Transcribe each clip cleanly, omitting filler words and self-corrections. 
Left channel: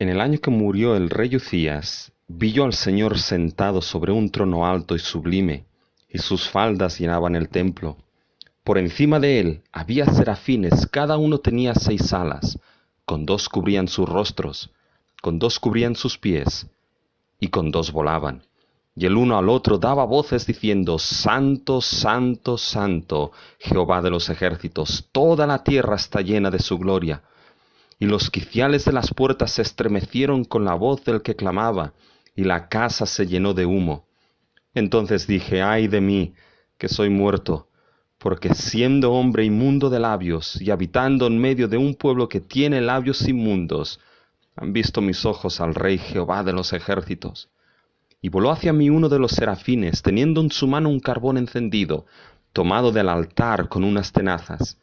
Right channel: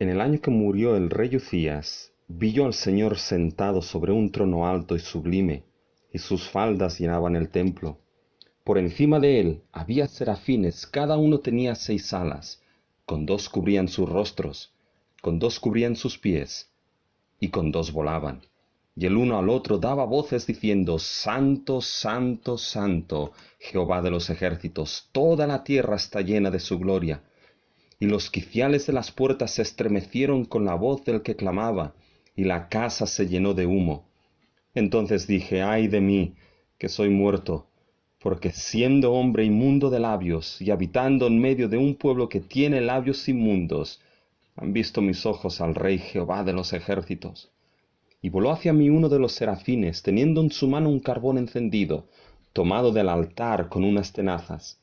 En el año que murió el rey Ucías, vi yo al Señor sentado sobre un trono alto y sublime, y sus faldas llenaban el templo. Por encima de él había serafines, cada uno tenía 6 alas, con 2 cubrían sus rostros, con 2 cubrían sus pies, y con 2 volaban. Y el uno al otro daba voces diciendo: Santo, Santo, Santo, Jehová de los ejércitos, toda la tierra está llena de su gloria. Y los quiciales de las puertas se estremecieron con la voz del que clamaba, y la casa se llenó de humo. Entonces dije: ay de mí, que soy muerto, porque siendo hombre inmundo de labios, y habitando en medio de un pueblo que tiene labios inmundos, han visto mis ojos al Rey Jehová de los ejércitos. Y voló hacia mí uno de los serafines, teniendo en su mano un carbón encendido, tomado del altar con unas tenazas,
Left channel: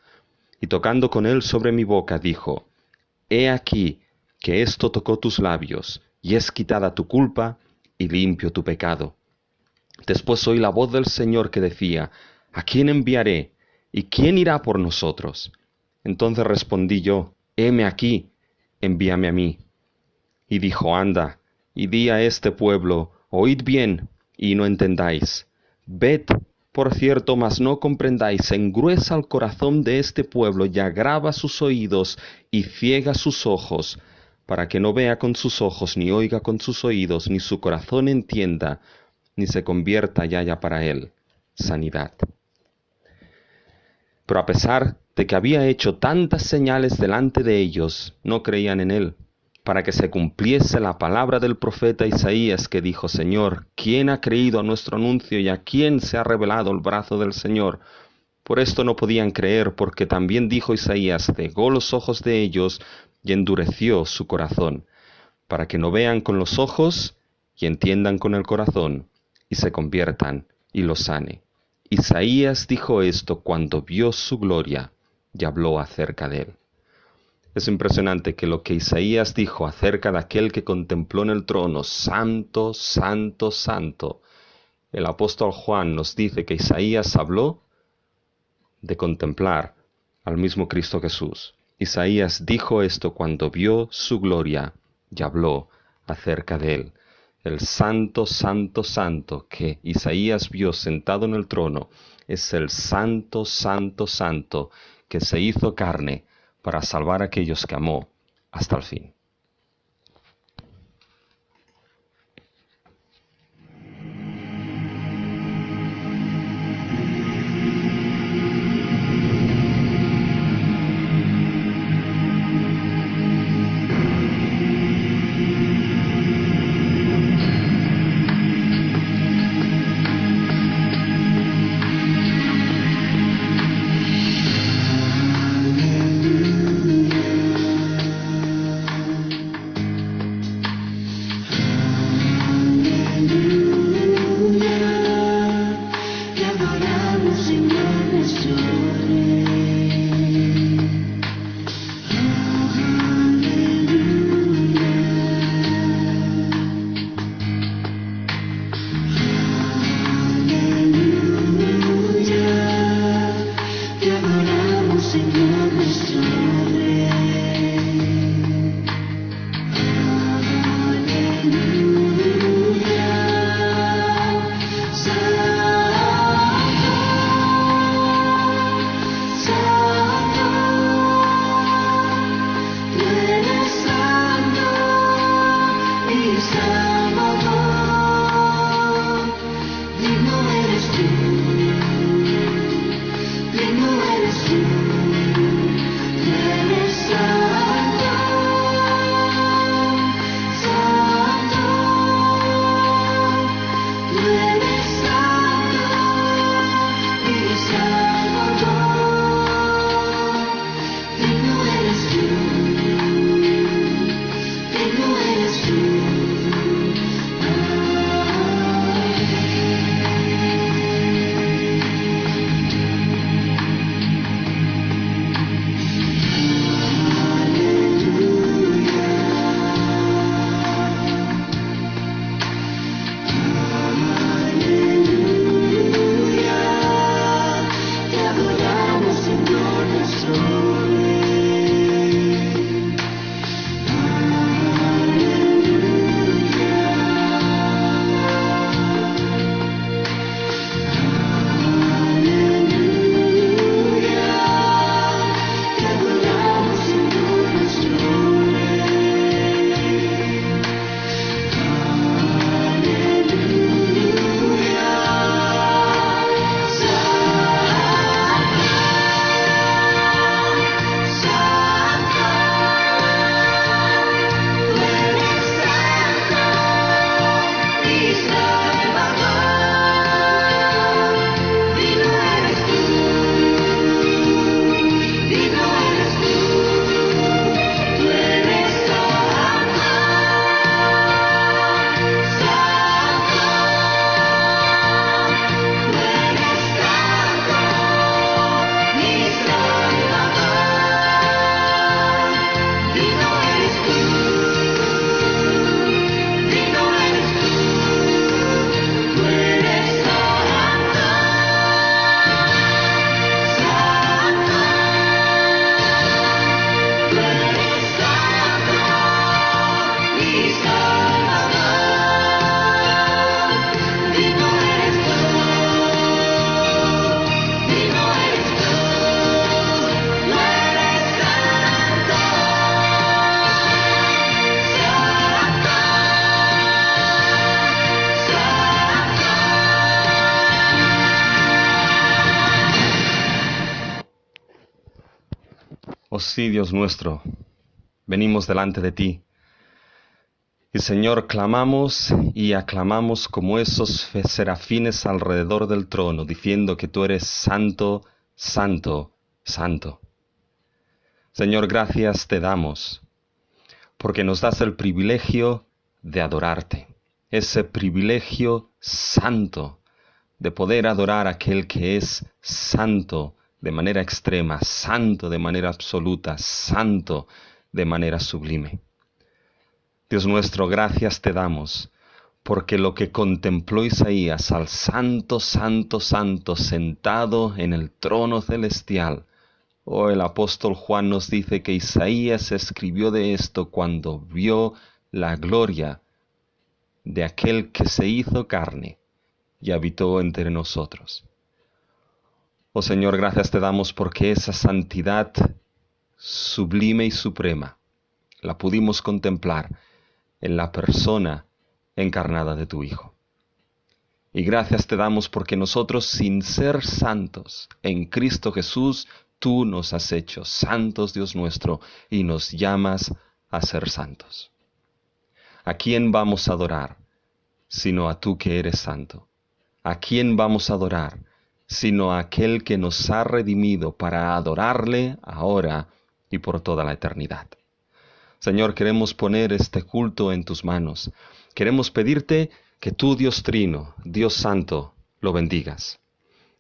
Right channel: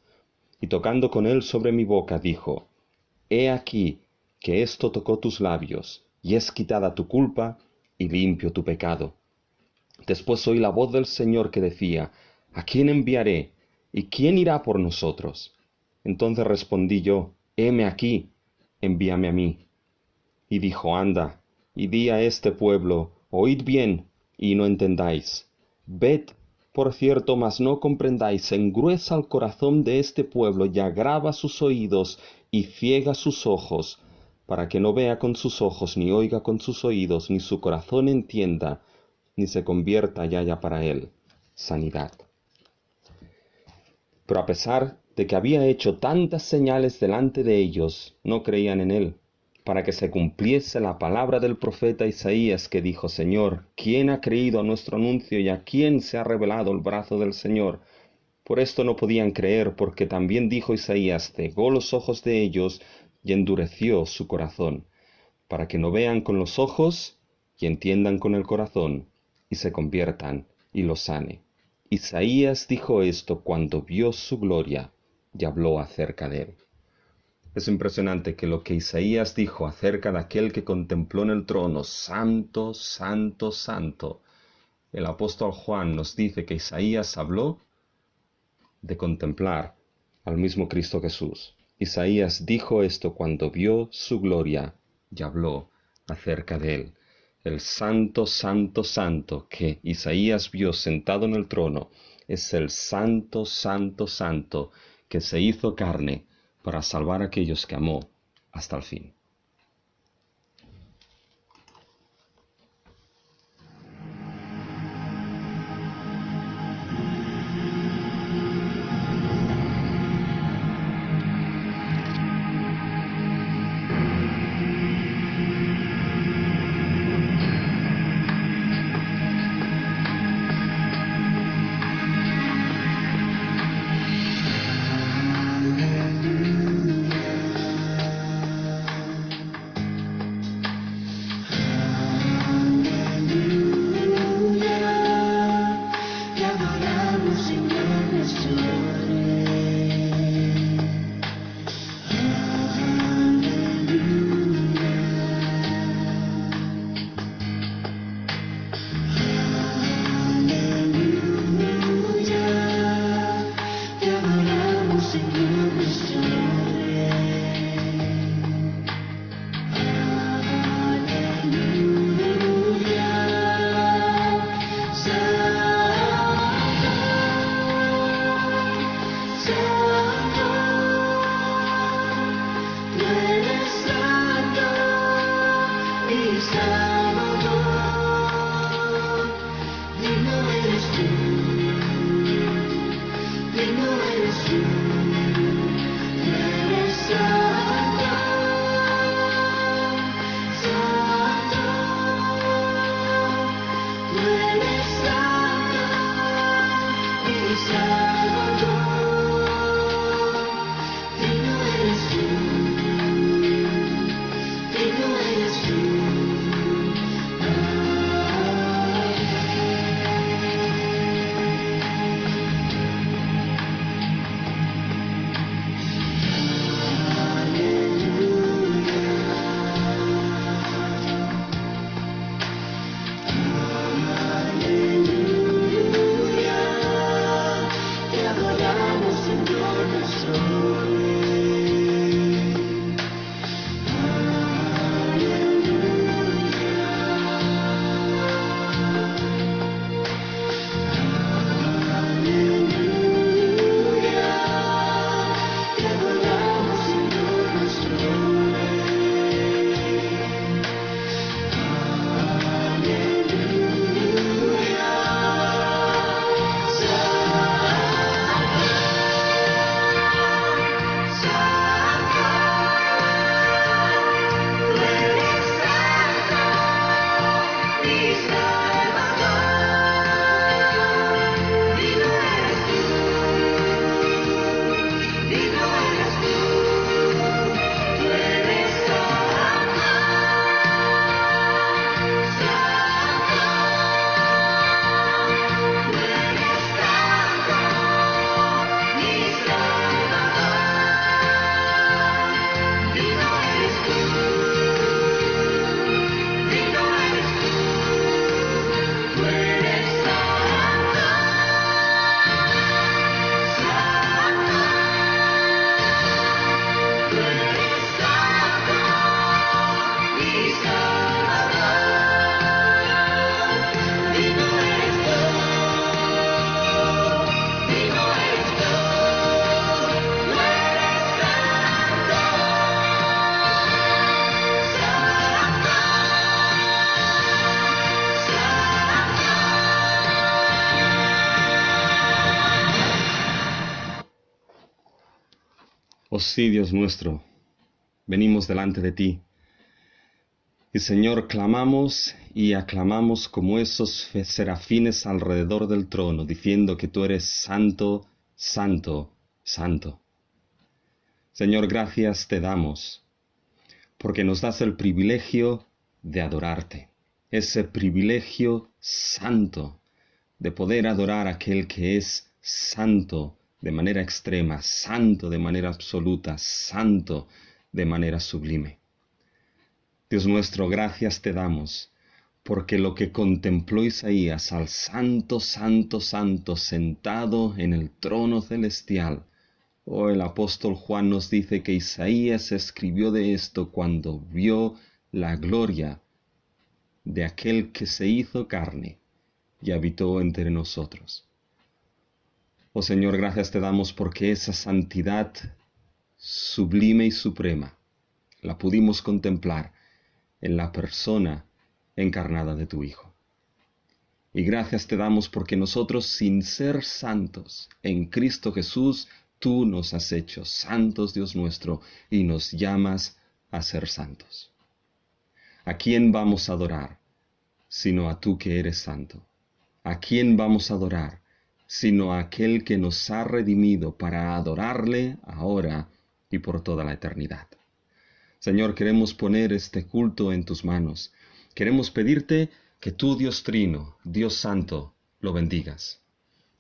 y tocando con él sobre mi boca, dijo: He aquí que esto tocó tus labios, y es quitada tu culpa, y limpio tu pecado. Después oí la voz del Señor que decía: ¿A quién enviaré? ¿Y quién irá por nosotros? Entonces respondí yo: Heme aquí, envíame a mí. Y dijo: Anda, y di a este pueblo: Oíd bien, y no entendáis. Ved, por cierto, mas no comprendáis. Engruesa el corazón de este pueblo, y agrava sus oídos, y ciega sus ojos, para que no vea con sus ojos, ni oiga con sus oídos, ni su corazón entienda, ni se convierta y haya para él sanidad. Pero a pesar de que había hecho tantas señales delante de ellos, no creían en él, para que se cumpliese la palabra del profeta Isaías, que dijo: Señor, ¿quién ha creído a nuestro anuncio, y a quién se ha revelado el brazo del Señor? Por esto no podían creer, porque también dijo Isaías: cegó los ojos de ellos y endureció su corazón, para que no vean con los ojos y entiendan con el corazón, y se conviertan y los sane. Isaías dijo esto cuando vio su gloria y habló acerca de él. Es impresionante que lo que Isaías dijo acerca de aquel que contempló en el trono: Santo, Santo, Santo. El apóstol Juan nos dice que Isaías habló de contemplar al mismo Cristo Jesús. Isaías dijo esto cuando vio su gloria y habló acerca de él. El Santo, Santo, Santo que Isaías vio sentado en el trono es el Santo, Santo, Santo que se hizo carne para salvar a aquellos que amó hasta el fin. Oh sí, Dios nuestro, venimos delante de ti. Y Señor, clamamos y aclamamos como esos serafines alrededor del trono, diciendo que tú eres santo, santo, santo. Señor, gracias te damos, porque nos das el privilegio de adorarte, ese privilegio santo de poder adorar a aquel que es santo de manera extrema, santo de manera absoluta, santo de manera sublime. Dios nuestro, gracias te damos, porque lo que contempló Isaías al santo, santo, santo, sentado en el trono celestial, oh, el apóstol Juan nos dice que Isaías escribió de esto cuando vio la gloria de aquel que se hizo carne y habitó entre nosotros. Oh Señor, gracias te damos porque esa santidad sublime y suprema la pudimos contemplar en la persona encarnada de tu Hijo. Y gracias te damos porque nosotros, sin ser santos, en Cristo Jesús, tú nos has hecho santos, Dios nuestro, y nos llamas a ser santos. ¿A quién vamos a adorar sino a tú que eres santo? ¿A quién vamos a adorar sino a aquel que nos ha redimido para adorarle ahora y por toda la eternidad? Señor, queremos poner este culto en tus manos. Queremos pedirte que tú, Dios Trino, Dios Santo, lo bendigas.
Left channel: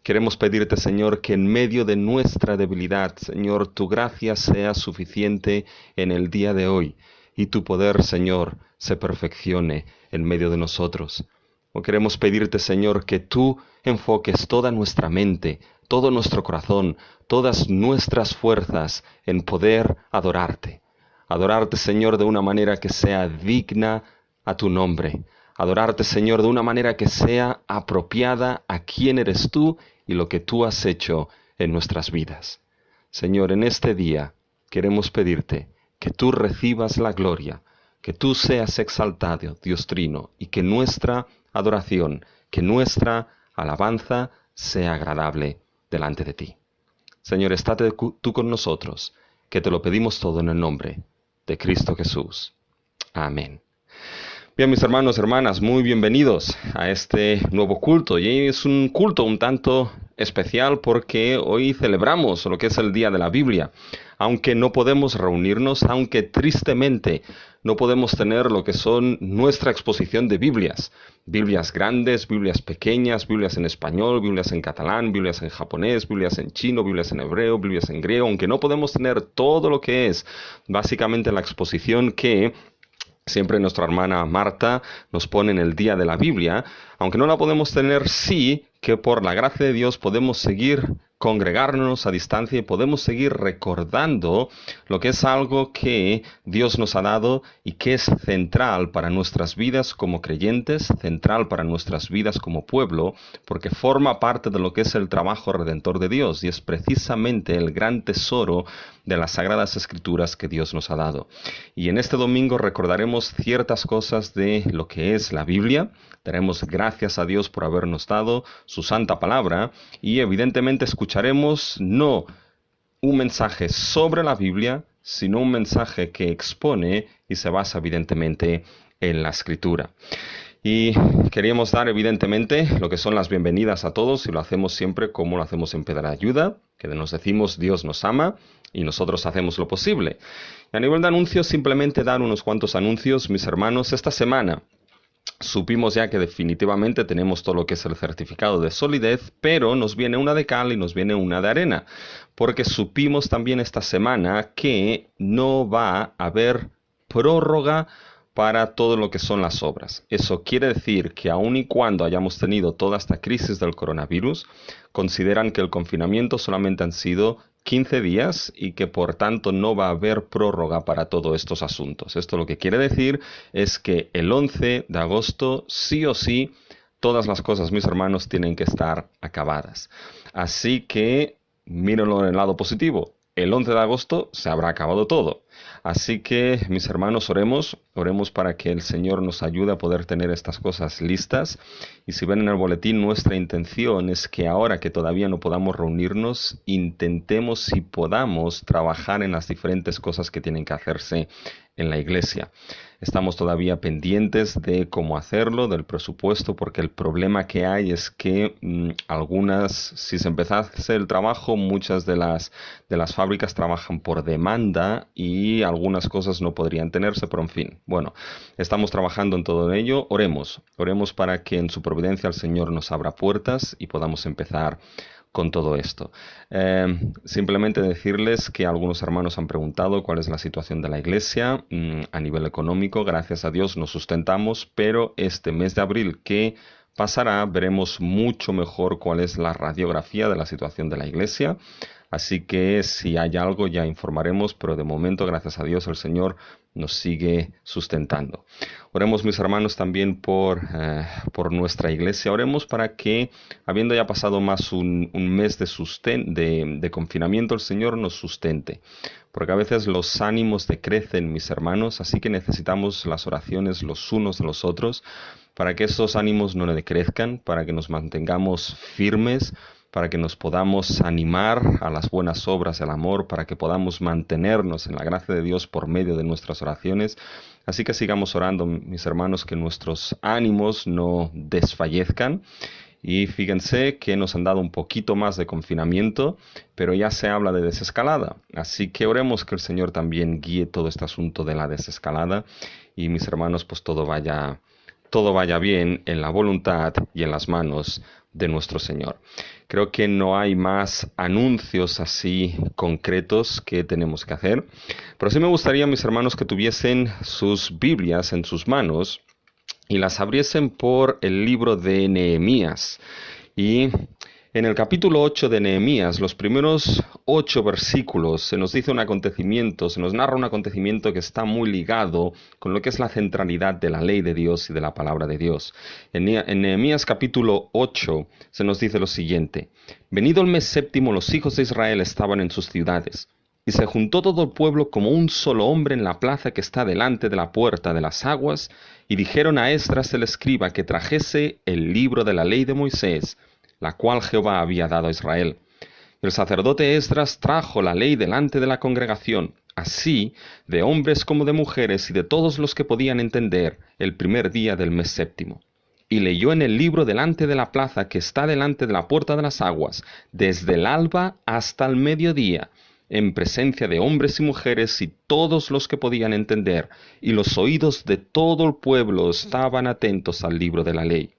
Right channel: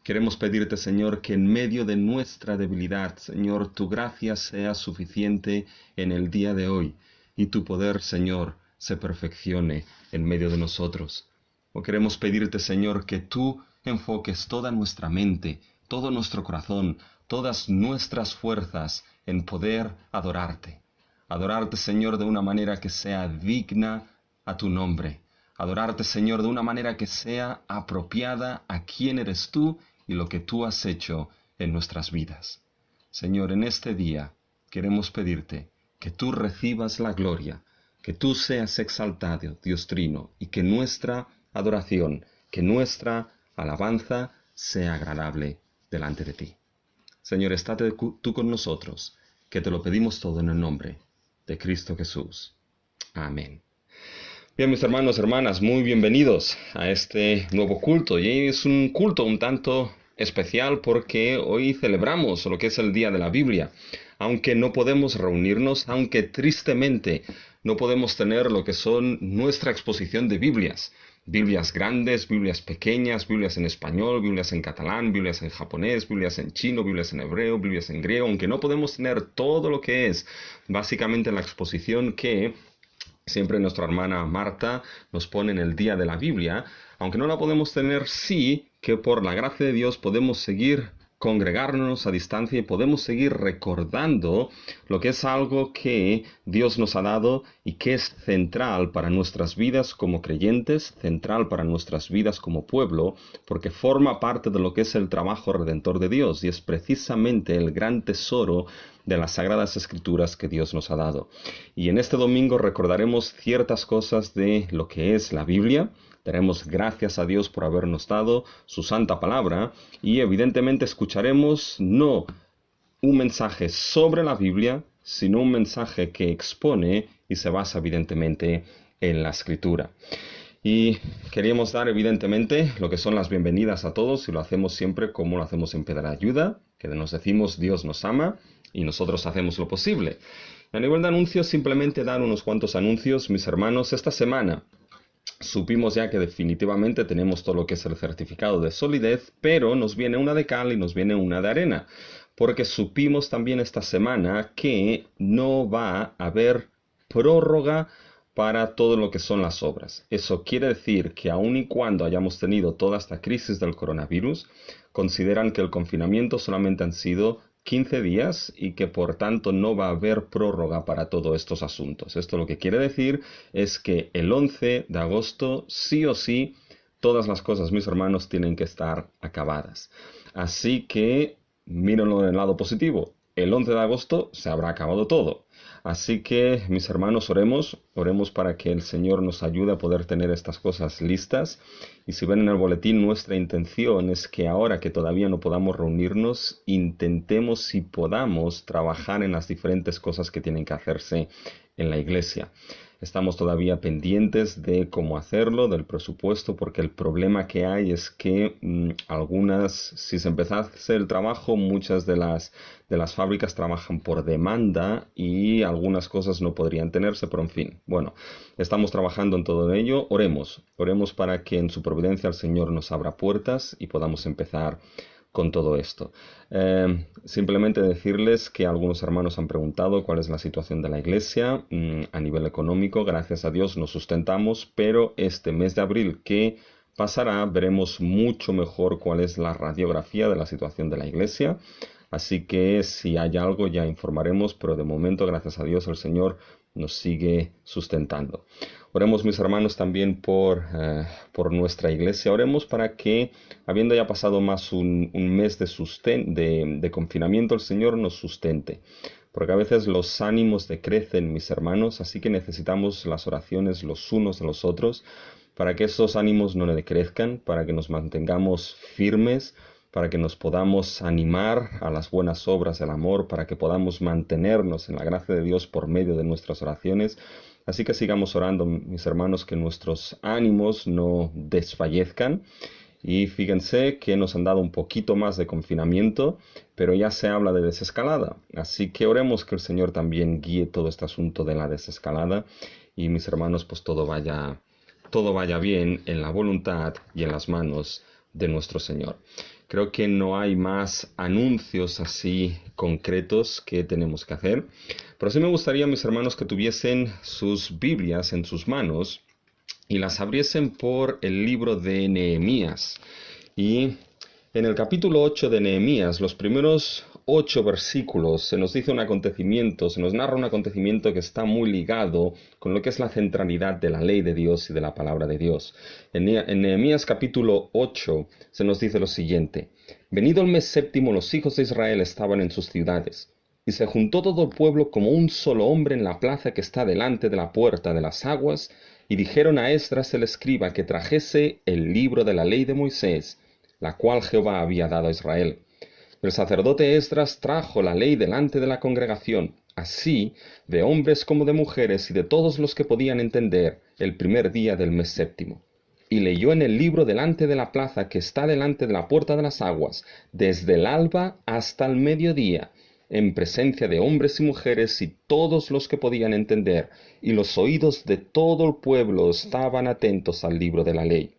Queremos pedirte, Señor, que en medio de nuestra debilidad, Señor, tu gracia sea suficiente en el día de hoy y tu poder, Señor, se perfeccione en medio de nosotros. O queremos pedirte, Señor, que tú enfoques toda nuestra mente, todo nuestro corazón, todas nuestras fuerzas en poder adorarte. Adorarte, Señor, de una manera que sea digna a tu nombre. Adorarte, Señor, de una manera que sea apropiada a quién eres tú y lo que tú has hecho en nuestras vidas. Señor, en este día queremos pedirte que tú recibas la gloria, que tú seas exaltado, Dios Trino, y que nuestra adoración, que nuestra alabanza sea agradable delante de ti. Señor, estate tú con nosotros, que te lo pedimos todo en el nombre de Cristo Jesús. Amén. Bien, mis hermanos, hermanas, muy bienvenidos a este nuevo culto. Y es un culto un tanto especial porque hoy celebramos lo que es el Día de la Biblia. Aunque no podemos reunirnos, aunque tristemente no podemos tener lo que son nuestra exposición de Biblias. Biblias grandes, Biblias pequeñas, Biblias en español, Biblias en catalán, Biblias en japonés, Biblias en chino, Biblias en hebreo, Biblias en griego, aunque no podemos tener todo lo que es básicamente la exposición que siempre nuestra hermana Marta nos pone en el Día de la Biblia, aunque no la podemos tener, sí que por la gracia de Dios podemos seguir congregarnos a distancia y podemos seguir recordando lo que es algo que Dios nos ha dado y que es central para nuestras vidas como creyentes, central para nuestras vidas como pueblo, porque forma parte de lo que es el trabajo redentor de Dios y es precisamente el gran tesoro de las Sagradas Escrituras que Dios nos ha dado. Y en este domingo recordaremos ciertas cosas de lo que es la Biblia. Daremos gracias a Dios por habernos dado su santa palabra y evidentemente escucharemos no un mensaje sobre la Biblia, sino un mensaje que expone y se basa evidentemente en la Escritura. Y queríamos dar evidentemente lo que son las bienvenidas a todos y lo hacemos siempre como lo hacemos en Pedra Ayuda, que nos decimos Dios nos ama y nosotros hacemos lo posible. Y a nivel de anuncios, simplemente dar unos cuantos anuncios, mis hermanos. Esta semana supimos ya que definitivamente tenemos todo lo que es el certificado de solidez, pero nos viene una de cal y nos viene una de arena, porque supimos también esta semana que no va a haber prórroga para todo lo que son las obras. Eso quiere decir que aun y cuando hayamos tenido toda esta crisis del coronavirus, consideran que el confinamiento solamente han sido 15 días y que por tanto no va a haber prórroga para todos estos asuntos. Esto lo que quiere decir es que el 11 de agosto sí o sí todas las cosas, mis hermanos, tienen que estar acabadas. Así que mírenlo en el lado positivo. El 11 de agosto se habrá acabado todo. Así que, mis hermanos, oremos para que el Señor nos ayude a poder tener estas cosas listas. Y si ven en el boletín, nuestra intención es que ahora que todavía no podamos reunirnos, intentemos, si podamos, trabajar en las diferentes cosas que tienen que hacerse en la iglesia. Estamos todavía pendientes de cómo hacerlo, del presupuesto, porque el problema que hay es que si se empezase el trabajo, muchas de las fábricas trabajan por demanda y algunas cosas no podrían tenerse, pero en fin, bueno, estamos trabajando en todo ello. Oremos para que en su providencia el Señor nos abra puertas y podamos empezar con todo esto. Simplemente decirles que algunos hermanos han preguntado cuál es la situación de la iglesia a nivel económico. Gracias a Dios nos sustentamos, pero este mes de abril que pasará veremos mucho mejor cuál es la radiografía de la situación de la iglesia. Así que si hay algo ya informaremos, pero de momento, gracias a Dios, el Señor nos sigue sustentando. Oremos, mis hermanos, también por nuestra iglesia. Oremos para que, habiendo ya pasado más un mes de confinamiento, el Señor nos sustente. Porque a veces los ánimos decrecen, mis hermanos, así que necesitamos las oraciones los unos de los otros para que esos ánimos no decrezcan, para que nos mantengamos firmes, para que nos podamos animar a las buenas obras del amor, para que podamos mantenernos en la gracia de Dios por medio de nuestras oraciones. Así que sigamos orando, mis hermanos, que nuestros ánimos no desfallezcan. Y fíjense que nos han dado un poquito más de confinamiento, pero ya se habla de desescalada. Así que oremos que el Señor también guíe todo este asunto de la desescalada. Y mis hermanos, pues todo vaya bien en la voluntad y en las manos de nuestro Señor. Creo que no hay más anuncios así concretos que tenemos que hacer, pero sí me gustaría, mis hermanos, que tuviesen sus Biblias en sus manos y las abriesen por el libro de Nehemías. Y en el capítulo 8 de Nehemías, los primeros 8 versículos, se nos dice un acontecimiento, se nos narra un acontecimiento que está muy ligado con lo que es la centralidad de la ley de Dios y de la palabra de Dios. En Nehemías capítulo 8 se nos dice lo siguiente: Venido el mes séptimo, los hijos de Israel estaban en sus ciudades. Y se juntó todo el pueblo como un solo hombre en la plaza que está delante de la puerta de las aguas, y dijeron a Esdras el escriba que trajese el libro de la ley de Moisés, la cual Jehová había dado a Israel. El sacerdote Esdras trajo la ley delante de la congregación, así de hombres como de mujeres y de todos los que podían entender, el primer día del mes séptimo. Y leyó en el libro delante de la plaza que está delante de la puerta de las aguas, desde el alba hasta el mediodía, en presencia de hombres y mujeres y todos los que podían entender, y los oídos de todo el pueblo estaban atentos al libro de la ley.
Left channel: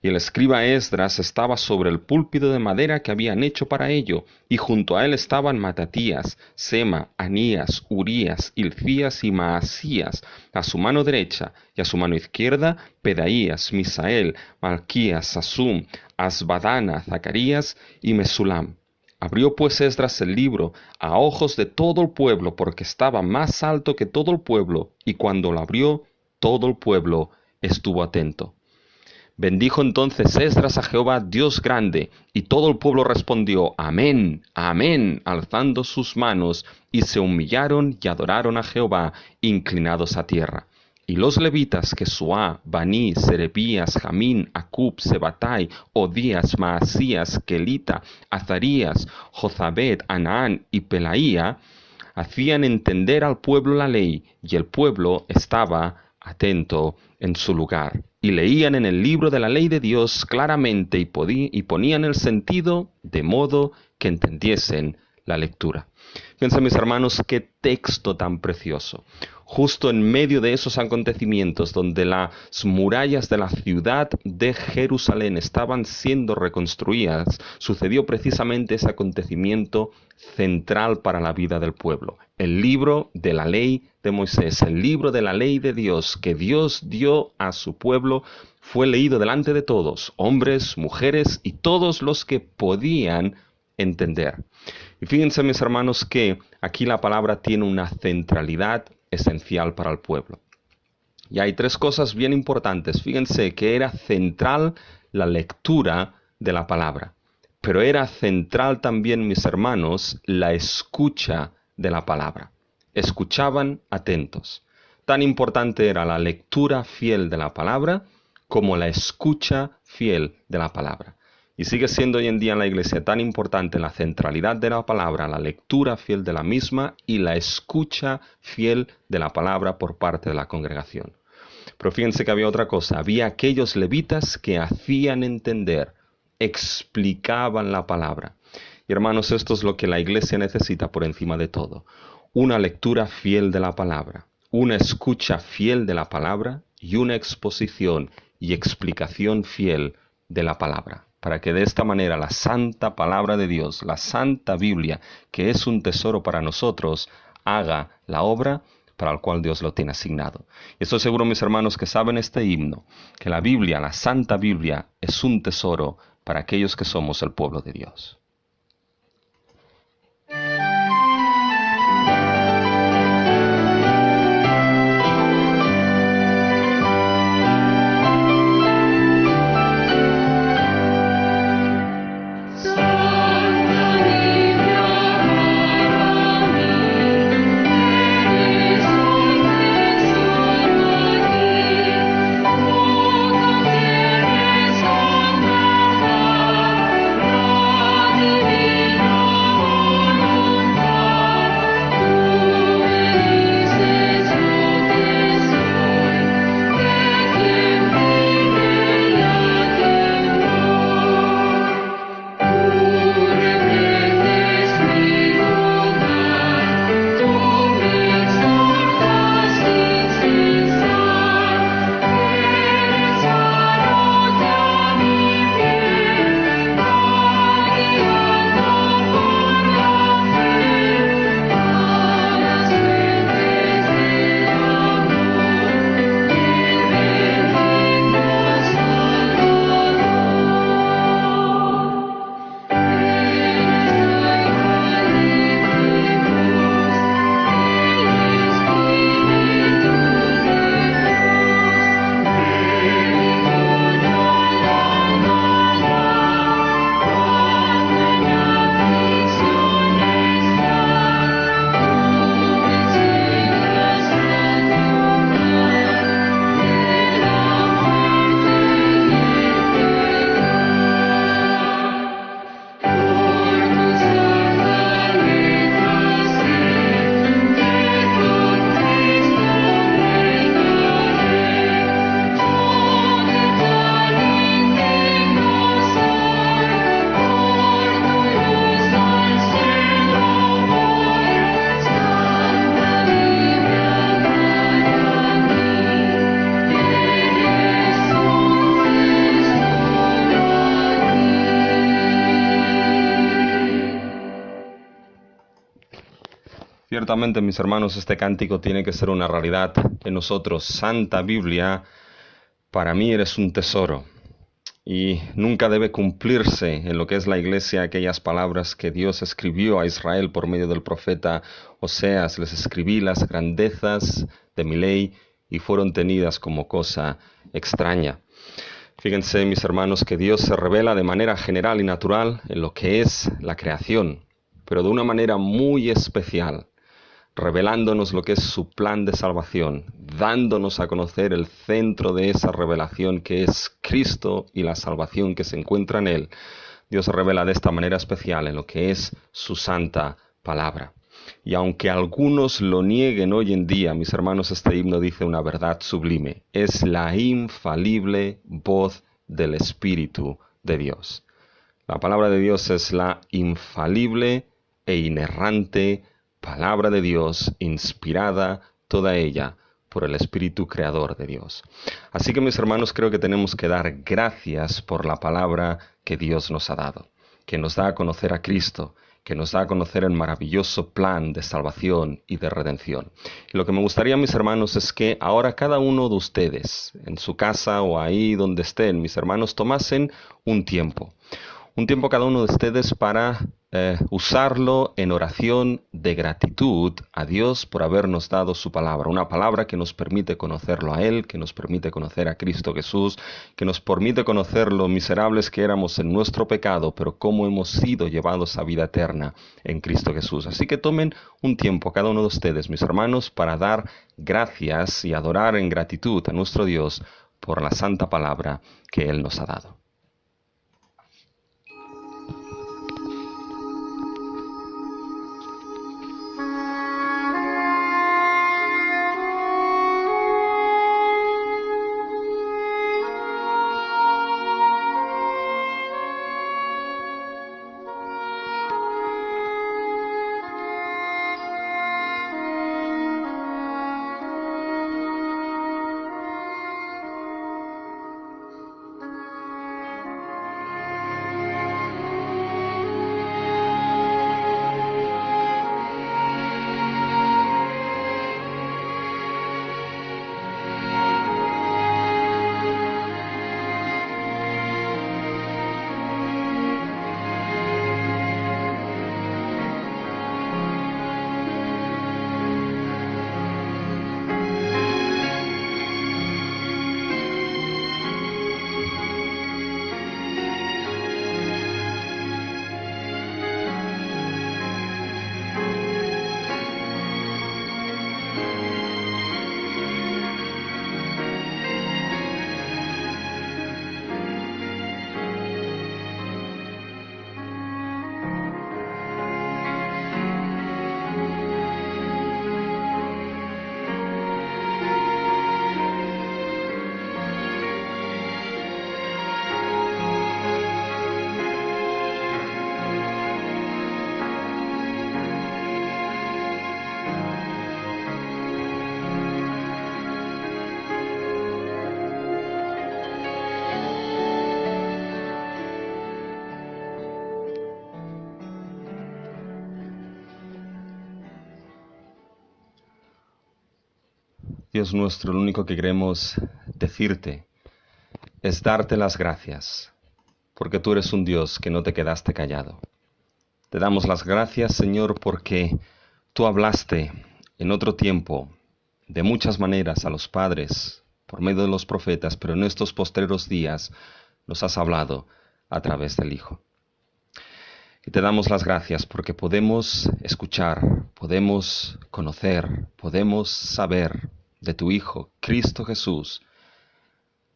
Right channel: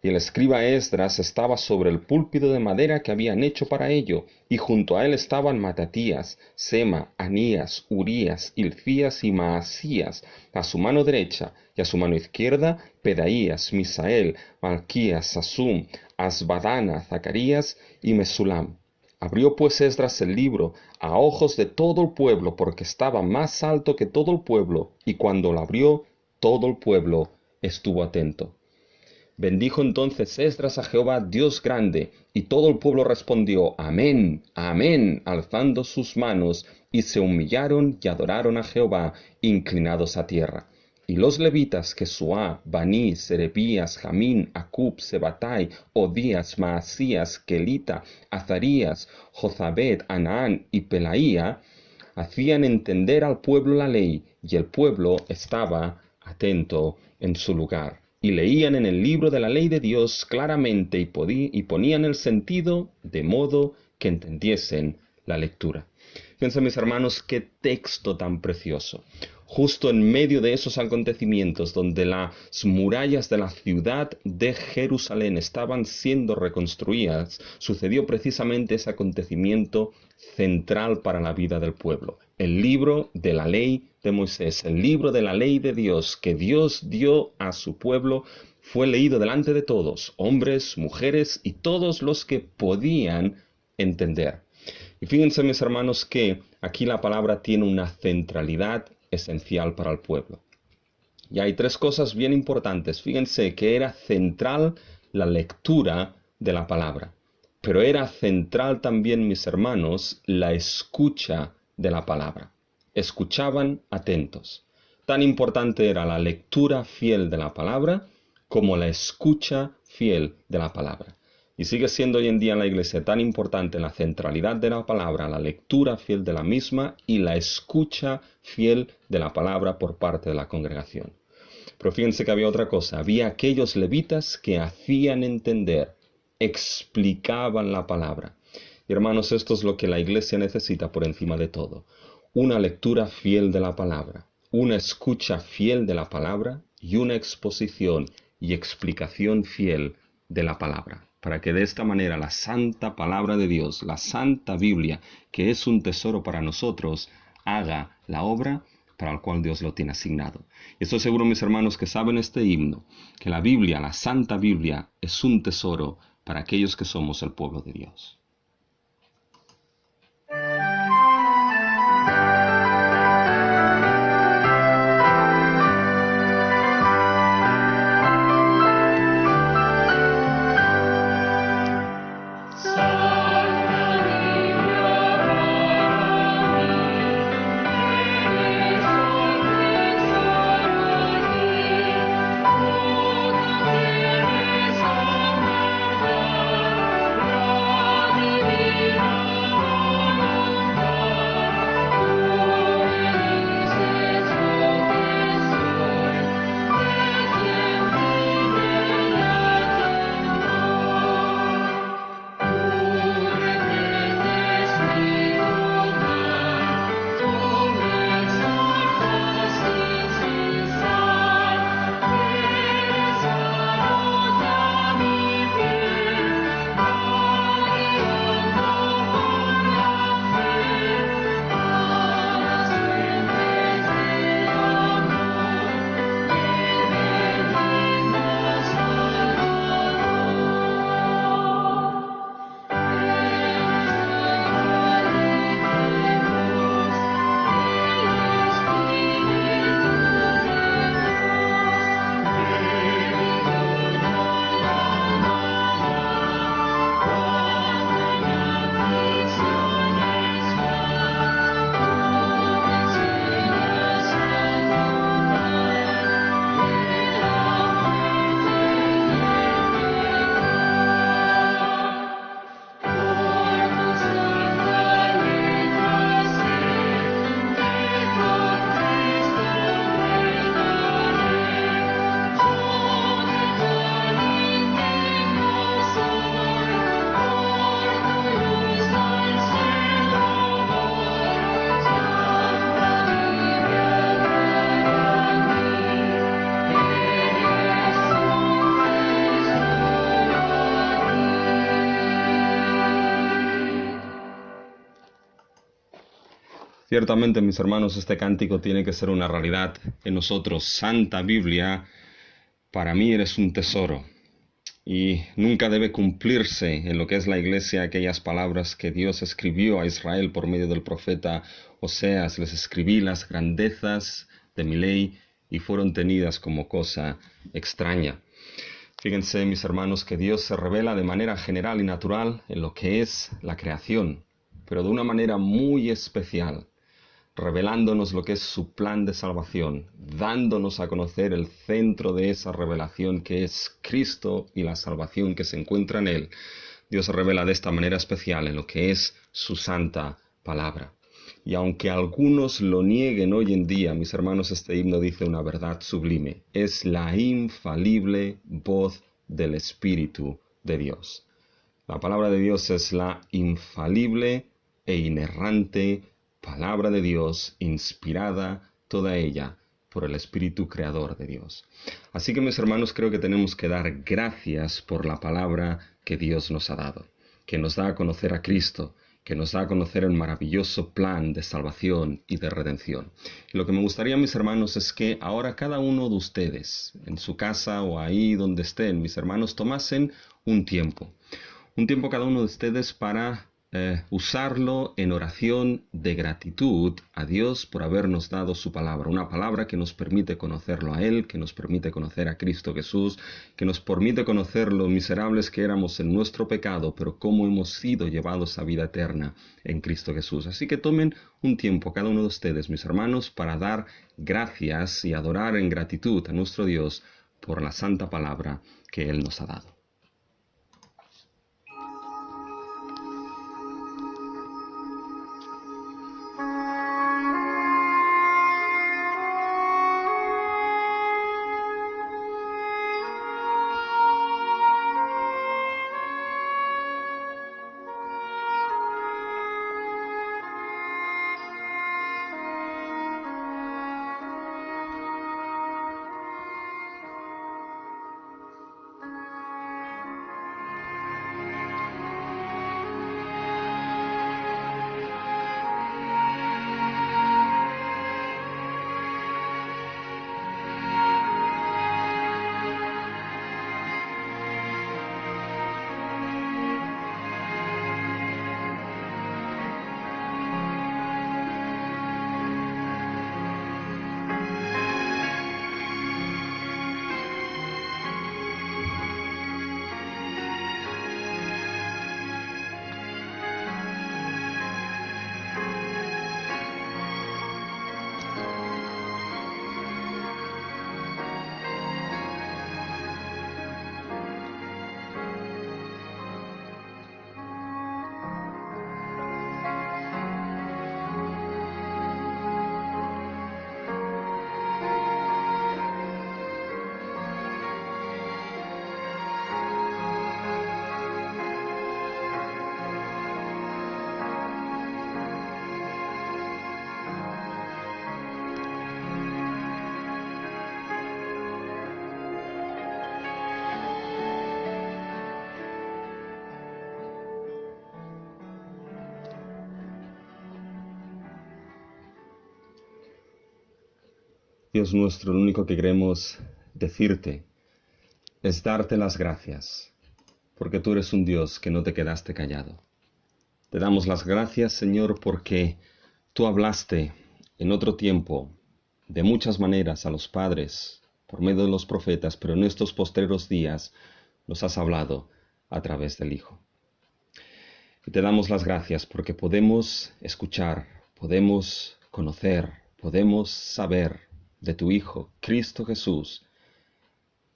Y el escriba Esdras estaba sobre el púlpito de madera que habían hecho para ello, y junto a él estaban Matatías, Sema, Anías, Urías, Hilcías y Maasías, a su mano derecha, y a su mano izquierda, Pedaías, Misael, Malquías, Sasum, Asbadana, Zacarías y Mesulam. Abrió pues Esdras el libro a ojos de todo el pueblo, porque estaba más alto que todo el pueblo, y cuando lo abrió, todo el pueblo estuvo atento. Bendijo entonces Esdras a Jehová, Dios grande, y todo el pueblo respondió, Amén, Amén, alzando sus manos, y se humillaron y adoraron a Jehová, inclinados a tierra. Y los levitas, que Suá, Baní, Serebías, Jamín, Acub, Sebatai, Odías, Maasías, Kelita, Azarías, Jozabed, Anaán y Pelaía, hacían entender al pueblo la ley, y el pueblo estaba atento en su lugar. Y leían en el libro de la ley de Dios claramente y ponían el sentido de modo que entendiesen la lectura. Fíjense, mis hermanos, qué texto tan precioso. justo en medio de esos acontecimientos donde las murallas de la ciudad de Jerusalén estaban siendo reconstruidas, sucedió precisamente ese acontecimiento central para la vida del pueblo. El libro de la ley de Moisés, el libro de la ley de Dios que Dios dio a su pueblo, fue leído delante de todos, hombres, mujeres y todos los que podían entender. Y fíjense, mis hermanos, que aquí la palabra tiene una centralidad esencial para el pueblo. Y hay tres cosas bien importantes. Fíjense que era central la lectura de la palabra, pero era central también, mis hermanos, la escucha de la palabra. Escuchaban atentos. Tan importante era la lectura fiel de la palabra como la escucha fiel de la palabra. Y sigue siendo hoy en día en la iglesia tan importante la centralidad de la palabra, la lectura fiel de la misma y la escucha fiel de la palabra por parte de la congregación. Pero fíjense que había otra cosa. Había aquellos levitas que hacían entender, explicaban la palabra. Y hermanos, esto es lo que la iglesia necesita por encima de todo. Una lectura fiel de la palabra, una escucha fiel de la palabra y una exposición y explicación fiel de la palabra, para que de esta manera la santa palabra de Dios, la santa Biblia, que es un tesoro para nosotros, haga la obra para la cual Dios lo tiene asignado. Y estoy seguro, mis hermanos, que saben este himno, que la Biblia, la santa Biblia, es un tesoro para aquellos que somos el pueblo de Dios. Ciertamente, mis hermanos, este cántico tiene que ser una realidad en nosotros. Santa Biblia, para mí eres un tesoro. Y nunca debe cumplirse en lo que es la iglesia aquellas palabras que Dios escribió a Israel por medio del profeta Oseas. Les escribí las grandezas de mi ley y fueron tenidas como cosa extraña. Fíjense, mis hermanos, que Dios se revela de manera general y natural en lo que es la creación, pero de una manera muy especial, revelándonos lo que es su plan de salvación, dándonos a conocer el centro de esa revelación que es Cristo y la salvación que se encuentra en Él. Dios se revela de esta manera especial en lo que es su santa palabra. Y aunque algunos lo nieguen hoy en día, mis hermanos, este himno dice una verdad sublime. Es la infalible voz del Espíritu de Dios. La palabra de Dios es la infalible e inerrante palabra de Dios, inspirada toda ella por el Espíritu Creador de Dios. Así que mis hermanos, creo que tenemos que dar gracias por la palabra que Dios nos ha dado, que nos da a conocer a Cristo, que nos da a conocer el maravilloso plan de salvación y de redención. Y lo que me gustaría, mis hermanos, es que ahora cada uno de ustedes, en su casa o ahí donde estén, mis hermanos, tomasen un tiempo cada uno de ustedes para usarlo en oración de gratitud a Dios por habernos dado su palabra, una palabra que nos permite conocerlo a Él, que nos permite conocer a Cristo Jesús, que nos permite conocer lo miserables que éramos en nuestro pecado, pero cómo hemos sido llevados a vida eterna en Cristo Jesús. Así que tomen un tiempo cada uno de ustedes, mis hermanos, para dar gracias y adorar en gratitud a nuestro Dios por la santa palabra que Él nos ha dado. Dios nuestro, lo único que queremos decirte es darte las gracias, porque tú eres un Dios que no te quedaste callado. Te damos las gracias, Señor, porque tú hablaste en otro tiempo, de muchas maneras, a los padres, por medio de los profetas, pero en estos postreros días nos has hablado a través del Hijo. Y te damos las gracias porque podemos escuchar, podemos conocer, podemos saber de tu Hijo, Cristo Jesús,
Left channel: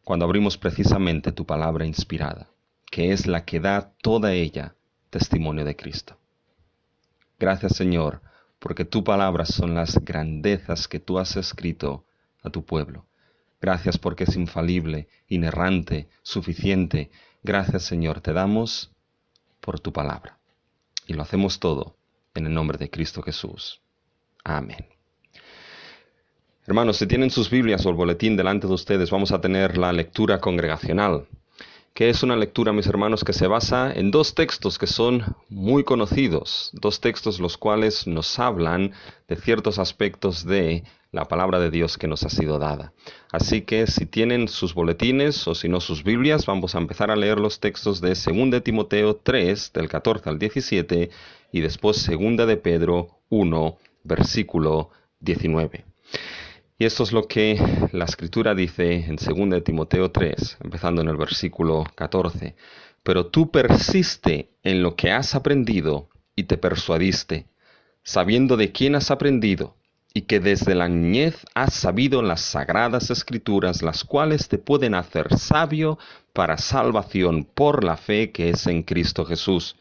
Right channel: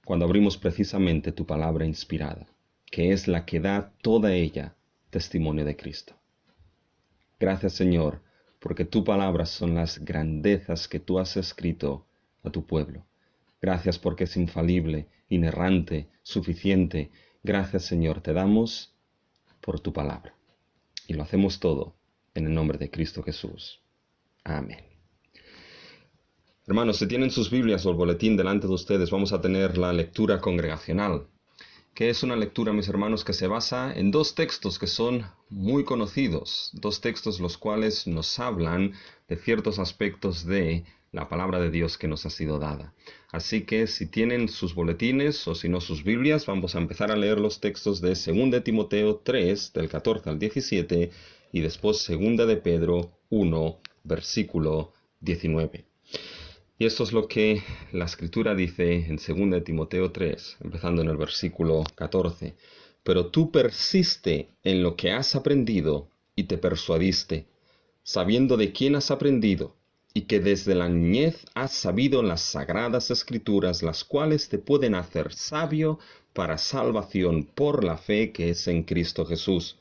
cuando abrimos precisamente tu palabra inspirada, que es la que da toda ella testimonio de Cristo. Gracias, Señor, porque tu palabra son las grandezas que tú has escrito a tu pueblo. Gracias porque es infalible, inerrante, suficiente. Gracias, Señor, te damos por tu palabra. Y lo hacemos todo en el nombre de Cristo Jesús. Amén. Hermanos, si tienen sus Biblias o el boletín delante de ustedes, vamos a tener la lectura congregacional, que es una lectura, mis hermanos, que se basa en dos textos que son muy conocidos, dos textos los cuales nos hablan de ciertos aspectos de la palabra de Dios que nos ha sido dada. Así que si tienen sus boletines o si no sus Biblias, vamos a empezar a leer los textos de 2 de Timoteo 3, del 14 al 17, y después 2 de Pedro 1, versículo 19. Y esto es lo que la Escritura dice en 2 de Timoteo 3, empezando en el versículo 14. Pero tú persiste en lo que has aprendido y te persuadiste, sabiendo de quién has aprendido, y que desde la niñez has sabido las sagradas Escrituras, las cuales te pueden hacer sabio para salvación por la fe que es en Cristo Jesús.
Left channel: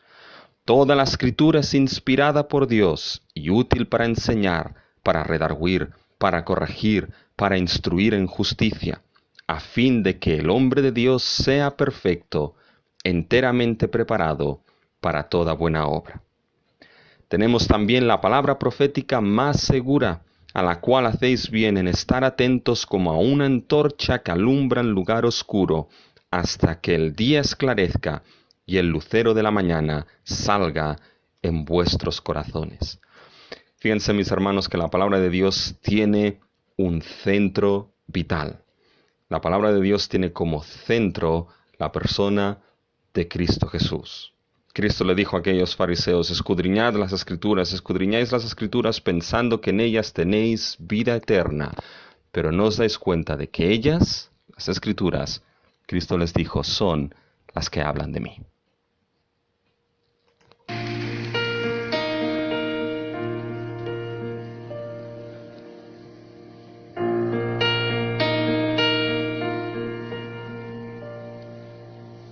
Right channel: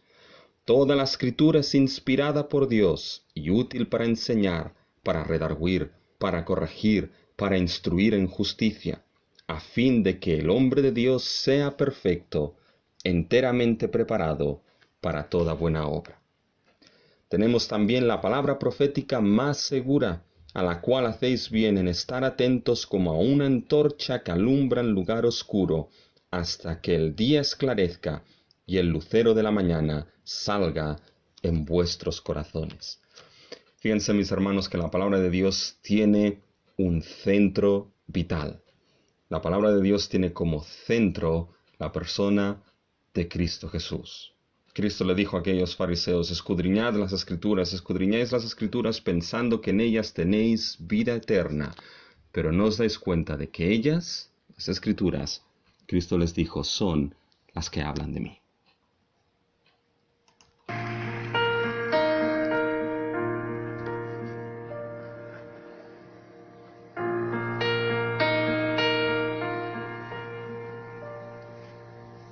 Toda la Escritura es inspirada por Dios y útil para enseñar, para redarguir, para corregir, para instruir en justicia, a fin de que el hombre de Dios sea perfecto, enteramente preparado para toda buena obra. Tenemos también la palabra profética más segura, a la cual hacéis bien en estar atentos como a una antorcha que alumbra en lugar oscuro, hasta que el día esclarezca y el lucero de la mañana salga en vuestros corazones. Fíjense, mis hermanos, que la palabra de Dios tiene un centro vital. La palabra de Dios tiene como centro la persona de Cristo Jesús. Cristo le dijo a aquellos fariseos: escudriñáis las escrituras pensando que en ellas tenéis vida eterna, pero no os dais cuenta de que ellas, las escrituras, Cristo les dijo, son las que hablan de mí.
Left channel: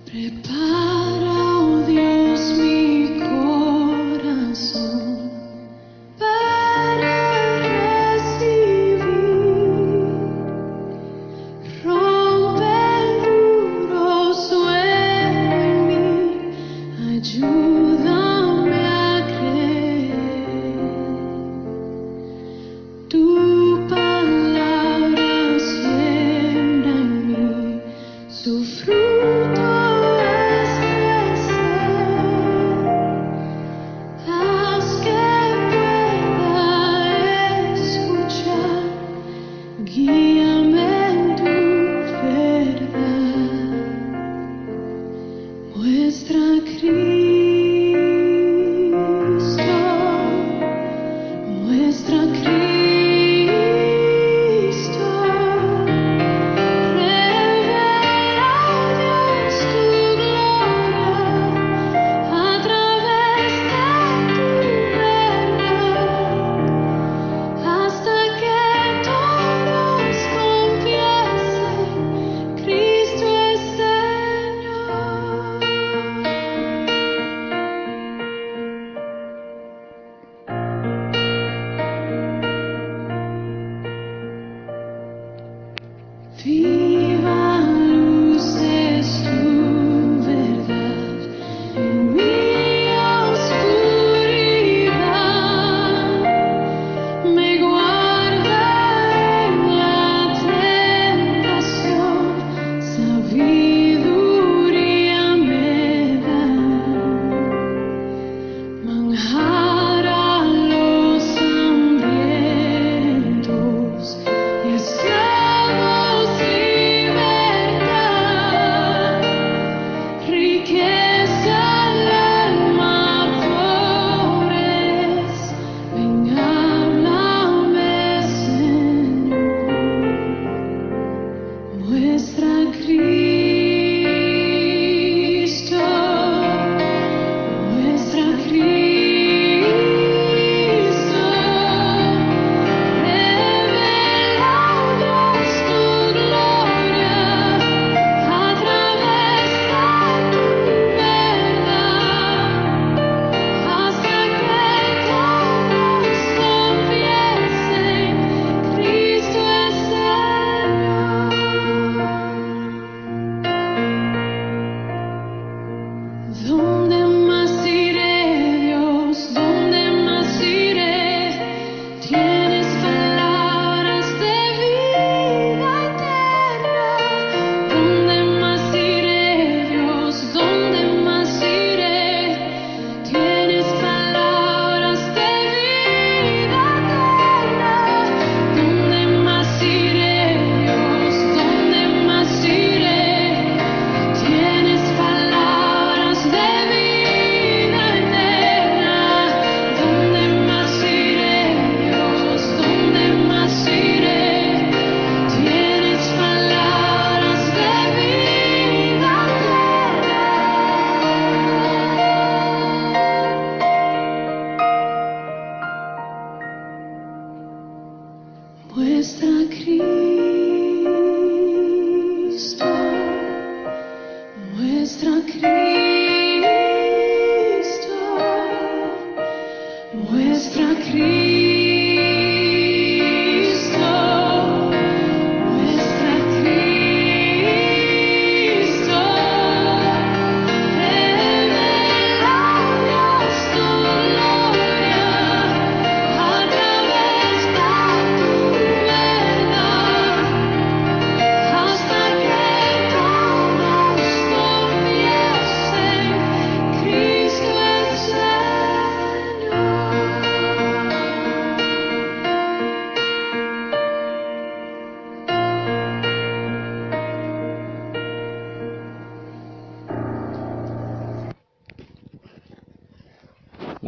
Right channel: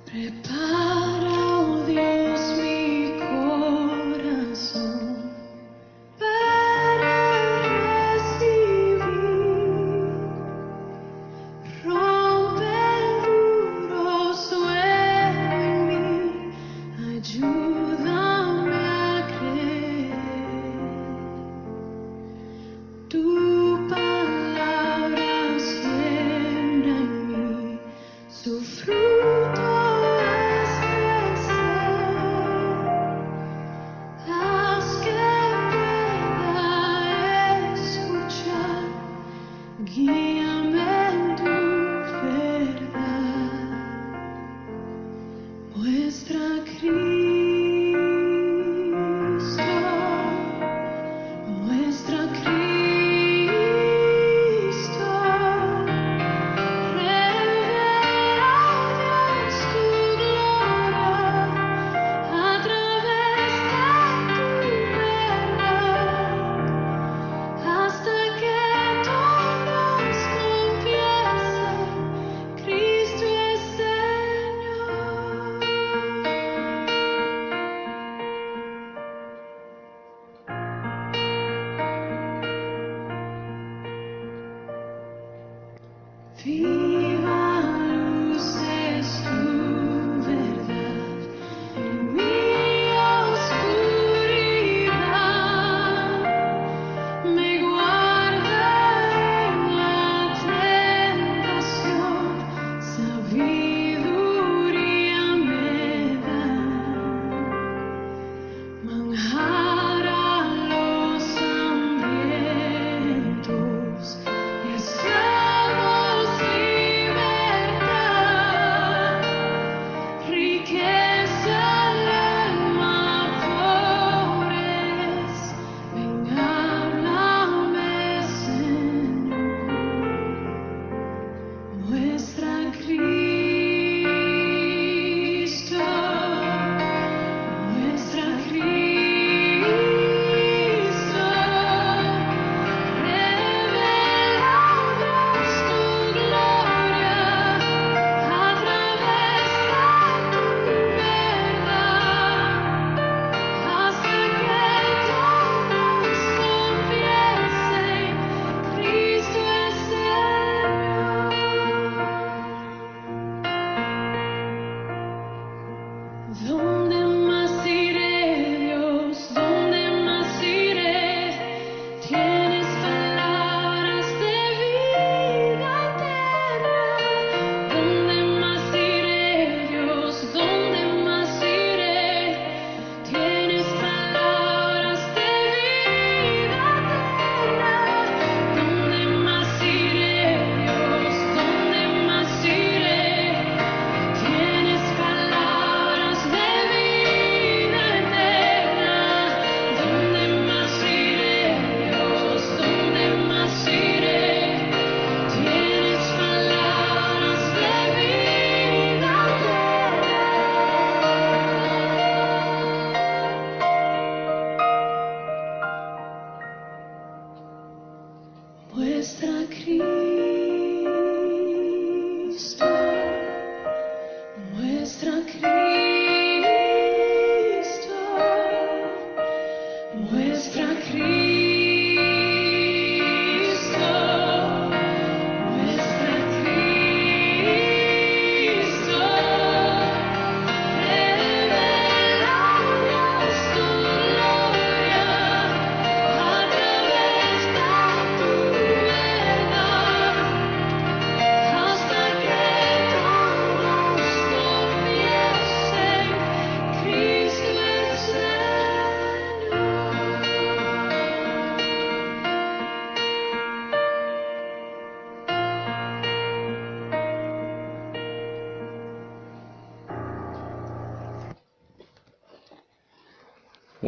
Prepara, oh Dios, mi corazón para recibir. Rompe el duro suelo en mí, ayúdame a creer. Tu palabra siembra en mí su fruto. Haz que pueda escuchar, guíame en tu verdad. Muestra a Cristo, muestra a Cristo. Revela a Dios tu gloria a través de tu verdad, hasta que todos confiesen: Cristo es Señor. Viva luz es tu verdad en mi oscuridad, me guarda en la tentación, sabiduría me da, manjar a los hambrientos y esclavos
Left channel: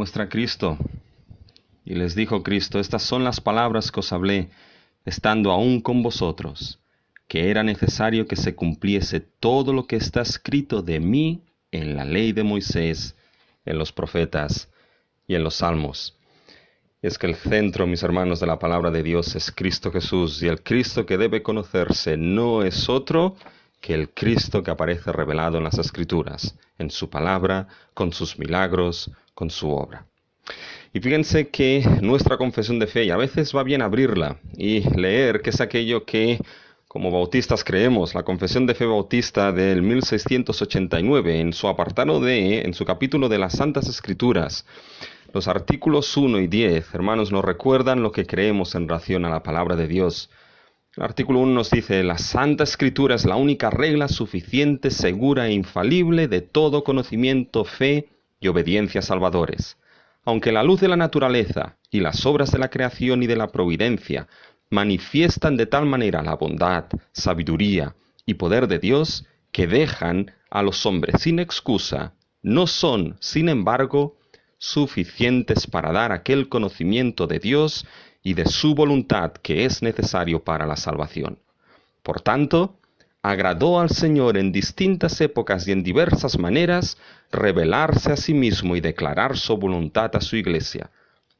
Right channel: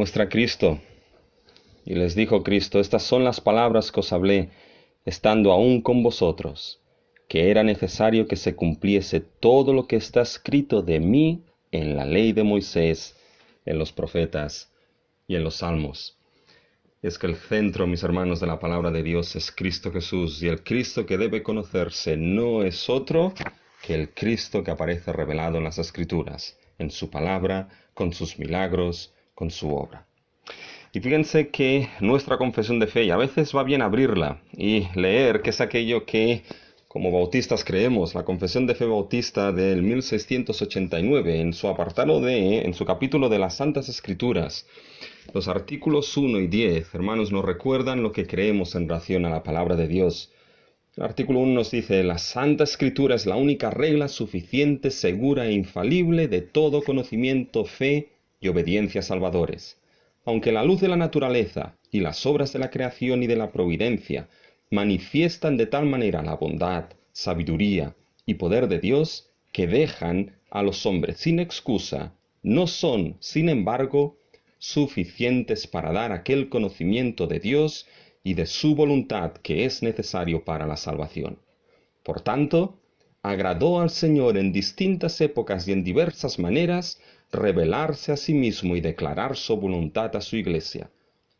muestra a Cristo. Y les dijo Cristo: estas son las palabras que os hablé, estando aún con vosotros, que era necesario que se cumpliese todo lo que está escrito de mí en la ley de Moisés, en los profetas y en los salmos. Es que el centro, mis hermanos, de la palabra de Dios es Cristo Jesús, y el Cristo que debe conocerse no es otro que el Cristo que aparece revelado en las Escrituras, en su palabra, con sus milagros, con su obra. Y fíjense que nuestra confesión de fe, y a veces va bien abrirla y leer qué es aquello que como bautistas creemos. La confesión de fe bautista del 1689, en su apartado D, en su capítulo de las Santas Escrituras, los artículos 1 y 10, hermanos, nos recuerdan lo que creemos en relación a la palabra de Dios. El artículo 1 nos dice: la Santa Escritura es la única regla suficiente, segura e infalible de todo conocimiento, fe y obediencia salvadores. Aunque la luz de la naturaleza y las obras de la creación y de la providencia manifiestan de tal manera la bondad, sabiduría y poder de Dios que dejan a los hombres sin excusa, no son, sin embargo, suficientes para dar aquel conocimiento de Dios y de su voluntad que es necesario para la salvación. Por tanto, agradó al Señor en distintas épocas y en diversas maneras revelarse a sí mismo y declarar su voluntad a su iglesia,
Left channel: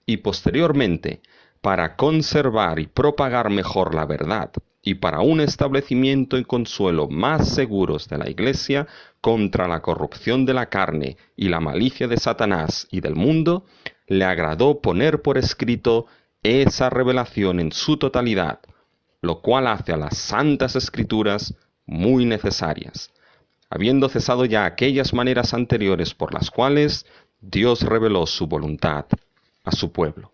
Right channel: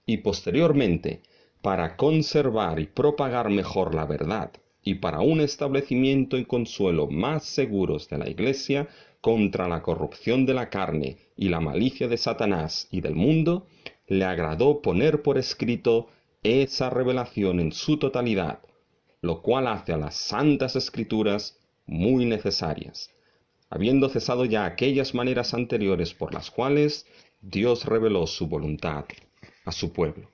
y posteriormente, para conservar y propagar mejor la verdad, y para un establecimiento y consuelo más seguros de la iglesia contra la corrupción de la carne y la malicia de Satanás y del mundo, le agradó poner por escrito esa revelación en su totalidad, lo cual hace a las Santas Escrituras muy necesarias, habiendo cesado ya aquellas maneras anteriores por las cuales Dios reveló su voluntad a su pueblo.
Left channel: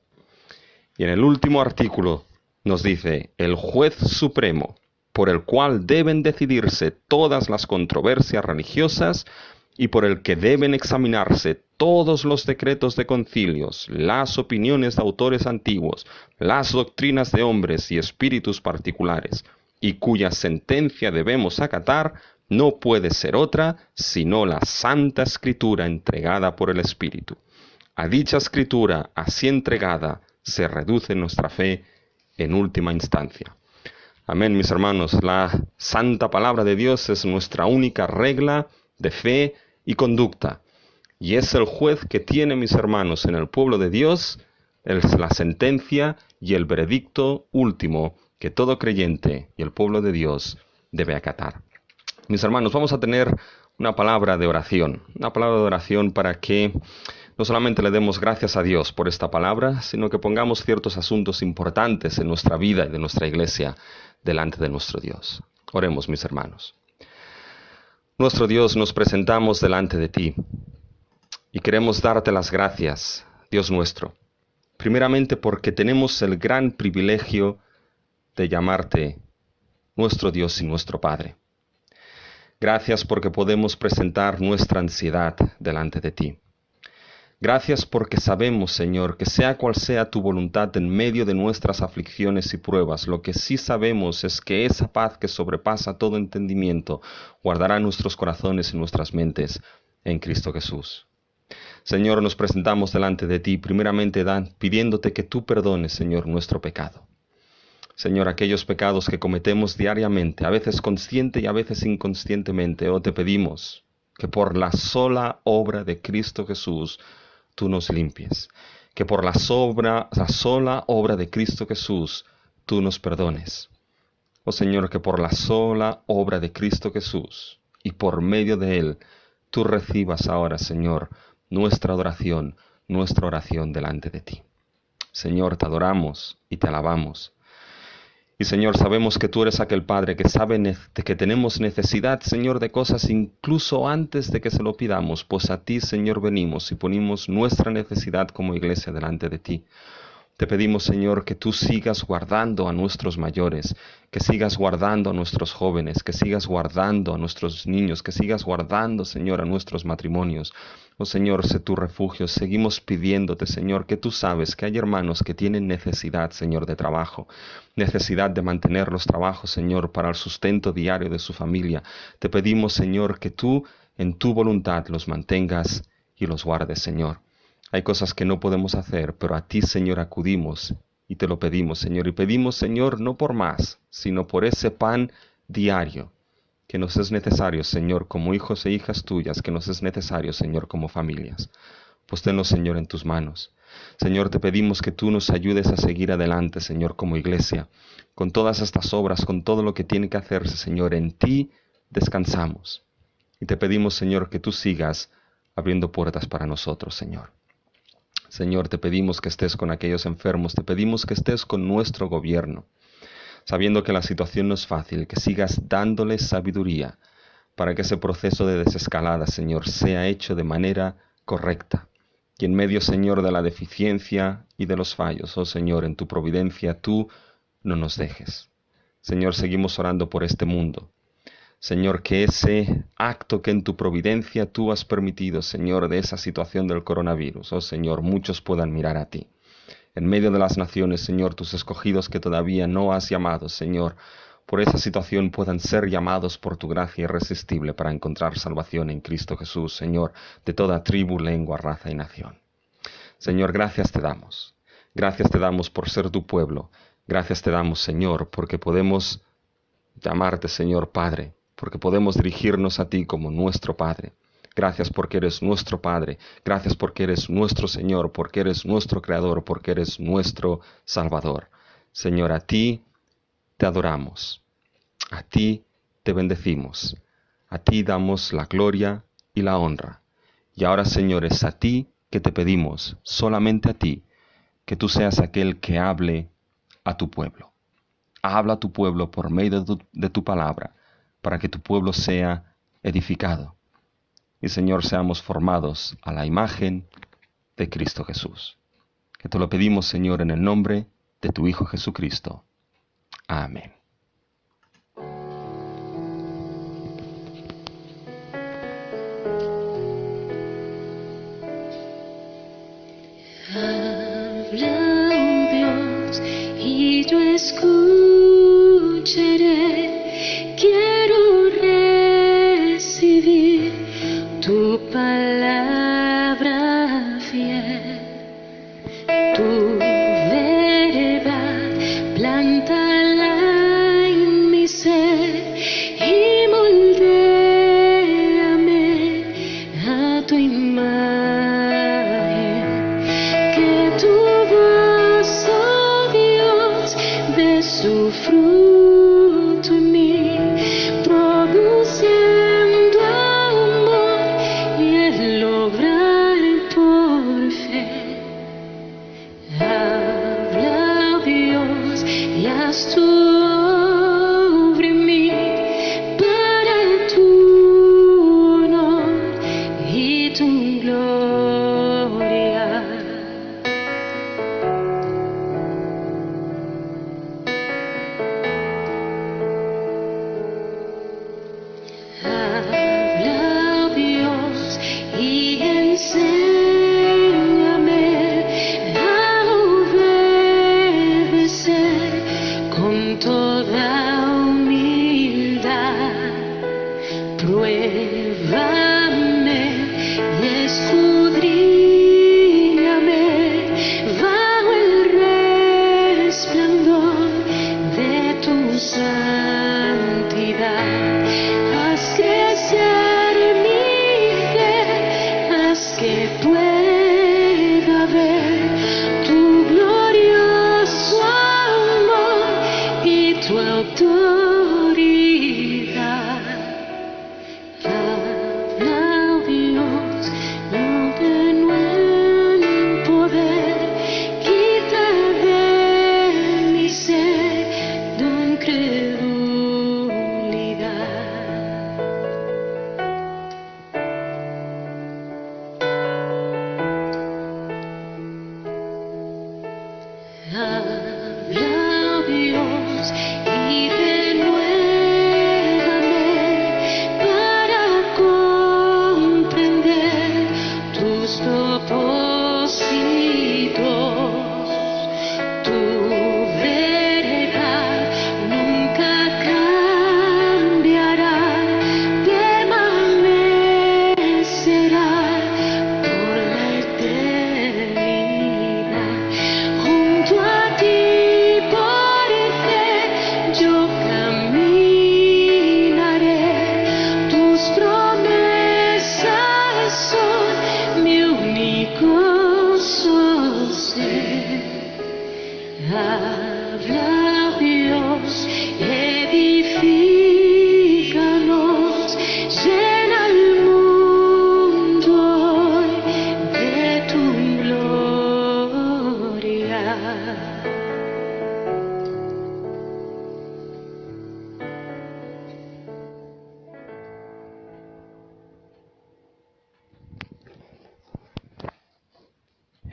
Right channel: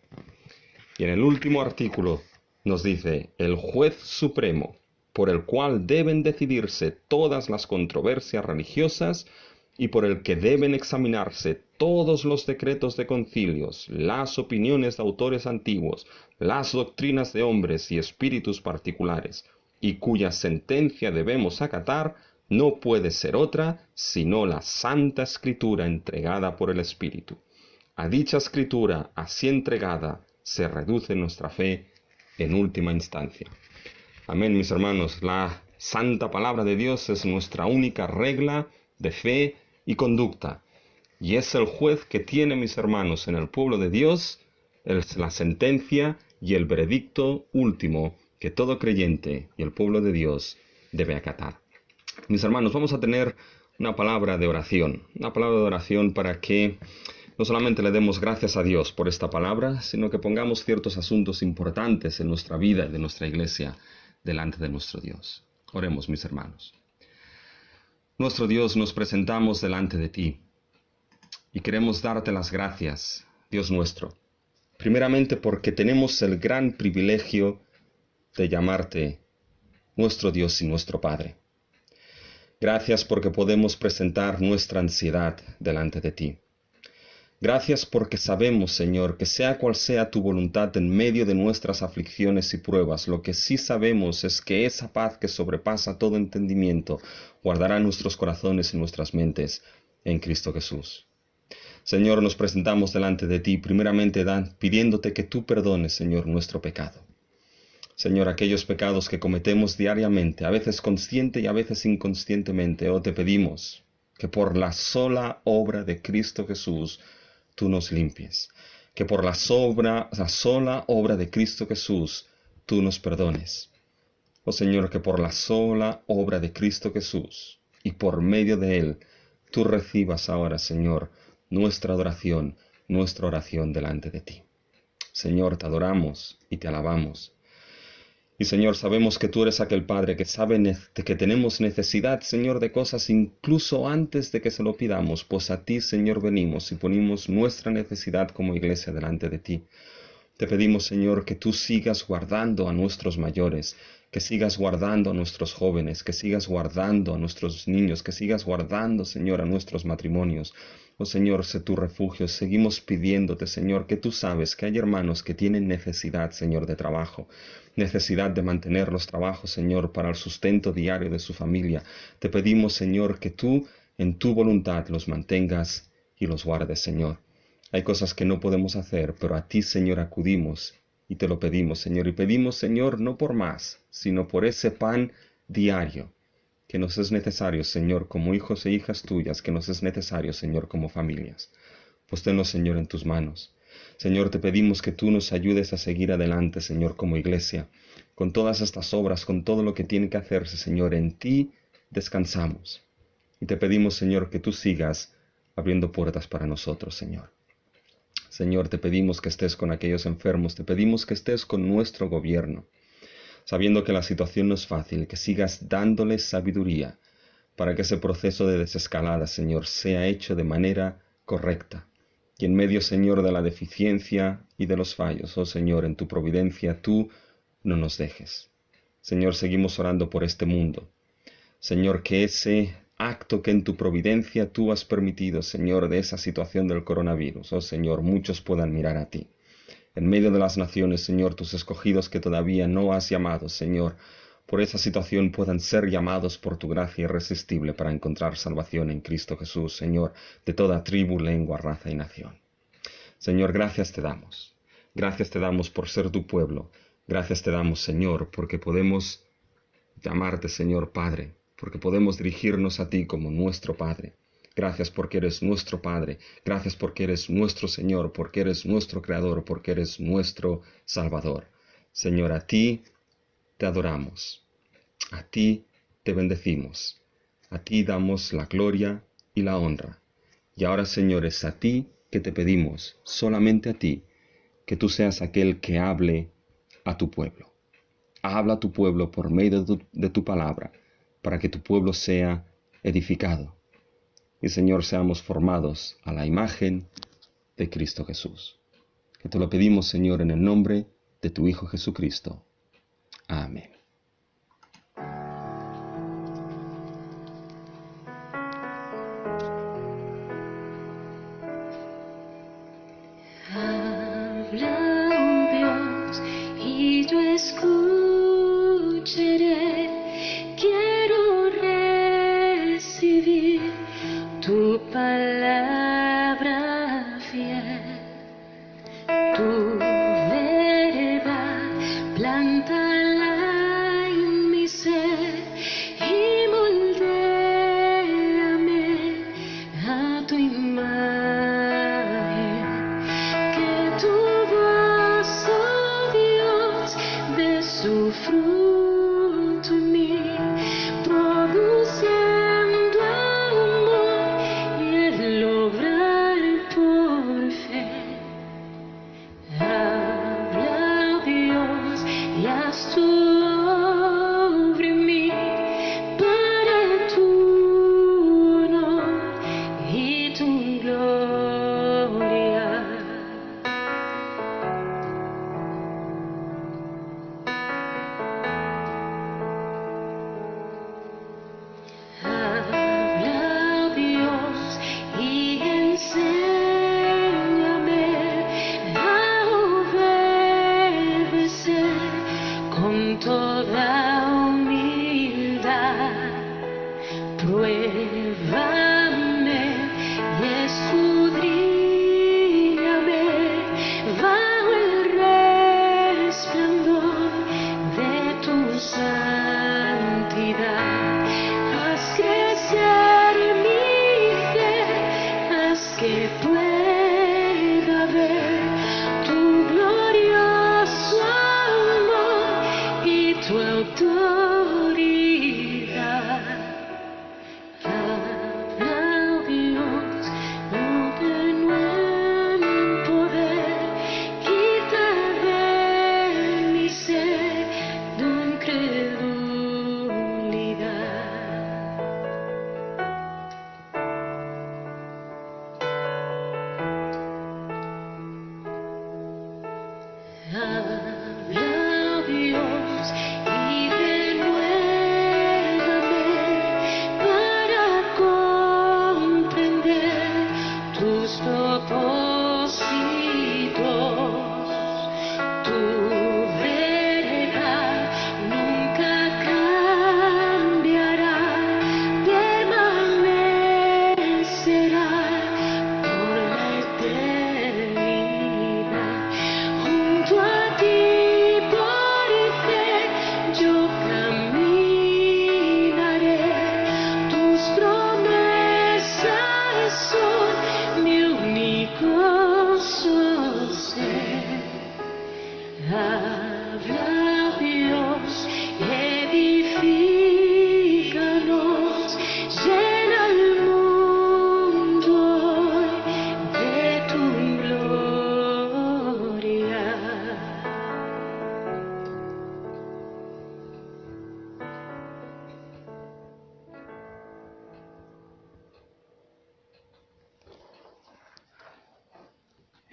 Y en el último artículo nos dice: el juez supremo, por el cual deben decidirse todas las controversias religiosas y por el que deben examinarse todos los decretos de concilios, las opiniones de autores antiguos, las doctrinas de hombres y espíritus particulares, y cuya sentencia debemos acatar, no puede ser otra sino la Santa Escritura entregada por el Espíritu. A dicha Escritura, así entregada, se reduce nuestra fe en última instancia. Amén, mis hermanos. La santa palabra de Dios es nuestra única regla de fe y conducta, y es el juez que tiene, mis hermanos, en el pueblo de Dios, la sentencia y el veredicto último que todo creyente y el pueblo de Dios debe acatar. Mis hermanos, vamos a tener una palabra de oración para que no solamente le demos gracias a Dios por esta palabra, sino que pongamos ciertos asuntos importantes en nuestra vida y de nuestra iglesia delante de nuestro Dios. Oremos, mis hermanos. Nuestro Dios, nos presentamos delante de ti y queremos darte las gracias, Dios nuestro, primeramente porque tenemos el gran privilegio de llamarte nuestro Dios y nuestro Padre. Gracias porque podemos presentar nuestra ansiedad delante de ti. Gracias porque sabemos, Señor, que sea cual sea tu voluntad en medio de nuestras aflicciones y pruebas, lo que sí sabemos es que esa paz que sobrepasa todo entendimiento guardará nuestros corazones y nuestras mentes en Cristo Jesús. Señor, nos presentamos delante de ti, primeramente pidiéndote que tú perdones, Señor, nuestro pecado. Señor, aquellos pecados que cometemos diariamente, a veces consciente y a veces inconscientemente, te pedimos que por la sola obra de Cristo Jesús tú nos limpies, que por la sola obra de Cristo Jesús tú nos perdones. Oh Señor, que por la sola obra de Cristo Jesús y por medio de Él tú recibas ahora, Señor, nuestra adoración, nuestra oración delante de ti. Señor, te adoramos y te alabamos. Y Señor, sabemos que tú eres aquel Padre que sabe de que tenemos necesidad, Señor, de cosas incluso antes de que se lo pidamos, pues a ti, Señor, venimos y ponemos nuestra necesidad como iglesia delante de ti. Te pedimos, Señor, que tú sigas guardando a nuestros mayores, que sigas guardando a nuestros jóvenes, que sigas guardando a nuestros niños, que sigas guardando, Señor, a nuestros matrimonios. Oh Señor, sé tu refugio. Seguimos pidiéndote, Señor, que tú sabes que hay hermanos que tienen necesidad, Señor, de trabajo, necesidad de mantener los trabajos, Señor, para el sustento diario de su familia. Te pedimos, Señor, que tú, en tu voluntad, los mantengas y los guardes, Señor. Hay cosas que no podemos hacer, pero a ti, Señor, acudimos y te lo pedimos, Señor. Y pedimos, Señor, no por más, sino por ese pan diario que nos es necesario, Señor, como hijos e hijas tuyas, que nos es necesario, Señor, como familias. Pues tenlo, Señor, en tus manos. Señor, te pedimos que tú nos ayudes a seguir adelante, Señor, como iglesia, con todas estas obras, con todo lo que tiene que hacerse, Señor. En ti descansamos. Y te pedimos, Señor, que tú sigas abriendo puertas para nosotros, Señor. Señor, te pedimos que estés con aquellos enfermos, te pedimos que estés con nuestro gobierno, sabiendo que la situación no es fácil, que sigas dándoles sabiduría para que ese proceso de desescalada, Señor, sea hecho de manera correcta. Y en medio, Señor, de la deficiencia y de los fallos, oh Señor, en tu providencia, tú no nos dejes. Señor, seguimos orando por este mundo. Señor, que ese acto que en tu providencia tú has permitido, Señor, de esa situación del coronavirus, oh Señor, muchos puedan mirar a ti. En medio de las naciones, Señor, tus escogidos que todavía no has llamado, Señor, por esa situación puedan ser llamados por tu gracia irresistible para encontrar salvación en Cristo Jesús, Señor, de toda tribu, lengua, raza y nación. Señor, gracias te damos. Gracias te damos por ser tu pueblo. Gracias te damos, Señor, porque podemos llamarte, Señor, Padre, porque podemos dirigirnos a ti como nuestro Padre. Gracias porque eres nuestro Padre. Gracias porque eres nuestro Señor, porque eres nuestro Creador, porque eres nuestro Salvador. Señor, a ti te adoramos. A ti te bendecimos. A ti damos la gloria y la honra. Y ahora, Señor, es a ti que te pedimos, solamente a ti, que tú seas aquel que hable a tu pueblo. Habla a tu pueblo por medio de tu palabra, para que tu pueblo sea edificado. Y, Señor, seamos formados a la imagen de Cristo Jesús. Que te lo pedimos, Señor, en el nombre de tu Hijo Jesucristo. Amén. Habla, oh Dios, y yo escucharé. Quiero recibir tu palabra fiel. Tu verdad planta la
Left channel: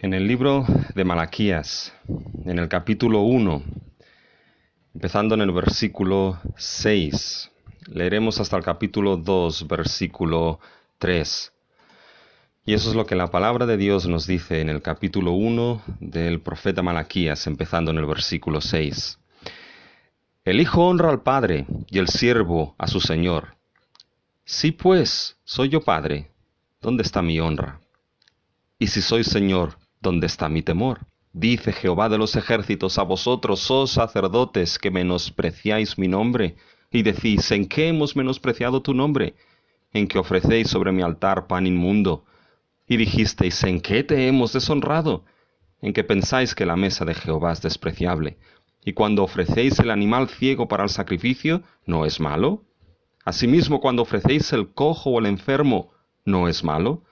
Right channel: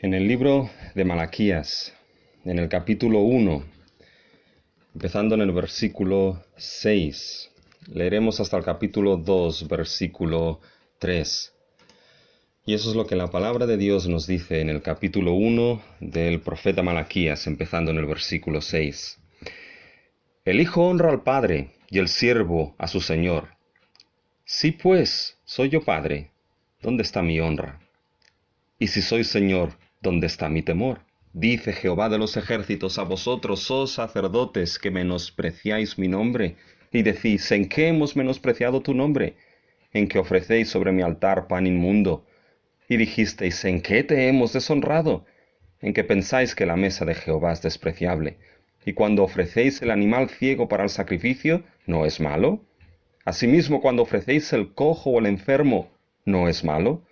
En el libro de Malaquías, en el capítulo 1, empezando en el versículo 6, leeremos hasta el capítulo 2, versículo 3. Y eso es lo que la palabra de Dios nos dice en el capítulo 1 del profeta Malaquías, empezando en el versículo 6. El hijo honra al padre y el siervo a su señor. Si pues soy yo padre, ¿dónde está mi honra? Y si soy señor, ¿dónde está mi temor? Dice Jehová de los ejércitos a vosotros, oh sacerdotes, que menospreciáis mi nombre, y decís, ¿en qué hemos menospreciado tu nombre? En que ofrecéis sobre mi altar pan inmundo. Y dijisteis, ¿en qué te hemos deshonrado? En que pensáis que la mesa de Jehová es despreciable. Y cuando ofrecéis el animal ciego para el sacrificio, ¿no es malo? Asimismo, cuando ofrecéis el cojo o el enfermo, ¿no es malo?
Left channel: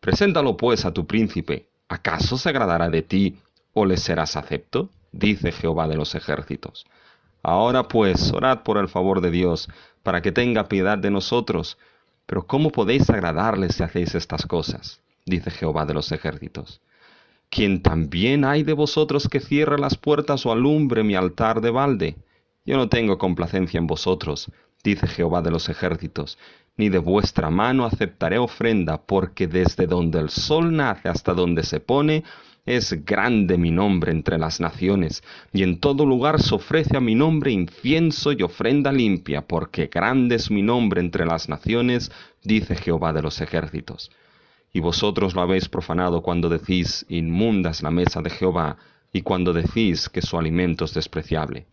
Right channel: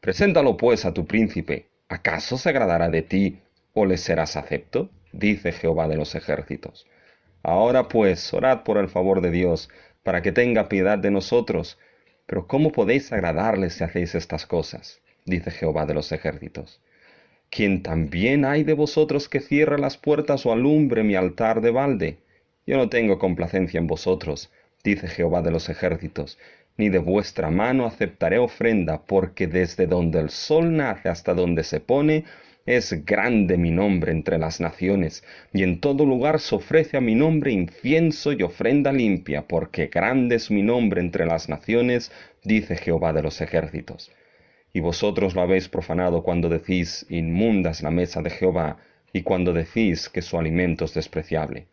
Preséntalo pues a tu príncipe. ¿Acaso se agradará de ti o le serás acepto? Dice Jehová de los ejércitos. Ahora pues, orad por el favor de Dios, para que tenga piedad de nosotros. Pero ¿cómo podéis agradarle si hacéis estas cosas? Dice Jehová de los ejércitos. ¿Quién también hay de vosotros que cierre las puertas o alumbre mi altar de balde? Yo no tengo complacencia en vosotros, dice Jehová de los ejércitos, ni de vuestra mano aceptaré ofrenda, porque desde donde el sol nace hasta donde se pone, es grande mi nombre entre las naciones, y en todo lugar se ofrece a mi nombre incienso y ofrenda limpia, porque grande es mi nombre entre las naciones, dice Jehová de los ejércitos. Y vosotros lo habéis profanado cuando decís, inmunda es la mesa de Jehová, y cuando decís que su alimento es despreciable.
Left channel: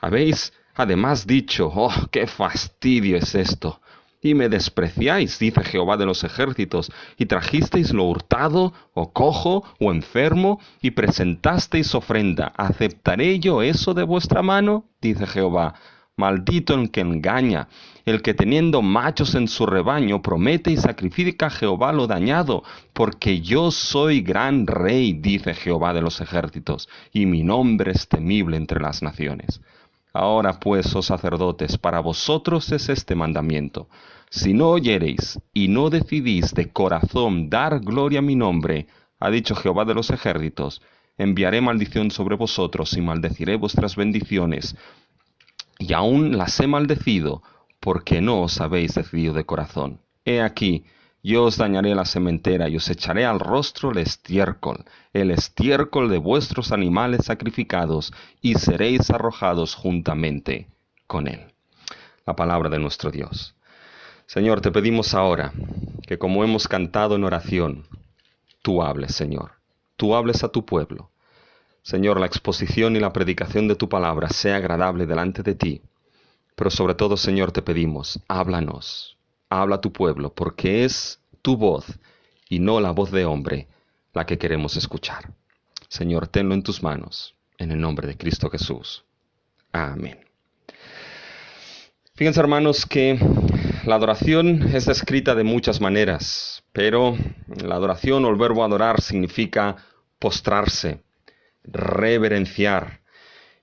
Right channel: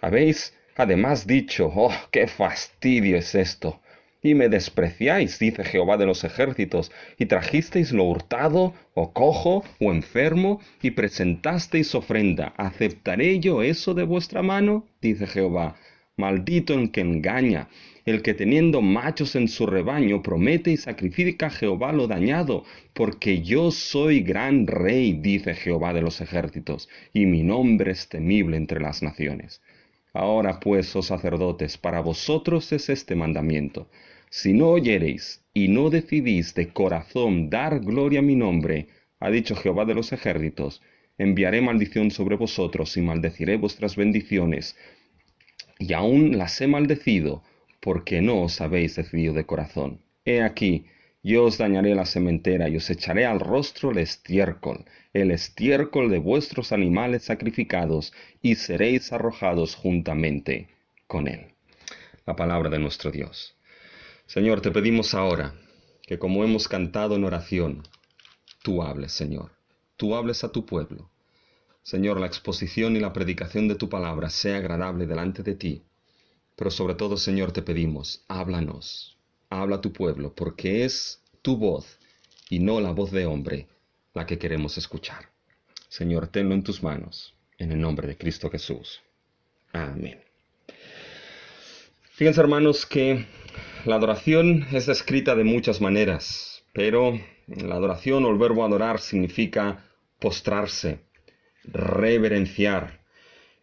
Habéis además dicho, oh, qué fastidio es esto. Y me despreciáis, dice Jehová de los ejércitos, y trajisteis lo hurtado, o cojo, o enfermo, y presentasteis ofrenda. ¿Aceptaré yo eso de vuestra mano? Dice Jehová. Maldito el que engaña, el que teniendo machos en su rebaño promete y sacrifica a Jehová lo dañado, porque yo soy gran rey, dice Jehová de los ejércitos, y mi nombre es temible entre las naciones. Ahora pues, oh sacerdotes, para vosotros es este mandamiento. Si no oyereis y no decidís de corazón dar gloria a mi nombre, ha dicho Jehová de los ejércitos, enviaré maldición sobre vosotros y maldeciré vuestras bendiciones. Y aún las he maldecido, porque no os habéis decidido de corazón. He aquí, yo os dañaré la sementera y os echaré al rostro el estiércol de vuestros animales sacrificados, y seréis arrojados juntamente con él. La palabra de nuestro Dios. Señor, te pedimos ahora que como hemos cantado en oración, tú hables, Señor. Tú hables a tu pueblo. Señor, la exposición y la predicación de tu palabra sea agradable delante de ti. Pero sobre todo, Señor, te pedimos, háblanos, habla a tu pueblo, porque es tu voz y no la voz de hombre la que queremos escuchar. Señor, tenlo en tus manos, en el nombre de Cristo Jesús. Amén. Fíjense, hermanos, que la adoración es descrita de muchas maneras, pero la adoración o el verbo adorar significa postrarse, reverenciar.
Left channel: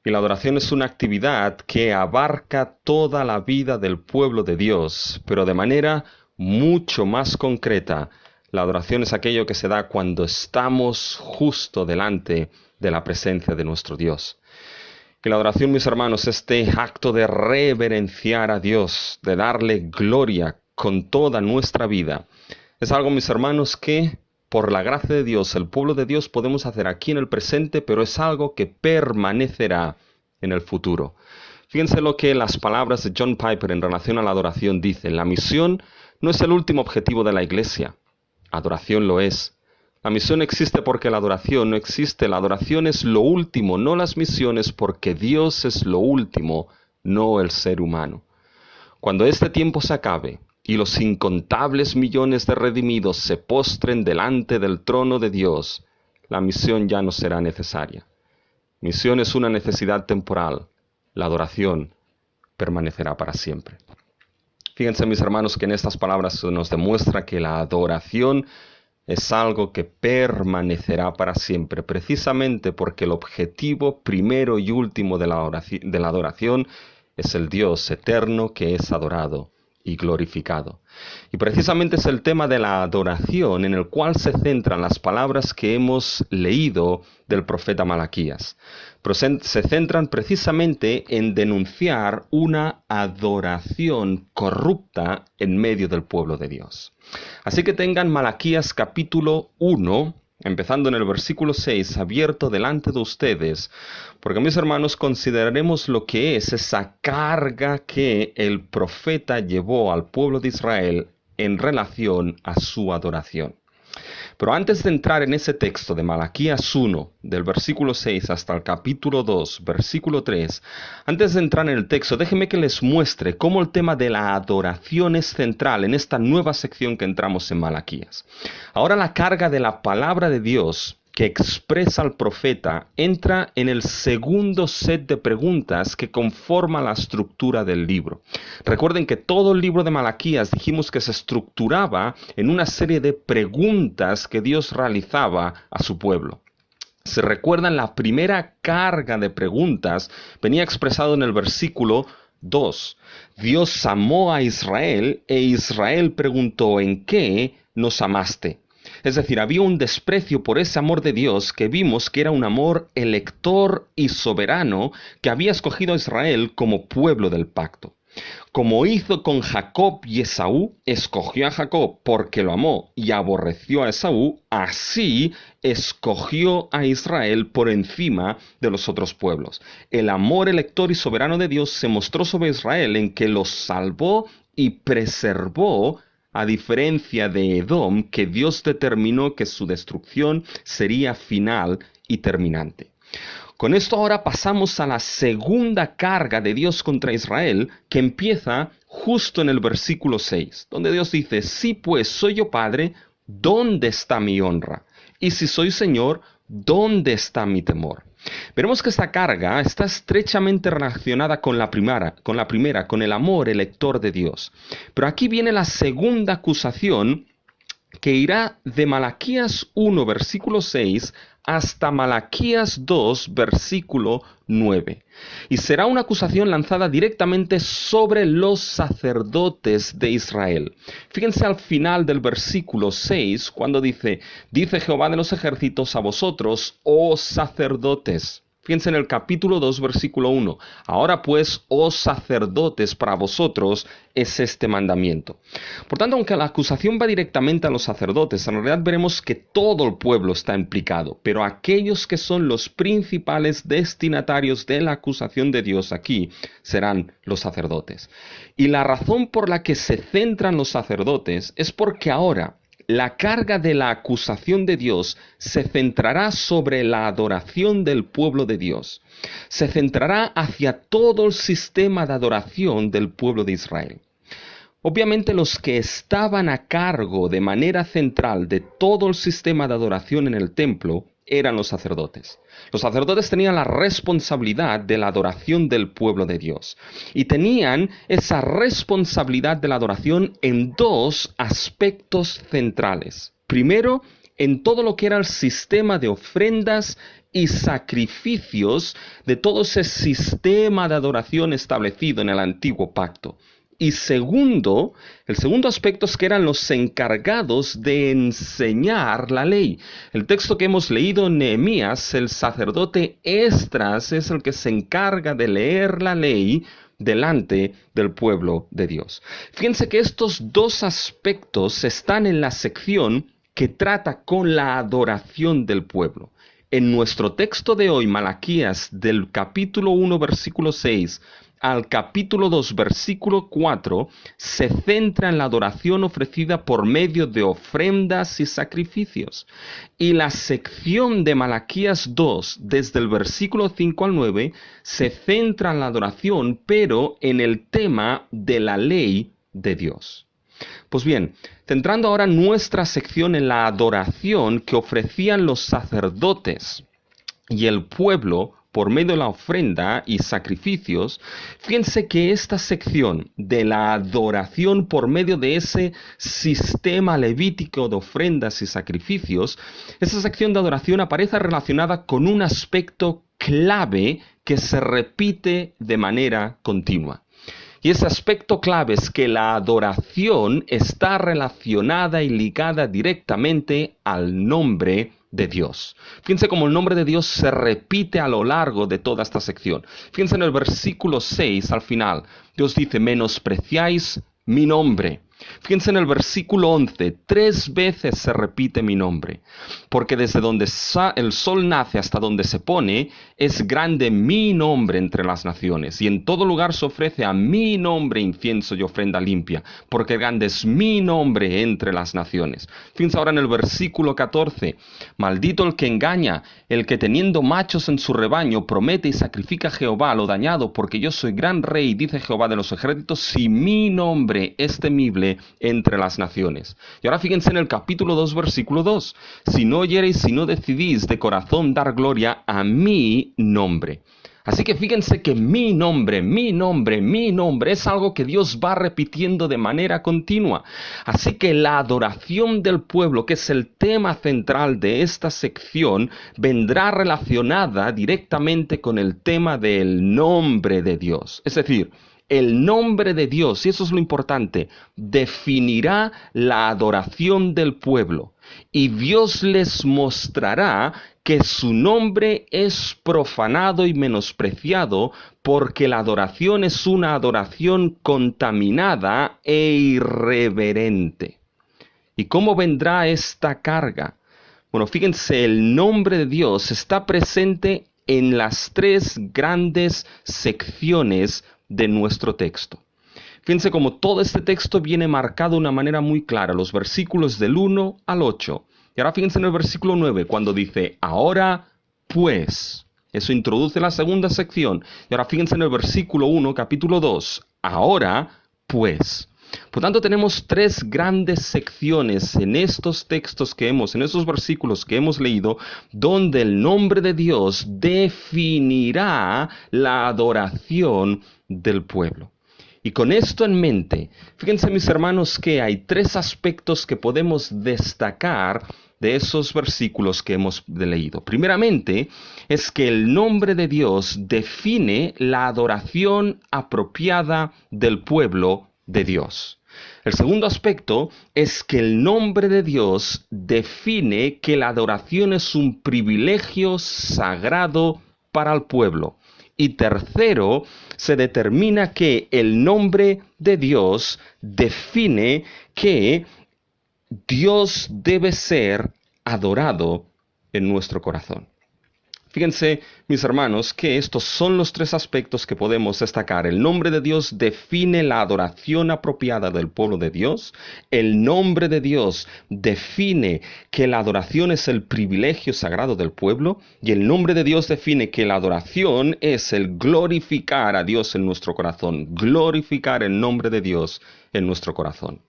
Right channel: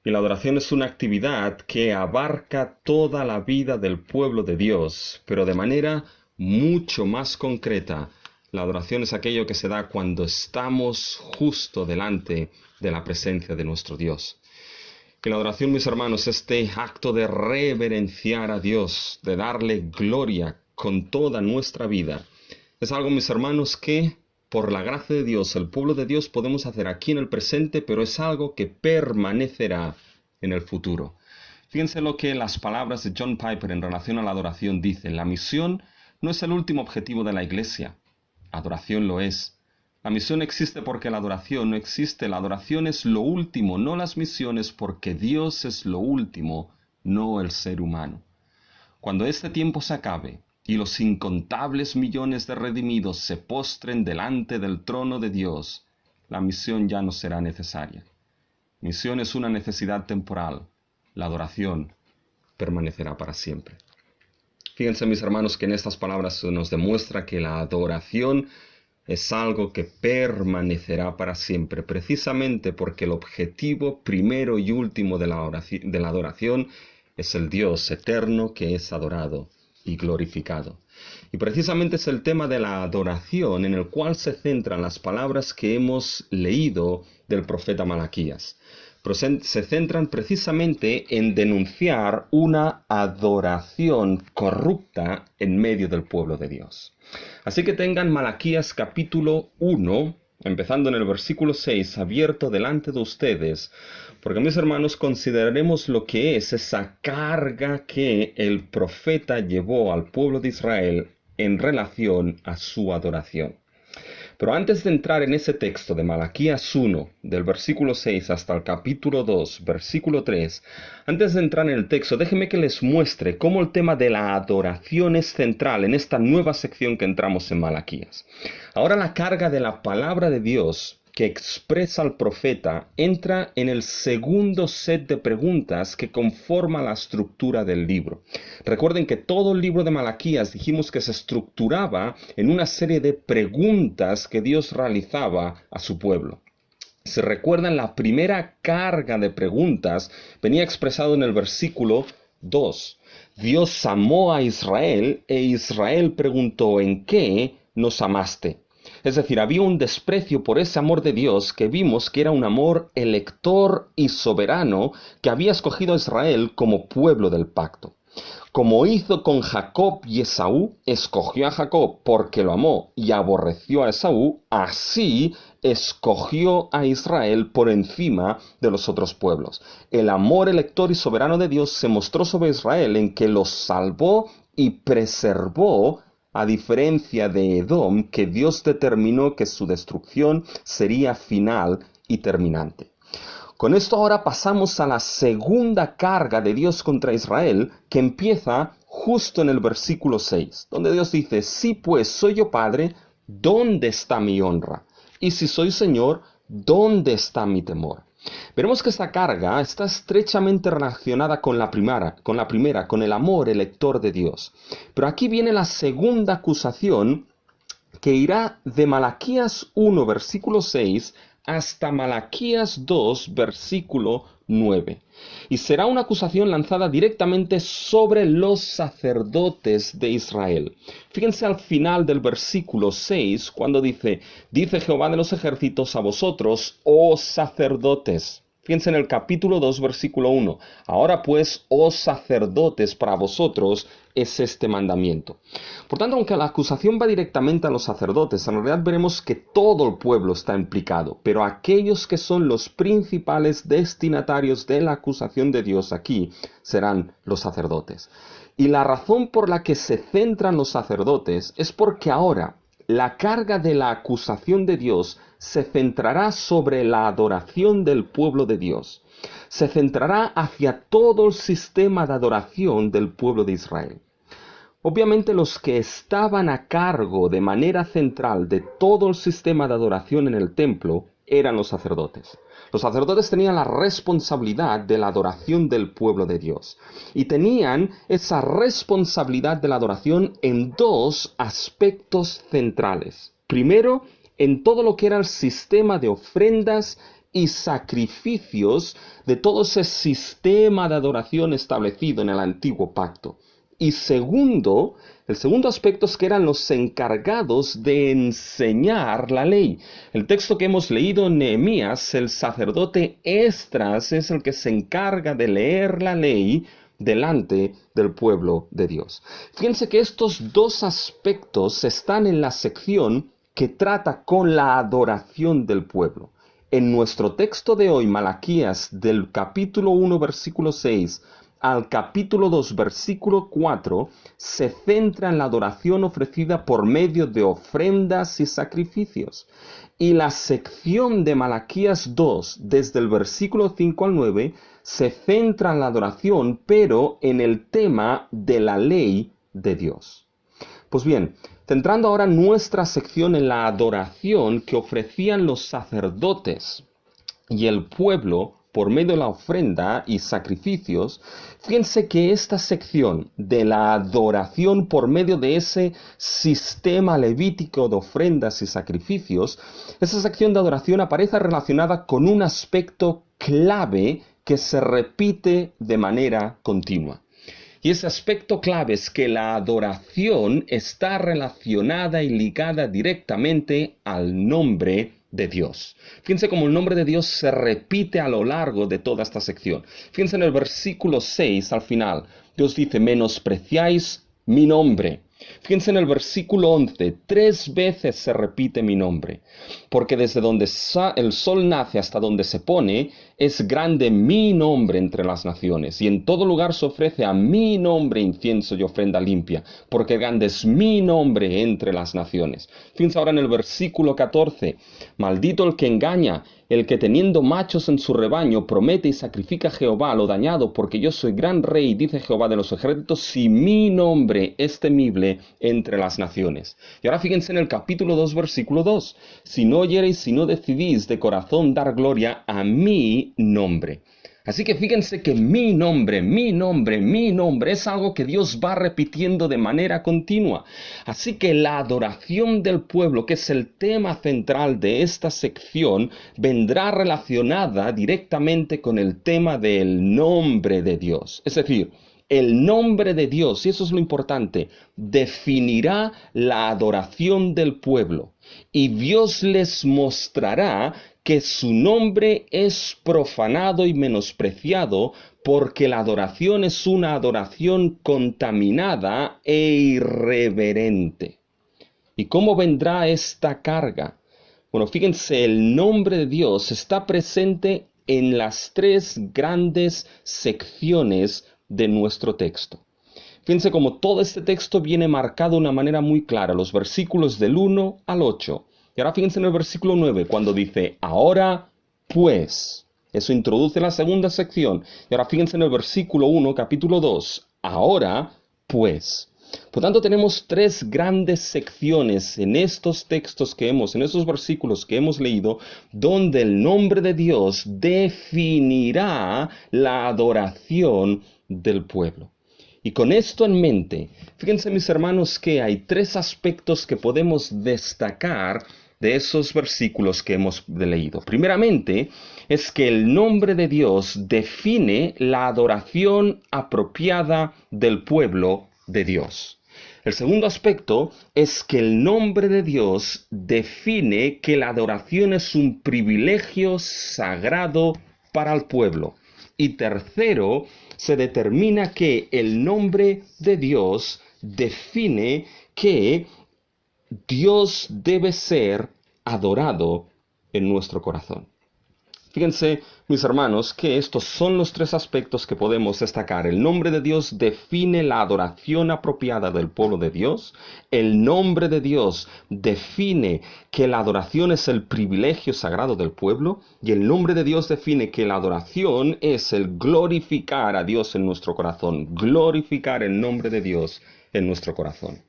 Y la adoración es una actividad que abarca toda la vida del pueblo de Dios, pero de manera mucho más concreta. La adoración es aquello que se da cuando estamos justo delante de la presencia de nuestro Dios. Y la adoración, mis hermanos, este acto de reverenciar a Dios, de darle gloria con toda nuestra vida, es algo, mis hermanos, que por la gracia de Dios, el pueblo de Dios, podemos hacer aquí en el presente, pero es algo que permanecerá en el futuro. Fíjense lo que las palabras de John Piper en relación a la adoración dicen. La misión no es el último objetivo de la iglesia. Adoración lo es. La misión existe porque la adoración no existe. La adoración es lo último, no las misiones, porque Dios es lo último, no el ser humano. Cuando este tiempo se acabe y los incontables millones de redimidos se postren delante del trono de Dios, la misión ya no será necesaria. Misión es una necesidad temporal. La adoración permanecerá para siempre. Fíjense, mis hermanos, que en estas palabras se nos demuestra que la adoración es algo que permanecerá para siempre, precisamente porque el objetivo primero y último de la adoración es el Dios eterno que es adorado y glorificado. Y precisamente es el tema de la adoración en el cual se centran las palabras que hemos leído del profeta Malaquías. Pero se centran precisamente en denunciar una adoración corrupta en medio del pueblo de Dios. Así que tengan Malaquías capítulo 1, empezando en el versículo 6, abierto delante de ustedes, porque mis hermanos consideraremos lo que es esa carga que el profeta llevó al pueblo de Israel en relación a su adoración. Pero antes de entrar en ese texto de Malaquías 1, del versículo 6 hasta el capítulo 2, versículo 3, antes de entrar en el texto, déjenme que les muestre cómo el tema de la adoración es central en esta nueva sección que entramos en Malaquías. Ahora la carga de la palabra de Dios que expresa el profeta entra en el segundo set de preguntas que conforma la estructura del libro. Recuerden que todo el libro de Malaquías dijimos que se estructuraba en una serie de preguntas que Dios realizaba a su pueblo. Se recuerdan, la primera carga de preguntas venía expresado en el versículo 2. Dios amó a Israel e Israel preguntó: ¿en qué nos amaste? Es decir, había un desprecio por ese amor de Dios que vimos que era un amor elector y soberano que había escogido a Israel como pueblo del pacto. Como hizo con Jacob y Esaú, escogió a Jacob porque lo amó y aborreció a Esaú, así escogió a Israel por encima de los otros pueblos. El amor elector y soberano de Dios se mostró sobre Israel en que los salvó y preservó, a diferencia de Edom, que Dios determinó que su destrucción sería final y terminante. Con esto ahora pasamos a la segunda carga de Dios contra Israel, que empieza justo en el versículo 6, donde Dios dice: si pues soy yo padre, ¿dónde está mi honra? Y si soy Señor, ¿dónde está mi temor? Veremos que esta carga está estrechamente relacionada con la primera, con el amor elector de Dios. Pero aquí viene la segunda acusación, que irá de Malaquías 1, versículo 6, hasta Malaquías 2, versículo 9. Y será una acusación lanzada directamente sobre los sacerdotes de Israel. Fíjense al final del versículo 6, cuando dice: dice Jehová de los ejércitos a vosotros, oh sacerdotes. Fíjense en el capítulo 2, versículo 1. Ahora pues, oh sacerdotes, para vosotros es este mandamiento. Por tanto, aunque la acusación va directamente a los sacerdotes, en realidad veremos que todo el pueblo está implicado, pero aquellos que son los principales destinatarios de la acusación de Dios aquí serán los sacerdotes. Y la razón por la que se centran los sacerdotes es porque ahora la carga de la acusación de Dios se centrará sobre la adoración del pueblo de Dios. Se centrará hacia todo el sistema de adoración del pueblo de Israel. Obviamente los que estaban a cargo de manera central de todo el sistema de adoración en el templo eran los sacerdotes. Los sacerdotes tenían la responsabilidad de la adoración del pueblo de Dios. Y tenían esa responsabilidad de la adoración en dos aspectos centrales. Primero, en todo lo que era el sistema de ofrendas y sacrificios de todo ese sistema de adoración establecido en el antiguo pacto. Y segundo, el segundo aspecto es que eran los encargados de enseñar la ley. El texto que hemos leído en Nehemías, el sacerdote Esdras es el que se encarga de leer la ley delante del pueblo de Dios. Fíjense que estos dos aspectos están en la sección que trata con la adoración del pueblo. En nuestro texto de hoy, Malaquías, del capítulo 1, versículo 6, al capítulo 2, versículo 4, se centra en la adoración ofrecida por medio de ofrendas y sacrificios. Y la sección de Malaquías 2, desde el versículo 5 al 9, se centra en la adoración, pero en el tema de la ley de Dios. Pues bien, centrando ahora nuestra sección en la adoración que ofrecían los sacerdotes y el pueblo por medio de la ofrenda y sacrificios, fíjense que esta sección de la adoración por medio de ese sistema levítico de ofrendas y sacrificios, esa sección de adoración aparece relacionada con un aspecto clave que se repite de manera continua. Y ese aspecto clave es que la adoración está relacionada y ligada directamente al nombre de Dios. Fíjense cómo el nombre de Dios se repite a lo largo de toda esta sección. Fíjense en el versículo 6 al final. Dios dice, menospreciáis mi nombre. Fíjense en el versículo 11, 3 veces se repite mi nombre, porque desde donde el sol nace hasta donde se pone, es grande mi nombre entre las naciones, y en todo lugar se ofrece a mi nombre incienso y ofrenda limpia, porque grande es mi nombre entre las naciones. Fíjense ahora en el versículo 14, maldito el que engaña, el que teniendo machos en su rebaño promete y sacrifica a Jehová lo dañado, porque yo soy gran rey, dice Jehová de los ejércitos, si mi nombre es temible entre las naciones. Y ahora fíjense en el capítulo 2, versículo 2. Si no oyereis, si no decidís de corazón dar gloria a mi nombre. Así que fíjense que mi nombre es algo que Dios va repitiendo de manera continua. Así que la adoración del pueblo, que es el tema central de esta sección, vendrá relacionada directamente con el tema del nombre de Dios. Es decir, el nombre de Dios, y eso es lo importante, definirá la adoración del pueblo. Y Dios les mostrará que su nombre es profanado y menospreciado porque la adoración es una adoración contaminada e irreverente. ¿Y cómo vendrá esta carga? Bueno, fíjense, el nombre de Dios está presente en las 3 grandes secciones de nuestro texto. Fíjense cómo todo este texto viene marcado de una manera muy clara, los versículos del 1 al 8. Y ahora fíjense en el versículo 9, cuando dice, ahora pues. Eso introduce la segunda sección. Y ahora fíjense en el versículo 1, capítulo 2, ahora pues. Por tanto, tenemos 3 grandes secciones en estos textos en estos versículos que hemos leído, donde el nombre de Dios definirá la adoración del pueblo. Y con esto en mente, fíjense mis hermanos que hay 3 aspectos que podemos destacar de esos versículos que hemos leído. Primeramente, es que el nombre de Dios define la adoración apropiada del pueblo de Dios. El segundo aspecto es que el nombre de Dios define que la adoración es un privilegio sagrado para el pueblo. Y tercero, se determina que el nombre de Dios define que Dios debe ser adorado en nuestro corazón. Fíjense, mis hermanos, que estos son los 3 aspectos que podemos destacar. El nombre de Dios define la adoración apropiada del pueblo de Dios. El nombre de Dios define que la adoración es el privilegio sagrado del pueblo. Y el nombre de Dios define que la adoración es el glorificar a Dios en nuestro corazón. Glorificar el nombre de Dios en nuestro corazón.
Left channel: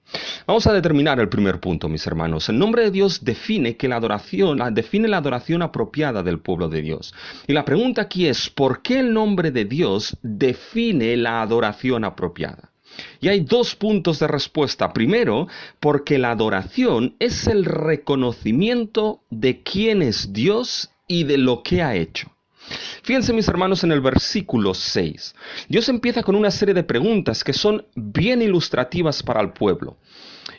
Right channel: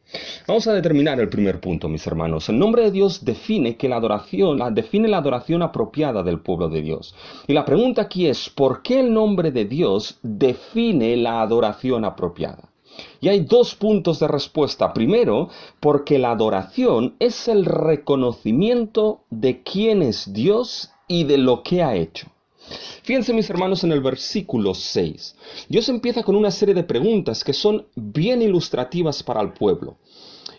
Vamos a determinar el primer punto, mis hermanos. El nombre de Dios define la adoración apropiada del pueblo de Dios. Y la pregunta aquí es, ¿por qué el nombre de Dios define la adoración apropiada? Y hay 2 puntos de respuesta. Primero, porque la adoración es el reconocimiento de quién es Dios y de lo que ha hecho. Fíjense, mis hermanos, en el versículo 6. Dios empieza con una serie de preguntas que son bien ilustrativas para el pueblo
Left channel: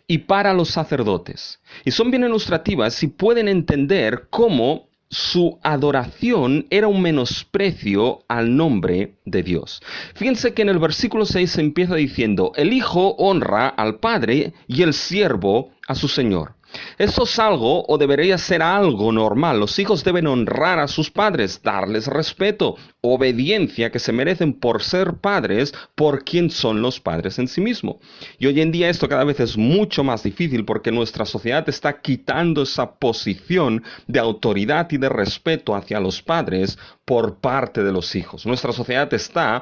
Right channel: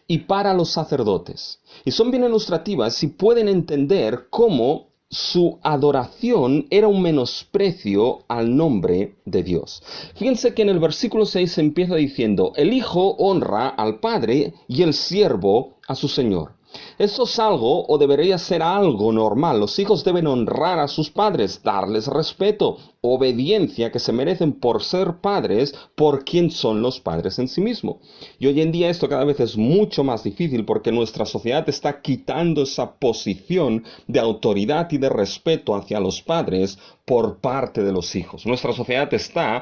y para los sacerdotes. Y son bien ilustrativas y pueden entender cómo su adoración era un menosprecio al nombre de Dios. Fíjense que en el versículo 6 se empieza diciendo, el Hijo honra al Padre y el siervo a su Señor. Esto es algo, o debería ser algo normal. Los hijos deben honrar a sus padres, darles respeto, obediencia que se merecen por ser padres, por quien son los padres en sí mismo. Y hoy en día esto cada vez es mucho más difícil porque nuestra sociedad está quitando esa posición de autoridad y de respeto hacia los padres por parte de los hijos. Nuestra sociedad está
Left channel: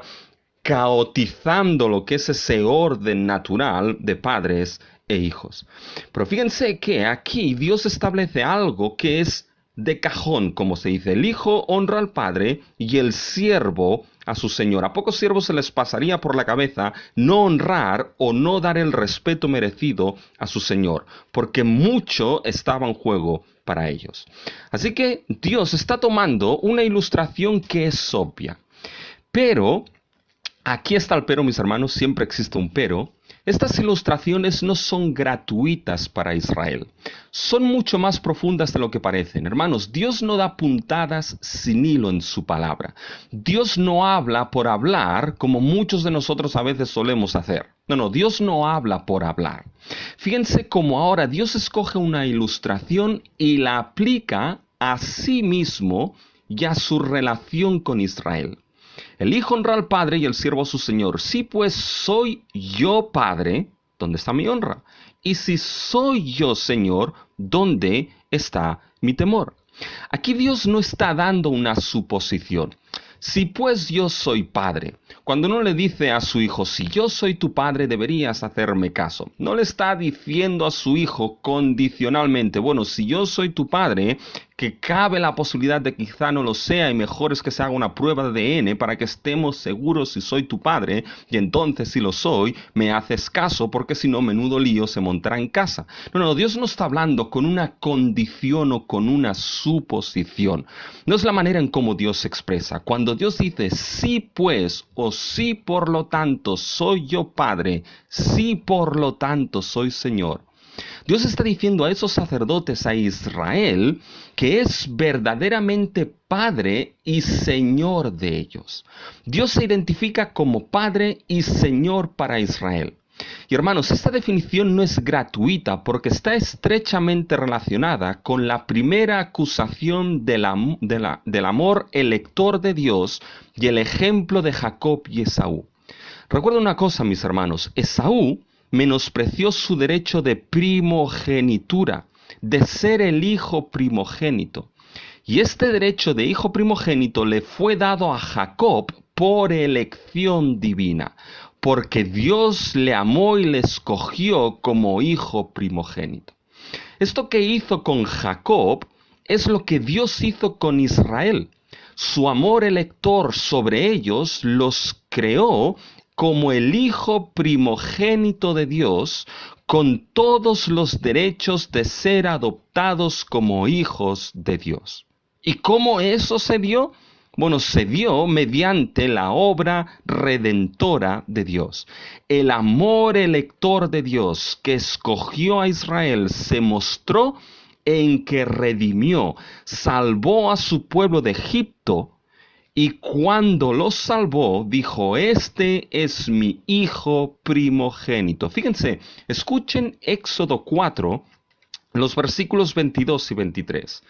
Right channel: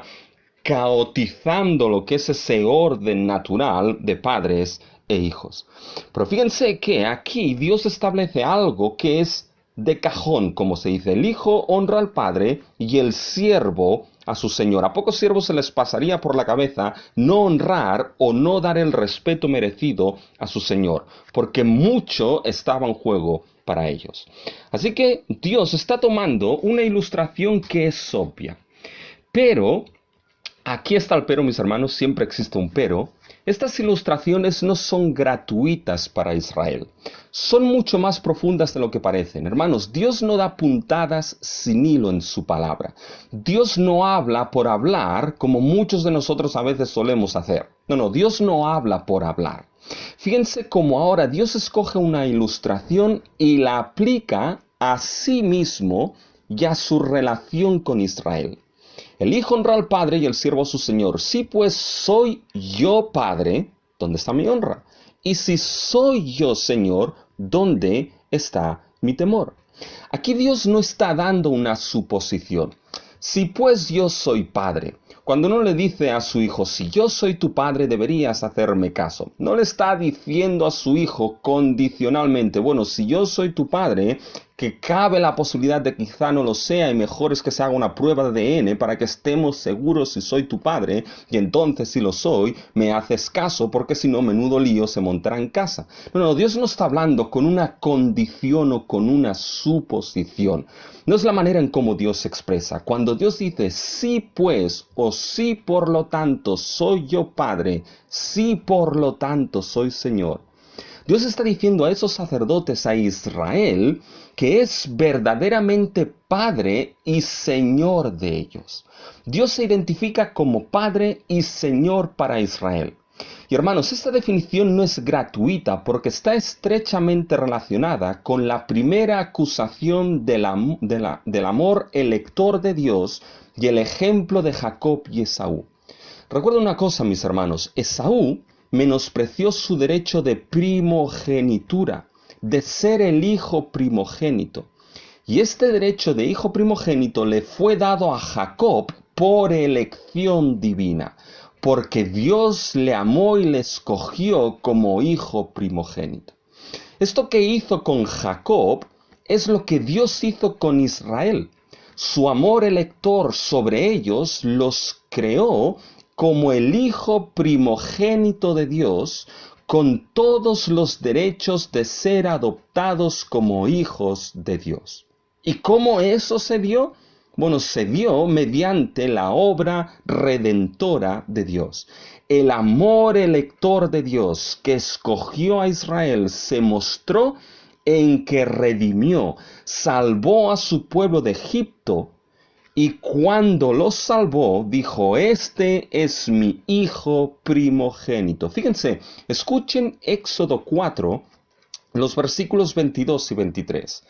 caotizando lo que es ese orden natural de padres e hijos. Pero fíjense que aquí Dios establece algo que es de cajón, como se dice. El hijo honra al padre y el siervo a su señor. A pocos siervos se les pasaría por la cabeza no honrar o no dar el respeto merecido a su señor, porque mucho estaba en juego para ellos. Así que Dios está tomando una ilustración que es obvia, pero Aquí está el pero, mis hermanos, siempre existe un pero. Estas ilustraciones no son gratuitas para Israel. Son mucho más profundas de lo que parecen. Hermanos, Dios no da puntadas sin hilo en su palabra. Dios no habla por hablar como muchos de nosotros a veces solemos hacer. No, Dios no habla por hablar. Fíjense cómo ahora Dios escoge una ilustración y la aplica a sí mismo y a su relación con Israel. El hijo honra al padre y el siervo a su señor. Si pues soy yo padre, ¿dónde está mi honra? Y si soy yo señor, ¿dónde está mi temor? Aquí Dios no está dando una suposición. Si pues yo soy padre, cuando uno le dice a su hijo, si yo soy tu padre, deberías hacerme caso. No le está diciendo a su hijo condicionalmente, bueno, si yo soy tu padre, que cabe la posibilidad de que quizá no lo sea y mejor es que se haga una prueba de ADN para que estemos seguros si soy tu padre y entonces si lo soy, me haces caso porque si no, menudo lío se montará en casa. No, Dios no está hablando con una condición o con una suposición. No es la manera en cómo Dios se expresa. Cuando Dios dice sí pues o sí por lo tanto soy yo padre, sí por lo tanto soy Señor. Dios está diciendo a esos sacerdotes, a Israel, que es verdaderamente Padre y Señor de ellos. Dios se identifica como Padre y Señor para Israel. Y hermanos, esta definición no es gratuita porque está estrechamente relacionada con la primera acusación del amor elector de Dios y el ejemplo de Jacob y Esaú. Recuerda una cosa, mis hermanos, Esaú menospreció su derecho de primogenitura, de ser el hijo primogénito. Y este derecho de hijo primogénito le fue dado a Jacob por elección divina, porque Dios le amó y le escogió como hijo primogénito. Esto que hizo con Jacob es lo que Dios hizo con Israel. Su amor elector sobre ellos los creó como el hijo primogénito de Dios, con todos los derechos de ser adoptados como hijos de Dios. ¿Y cómo eso se dio? Bueno, se dio mediante la obra redentora de Dios. El amor elector de Dios que escogió a Israel se mostró en que redimió, salvó a su pueblo de Egipto, y cuando los salvó, dijo, este es mi hijo primogénito. Fíjense, escuchen Éxodo 4, los versículos 22 y 23.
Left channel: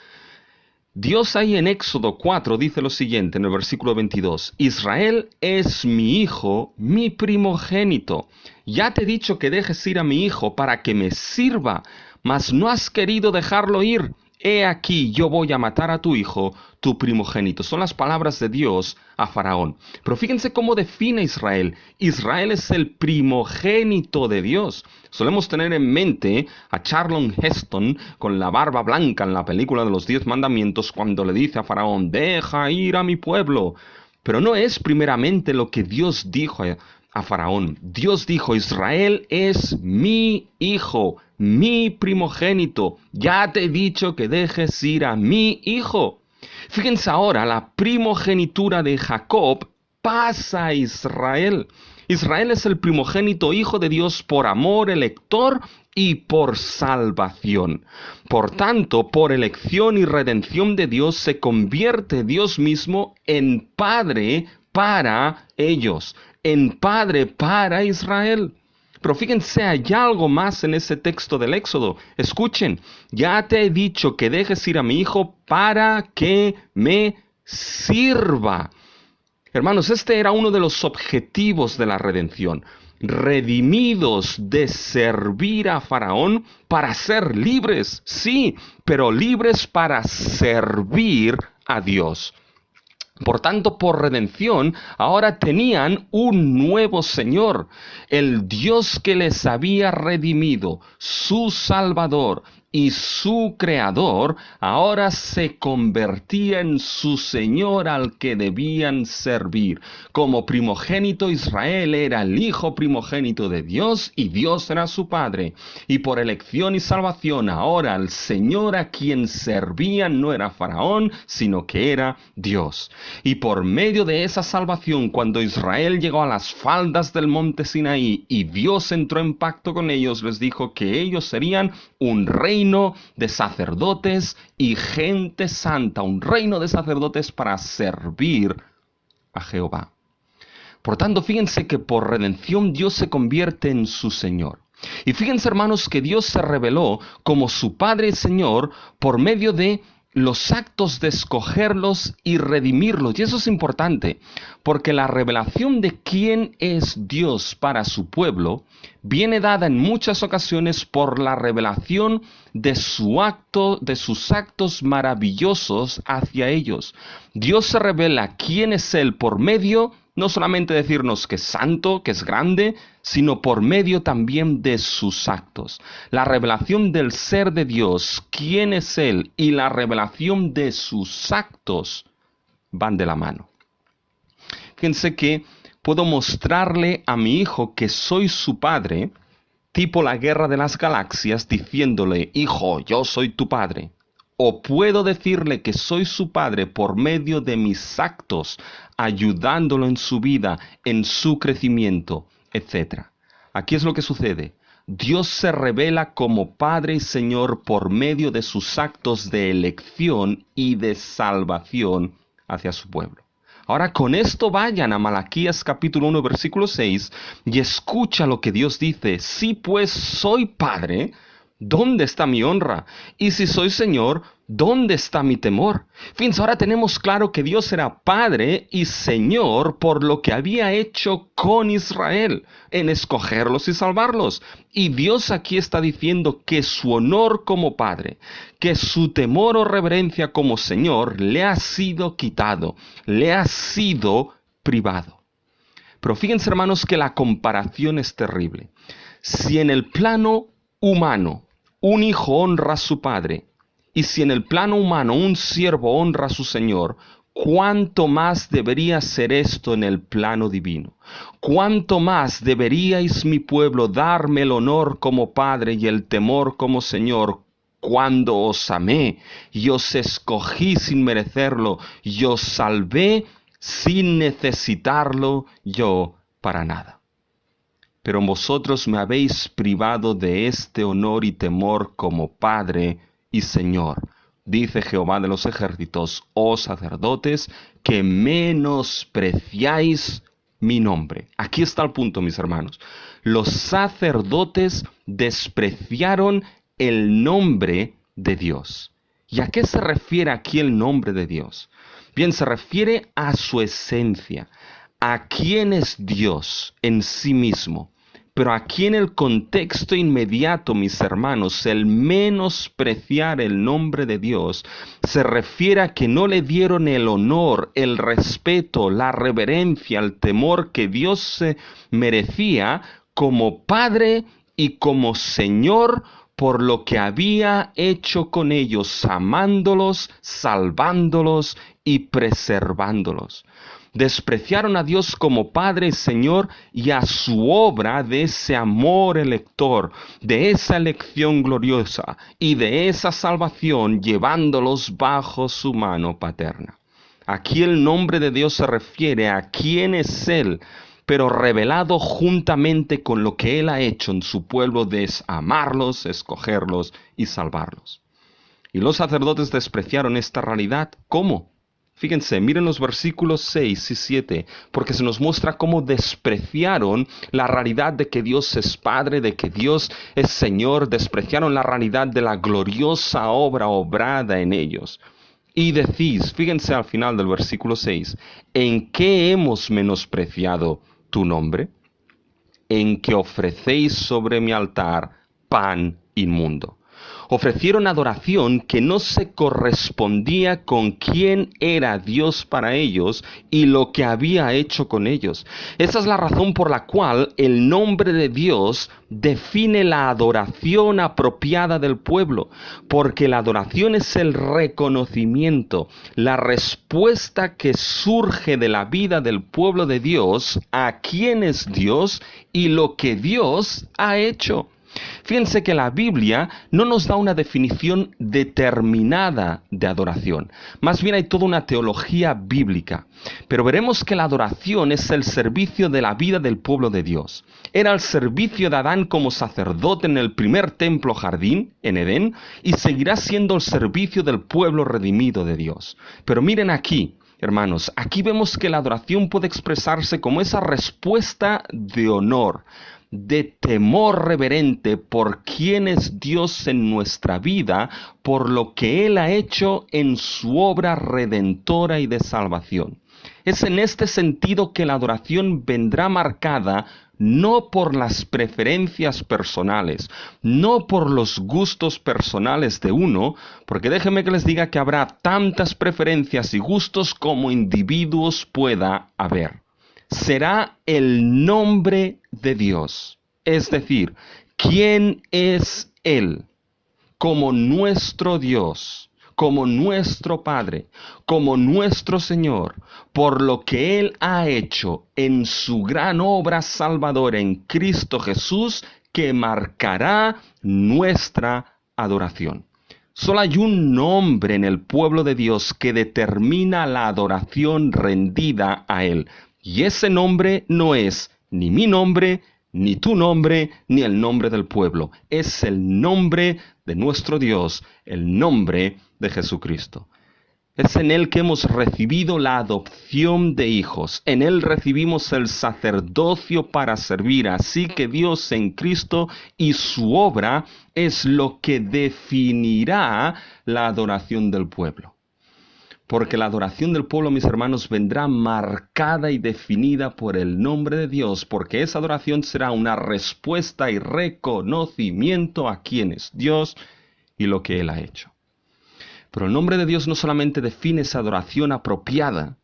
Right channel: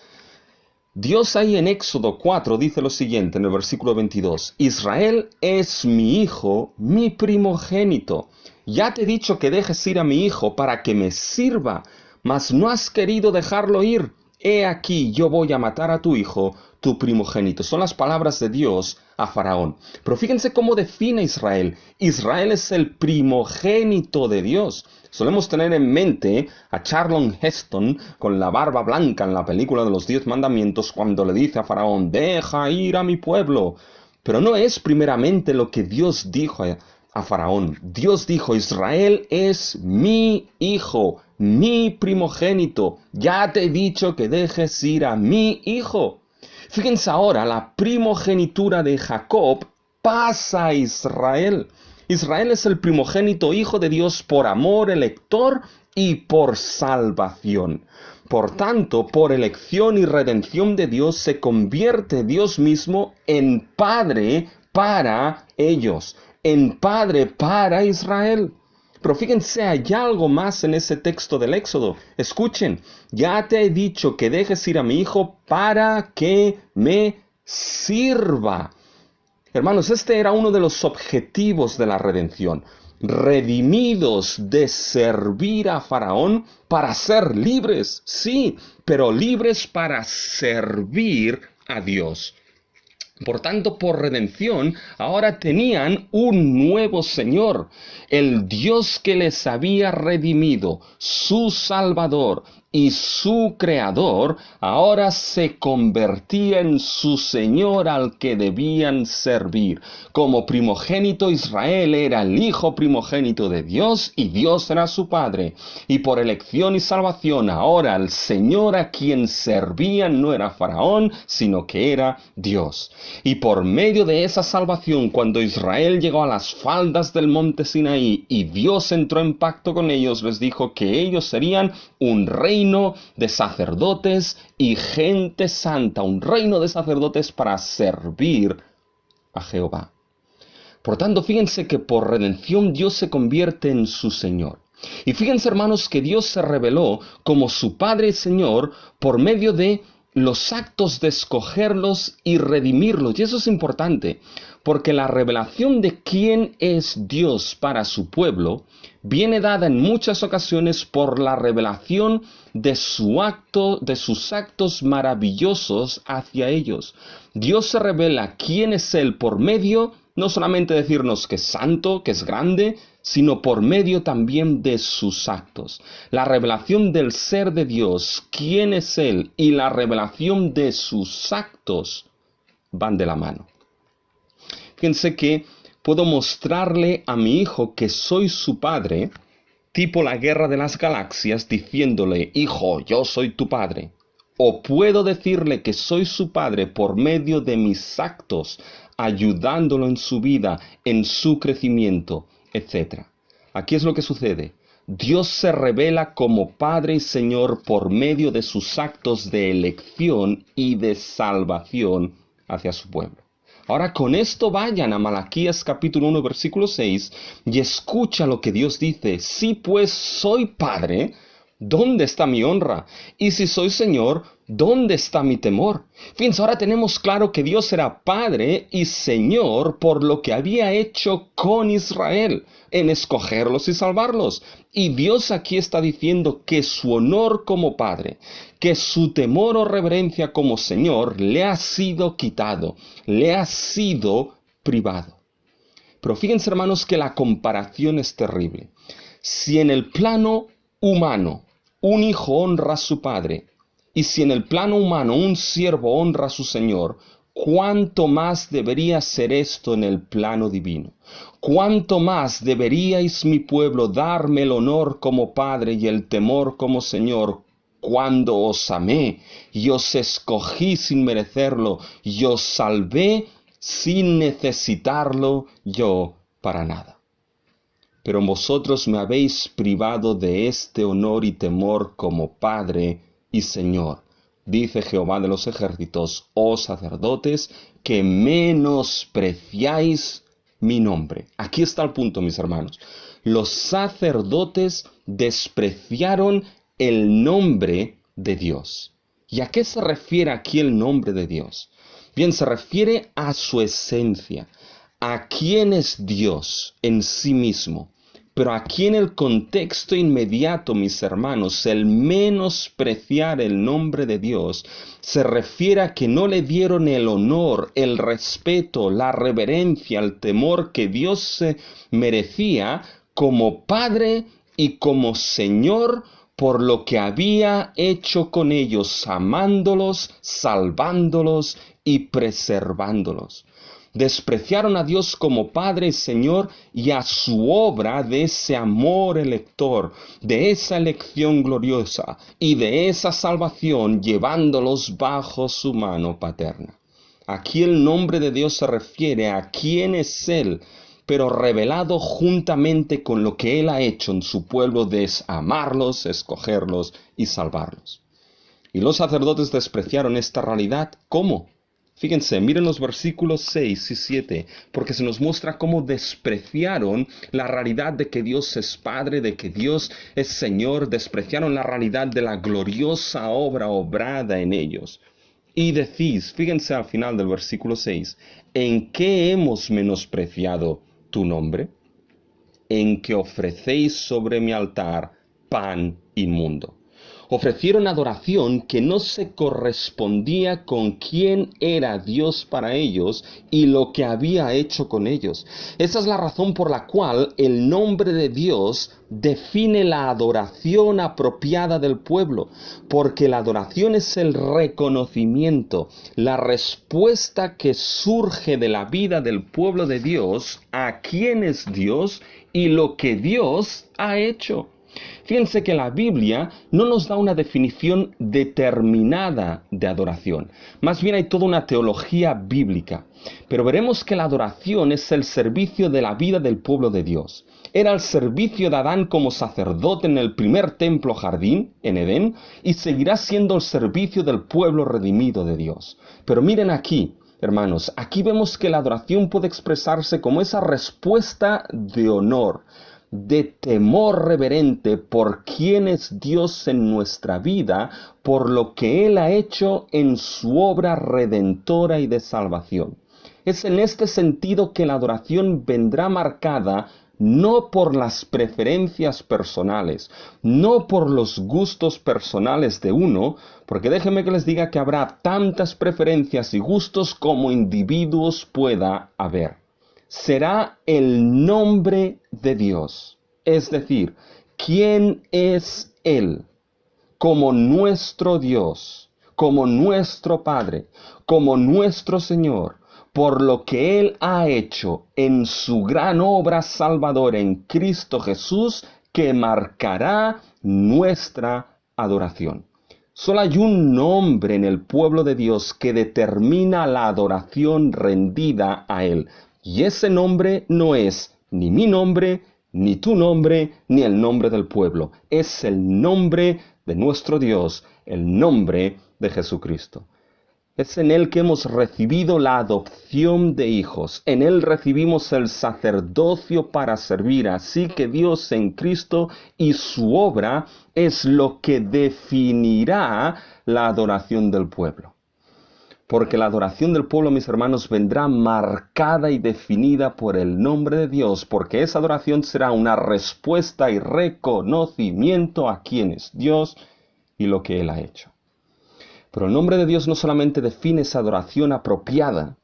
Dios ahí en Éxodo 4 dice lo siguiente en el versículo 22. Israel es mi hijo, mi primogénito. Ya te he dicho que dejes ir a mi hijo para que me sirva, mas no has querido dejarlo ir. He aquí, yo voy a matar a tu hijo, tu primogénito. Son las palabras de Dios a Faraón. Pero fíjense cómo define Israel. Israel es el primogénito de Dios. Solemos tener en mente a Charlton Heston con la barba blanca en la película de los 10 mandamientos cuando le dice a Faraón, deja ir a mi pueblo. Pero no es primeramente lo que Dios dijo a Faraón. Dios dijo, Israel es mi hijo, mi primogénito. Ya te he dicho que dejes ir a mi hijo. Fíjense ahora, la primogenitura de Jacob pasa a Israel. Israel es el primogénito hijo de Dios por amor elector y por salvación. Por tanto, por elección y redención de Dios se convierte Dios mismo en Padre para ellos, en Padre para Israel. Pero fíjense, hay algo más en ese texto del Éxodo. Escuchen, ya te he dicho que dejes ir a mi hijo para que me sirva. Hermanos, este era uno de los objetivos de la redención. Redimidos de servir a Faraón para ser libres, sí, pero libres para servir a Dios. Por tanto, por redención, ahora tenían un nuevo Señor, el Dios que les había redimido, su Salvador, y su creador, ahora se convertía en su Señor al que debían servir. Como primogénito, Israel era el hijo primogénito de Dios y Dios era su padre. Y por elección y salvación, ahora el Señor a quien servían no era Faraón, sino que era Dios. Y por medio de esa salvación, cuando Israel llegó a las faldas del monte Sinaí y Dios entró en pacto con ellos, les dijo que ellos serían un reino de sacerdotes y gente santa, un reino de sacerdotes para servir a Jehová. Por tanto, fíjense que por redención Dios se convierte en su Señor. Y fíjense, hermanos, que Dios se reveló como su Padre y Señor por medio de los actos de escogerlos y redimirlos. Y eso es importante, porque la revelación de quién es Dios para su pueblo viene dada en muchas ocasiones por la revelación de sus actos maravillosos hacia ellos. Dios se revela quién es Él por medio, no solamente decirnos que es santo, que es grande, sino por medio también de sus actos. La revelación del ser de Dios, quién es Él, y la revelación de sus actos van de la mano. Fíjense que puedo mostrarle a mi hijo que soy su padre, tipo la guerra de las galaxias, diciéndole, hijo, yo soy tu padre. O puedo decirle que soy su padre por medio de mis actos, ayudándolo en su vida, en su crecimiento, etc. Aquí es lo que sucede. Dios se revela como Padre y Señor por medio de sus actos de elección y de salvación hacia su pueblo. Ahora con esto vayan a Malaquías capítulo 1 versículo 6 y escucha lo que Dios dice. Si pues soy Padre, ¿dónde está mi honra? Y si soy Señor, ¿dónde está mi temor? Fíjense, ahora tenemos claro que Dios era Padre y Señor por lo que había hecho con Israel en escogerlos y salvarlos. Y Dios aquí está diciendo que su honor como Padre, que su temor o reverencia como Señor le ha sido quitado, le ha sido privado. Pero fíjense, hermanos, que la comparación es terrible. Si en el plano humano un hijo honra a su padre, y si en el plano humano un siervo honra a su señor, ¿cuánto más debería ser esto en el plano divino? ¿Cuánto más deberíais, mi pueblo, darme el honor como padre y el temor como señor, cuando os amé y os escogí sin merecerlo y os salvé sin necesitarlo yo para nada? Pero vosotros me habéis privado de este honor y temor como Padre y Señor, dice Jehová de los ejércitos, oh sacerdotes, que menospreciáis mi nombre. Aquí está el punto, mis hermanos. Los sacerdotes despreciaron el nombre de Dios. ¿Y a qué se refiere aquí el nombre de Dios? Bien, se refiere a su esencia, a quién es Dios en sí mismo. Pero aquí en el contexto inmediato, mis hermanos, el menospreciar el nombre de Dios se refiere a que no le dieron el honor, el respeto, la reverencia, el temor que Dios se merecía como Padre y como Señor por lo que había hecho con ellos, amándolos, salvándolos y preservándolos. Despreciaron a Dios como Padre y Señor y a su obra de ese amor elector, de esa elección gloriosa y de esa salvación llevándolos bajo su mano paterna. Aquí el nombre de Dios se refiere a quién es Él, pero revelado juntamente con lo que Él ha hecho en su pueblo de amarlos, escogerlos y salvarlos. Y los sacerdotes despreciaron esta realidad. ¿Cómo? Fíjense, miren los versículos 6 y 7, porque se nos muestra cómo despreciaron la realidad de que Dios es Padre, de que Dios es Señor, despreciaron la realidad de la gloriosa obra obrada en ellos. Y decís, fíjense al final del versículo 6, ¿en qué hemos menospreciado tu nombre? En que ofrecéis sobre mi altar pan inmundo. Ofrecieron adoración que no se correspondía con quién era Dios para ellos y lo que había hecho con ellos. Esa es la razón por la cual el nombre de Dios define la adoración apropiada del pueblo, porque la adoración es el reconocimiento, la respuesta que surge de la vida del pueblo de Dios a quién es Dios y lo que Dios ha hecho. Fíjense que la Biblia no nos da una definición determinada de adoración. Más bien hay toda una teología bíblica. Pero veremos que la adoración es el servicio de la vida del pueblo de Dios. Era el servicio de Adán como sacerdote en el primer templo jardín, en Edén, y seguirá siendo el servicio del pueblo redimido de Dios. Pero miren aquí, hermanos, aquí vemos que la adoración puede expresarse como esa respuesta de honor, de temor reverente por quién es Dios en nuestra vida, por lo que Él ha hecho en su obra redentora y de salvación. Es en este sentido que la adoración vendrá marcada no por las preferencias personales, no por los gustos personales de uno, porque déjenme que les diga que habrá tantas preferencias y gustos como individuos pueda haber. Será el nombre de Dios, es decir, ¿quién es Él? Como nuestro Dios, como nuestro Padre, como nuestro Señor, por lo que Él ha hecho en su gran obra salvadora en Cristo Jesús, que marcará nuestra adoración. Solo hay un nombre en el pueblo de Dios que determina la adoración rendida a Él. Y ese nombre no es ni mi nombre, ni tu nombre, ni el nombre del pueblo. Es el nombre de nuestro Dios, el nombre de Jesucristo. Es en Él que hemos recibido la adopción de hijos. En Él recibimos el sacerdocio para servir. Así que Dios en Cristo y su obra es lo que definirá la adoración del pueblo. Porque la adoración del pueblo, mis hermanos, vendrá marcada y definida por el nombre de Dios, porque esa adoración será una respuesta y reconocimiento a quién es Dios y lo que Él ha hecho. Pero el nombre de Dios no solamente define esa adoración apropiada,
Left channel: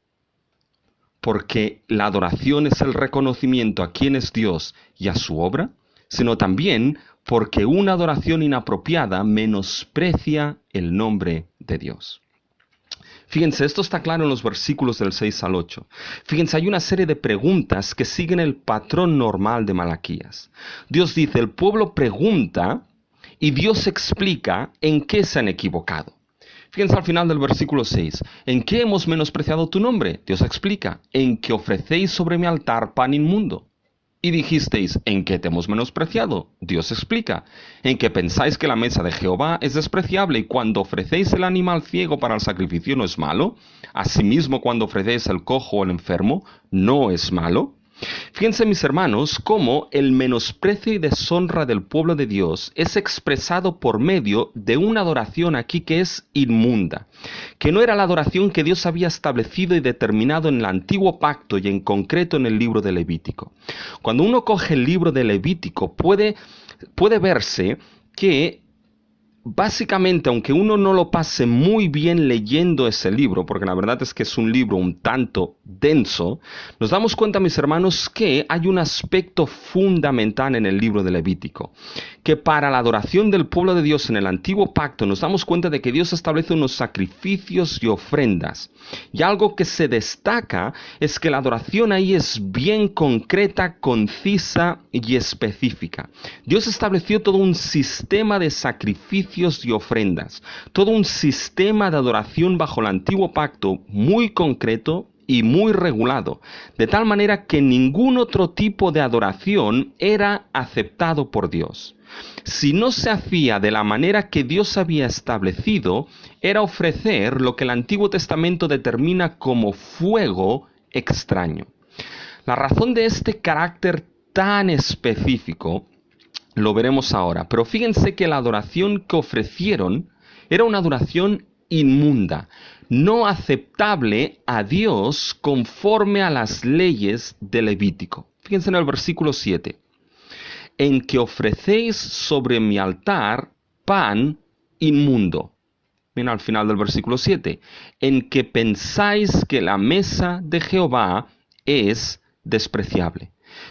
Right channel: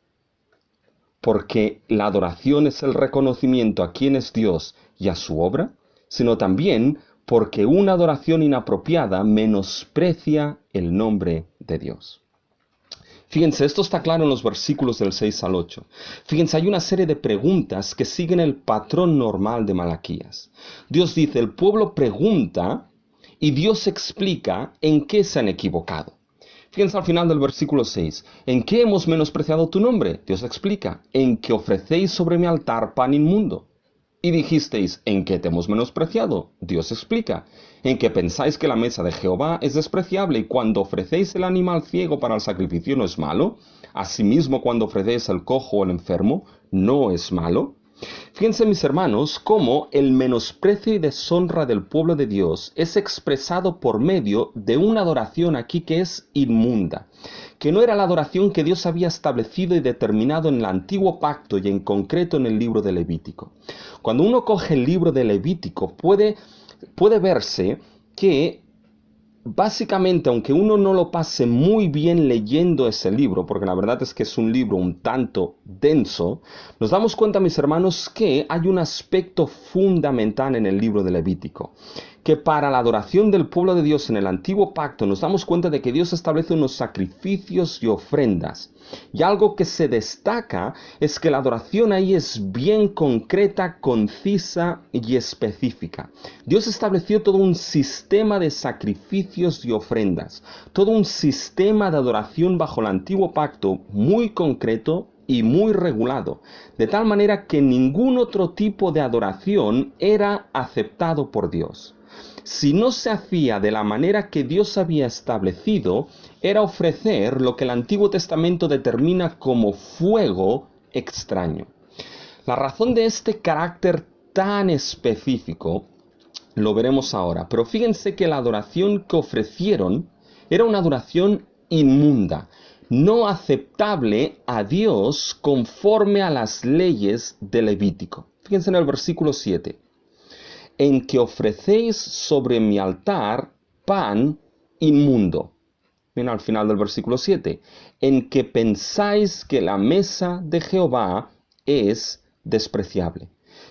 porque la adoración es el reconocimiento a quién es Dios y a su obra, sino también porque una adoración inapropiada menosprecia el nombre de Dios. Fíjense, esto está claro en los versículos del 6 al 8. Fíjense, hay una serie de preguntas que siguen el patrón normal de Malaquías. Dios dice, el pueblo pregunta y Dios explica en qué se han equivocado. Fíjense al final del versículo 6. ¿En qué hemos menospreciado tu nombre? Dios explica. En que ofrecéis sobre mi altar pan inmundo. Y dijisteis, ¿en qué te hemos menospreciado? Dios explica. En que pensáis que la mesa de Jehová es despreciable y cuando ofrecéis el animal ciego para el sacrificio no es malo. Asimismo, cuando ofrecéis el cojo o el enfermo, no es malo. Fíjense, mis hermanos, cómo el menosprecio y deshonra del pueblo de Dios es expresado por medio de una adoración aquí que es inmunda, que no era la adoración que Dios había establecido y determinado en el antiguo pacto y en concreto en el libro de Levítico. Cuando uno coge el libro de Levítico puede verse que básicamente, aunque uno no lo pase muy bien leyendo ese libro, porque la verdad es que es un libro un tanto denso, nos damos cuenta, mis hermanos, que hay un aspecto fundamental en el libro de Levítico, que para la adoración del pueblo de Dios en el antiguo pacto nos damos cuenta de que Dios establece unos sacrificios y ofrendas. Y algo que se destaca es que la adoración ahí es bien concreta, concisa y específica. Dios estableció todo un sistema de sacrificios y ofrendas, todo un sistema de adoración bajo el antiguo pacto muy concreto y muy regulado, de tal manera que ningún otro tipo de adoración era aceptado por Dios. Si no se hacía de la manera que Dios había establecido, era ofrecer lo que el Antiguo Testamento determina como fuego extraño. La razón de este carácter tan específico lo veremos ahora, pero fíjense que la adoración que ofrecieron era una adoración inmunda, no aceptable a Dios conforme a las leyes de Levítico. Fíjense en el versículo 7. En que ofrecéis sobre mi altar pan inmundo. Bien, al final del versículo 7, en que pensáis que la mesa de Jehová es despreciable.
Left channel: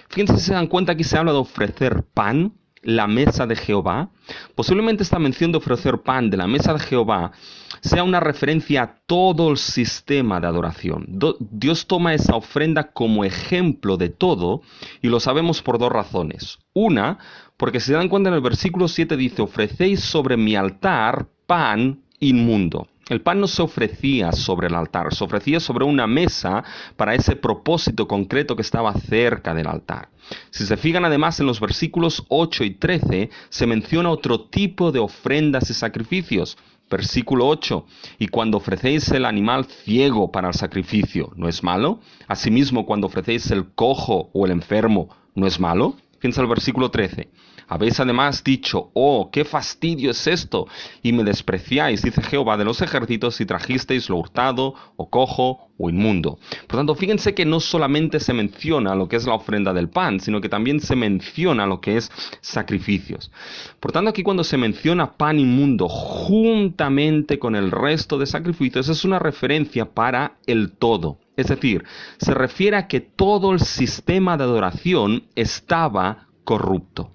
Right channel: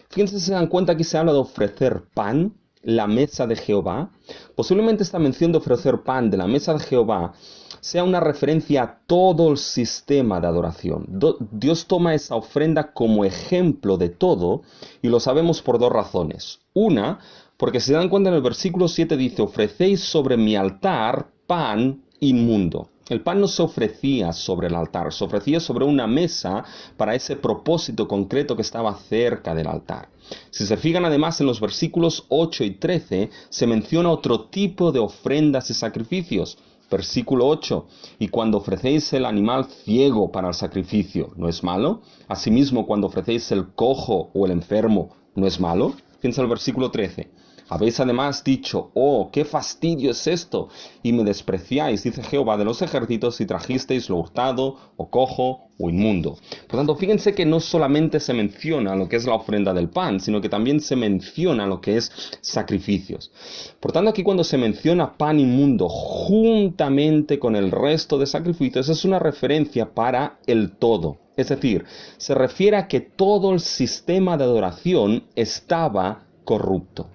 Fíjense si se dan cuenta, aquí se habla de ofrecer pan, la mesa de Jehová. Posiblemente esta mención de ofrecer pan de la mesa de Jehová sea una referencia a todo el sistema de adoración. Dios toma esa ofrenda como ejemplo de todo, y lo sabemos por dos razones. Una, porque si se dan cuenta en el versículo 7 dice, ofrecéis sobre mi altar pan inmundo. El pan no se ofrecía sobre el altar, se ofrecía sobre una mesa para ese propósito concreto que estaba cerca del altar. Si se fijan además en los versículos 8 y 13, se menciona otro tipo de ofrendas y sacrificios. Versículo 8, y cuando ofrecéis el animal ciego para el sacrificio, ¿no es malo? Asimismo, cuando ofrecéis el cojo o el enfermo, ¿no es malo? Piensa el versículo 13. Habéis además dicho, oh, qué fastidio es esto, y me despreciáis, dice Jehová de los ejércitos, si trajisteis lo hurtado, o cojo, o inmundo. Por tanto, fíjense que no solamente se menciona lo que es la ofrenda del pan, sino que también se menciona lo que es sacrificios. Por tanto, aquí cuando se menciona pan inmundo juntamente con el resto de sacrificios, es una referencia para el todo. Es decir, se refiere a que todo el sistema de adoración estaba corrupto.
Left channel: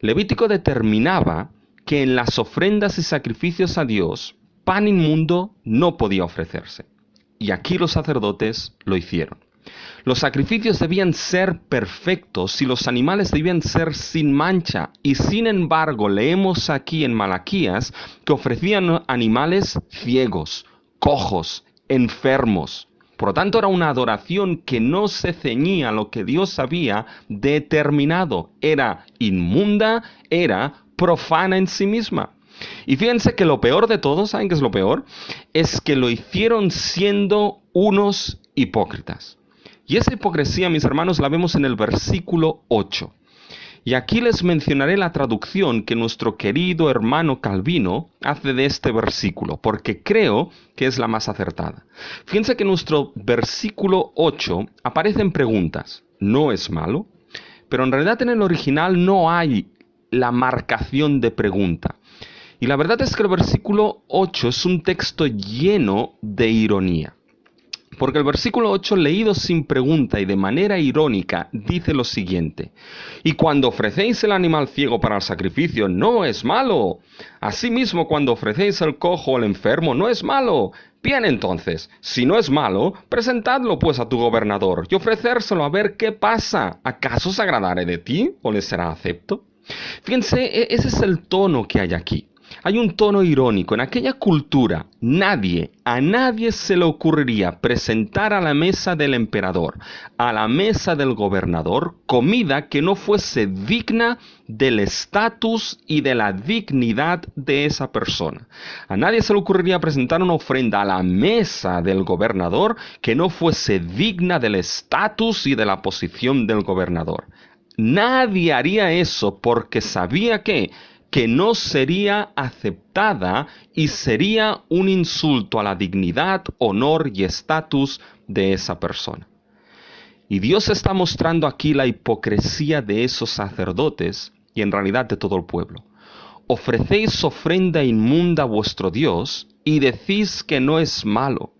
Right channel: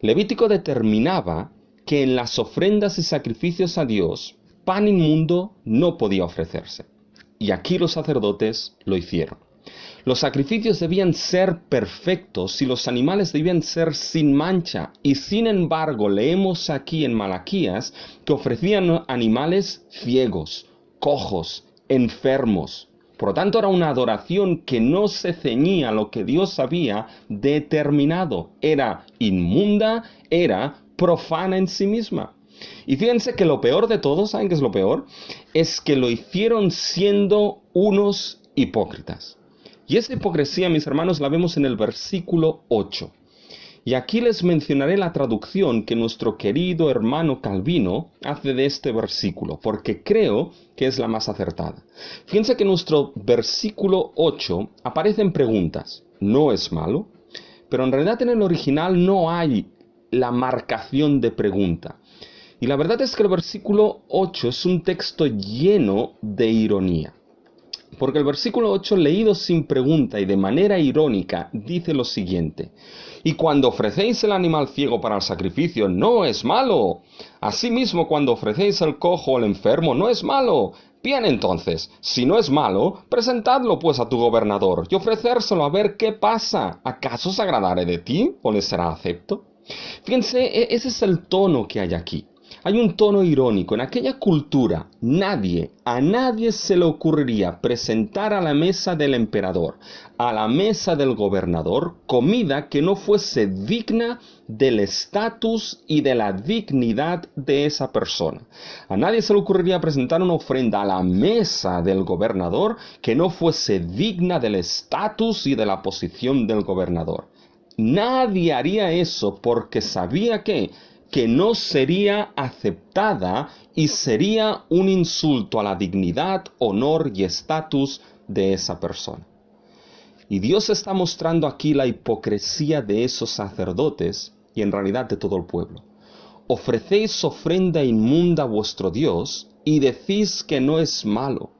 Levítico determinaba que en las ofrendas y sacrificios a Dios, pan inmundo no podía ofrecerse. Y aquí los sacerdotes lo hicieron. Los sacrificios debían ser perfectos y los animales debían ser sin mancha. Y sin embargo, leemos aquí en Malaquías que ofrecían animales ciegos, cojos, enfermos. Por lo tanto, era una adoración que no se ceñía a lo que Dios había determinado. Era inmunda, era profana en sí misma. Y fíjense que lo peor de todo, ¿saben qué es lo peor? Es que lo hicieron siendo unos hipócritas. Y esa hipocresía, mis hermanos, la vemos en el versículo 8. Y aquí les mencionaré la traducción que nuestro querido hermano Calvino hace de este versículo, porque creo que es la más acertada. Fíjense que en nuestro versículo 8 aparecen preguntas. ¿No es malo? Pero en realidad en el original no hay la marcación de pregunta. Y la verdad es que el versículo 8 es un texto lleno de ironía. Porque el versículo 8, leído sin pregunta y de manera irónica, dice lo siguiente. Y cuando ofrecéis el animal ciego para el sacrificio, no es malo. Asimismo, cuando ofrecéis el cojo o el enfermo, no es malo. Bien entonces, si no es malo, presentadlo pues a tu gobernador y ofrecérselo a ver qué pasa. ¿Acaso se agradará de ti o le será acepto? Fíjense, ese es el tono que hay aquí. Hay un tono irónico. En aquella cultura, a nadie se le ocurriría presentar a la mesa del emperador, a la mesa del gobernador, comida que no fuese digna del estatus y de la dignidad de esa persona. A nadie se le ocurriría presentar una ofrenda a la mesa del gobernador que no fuese digna del estatus y de la posición del gobernador. Nadie haría eso porque sabía que no sería aceptada y sería un insulto a la dignidad, honor y estatus de esa persona. Y Dios está mostrando aquí la hipocresía de esos sacerdotes y en realidad de todo el pueblo. Ofrecéis ofrenda inmunda a vuestro Dios y decís que no es malo,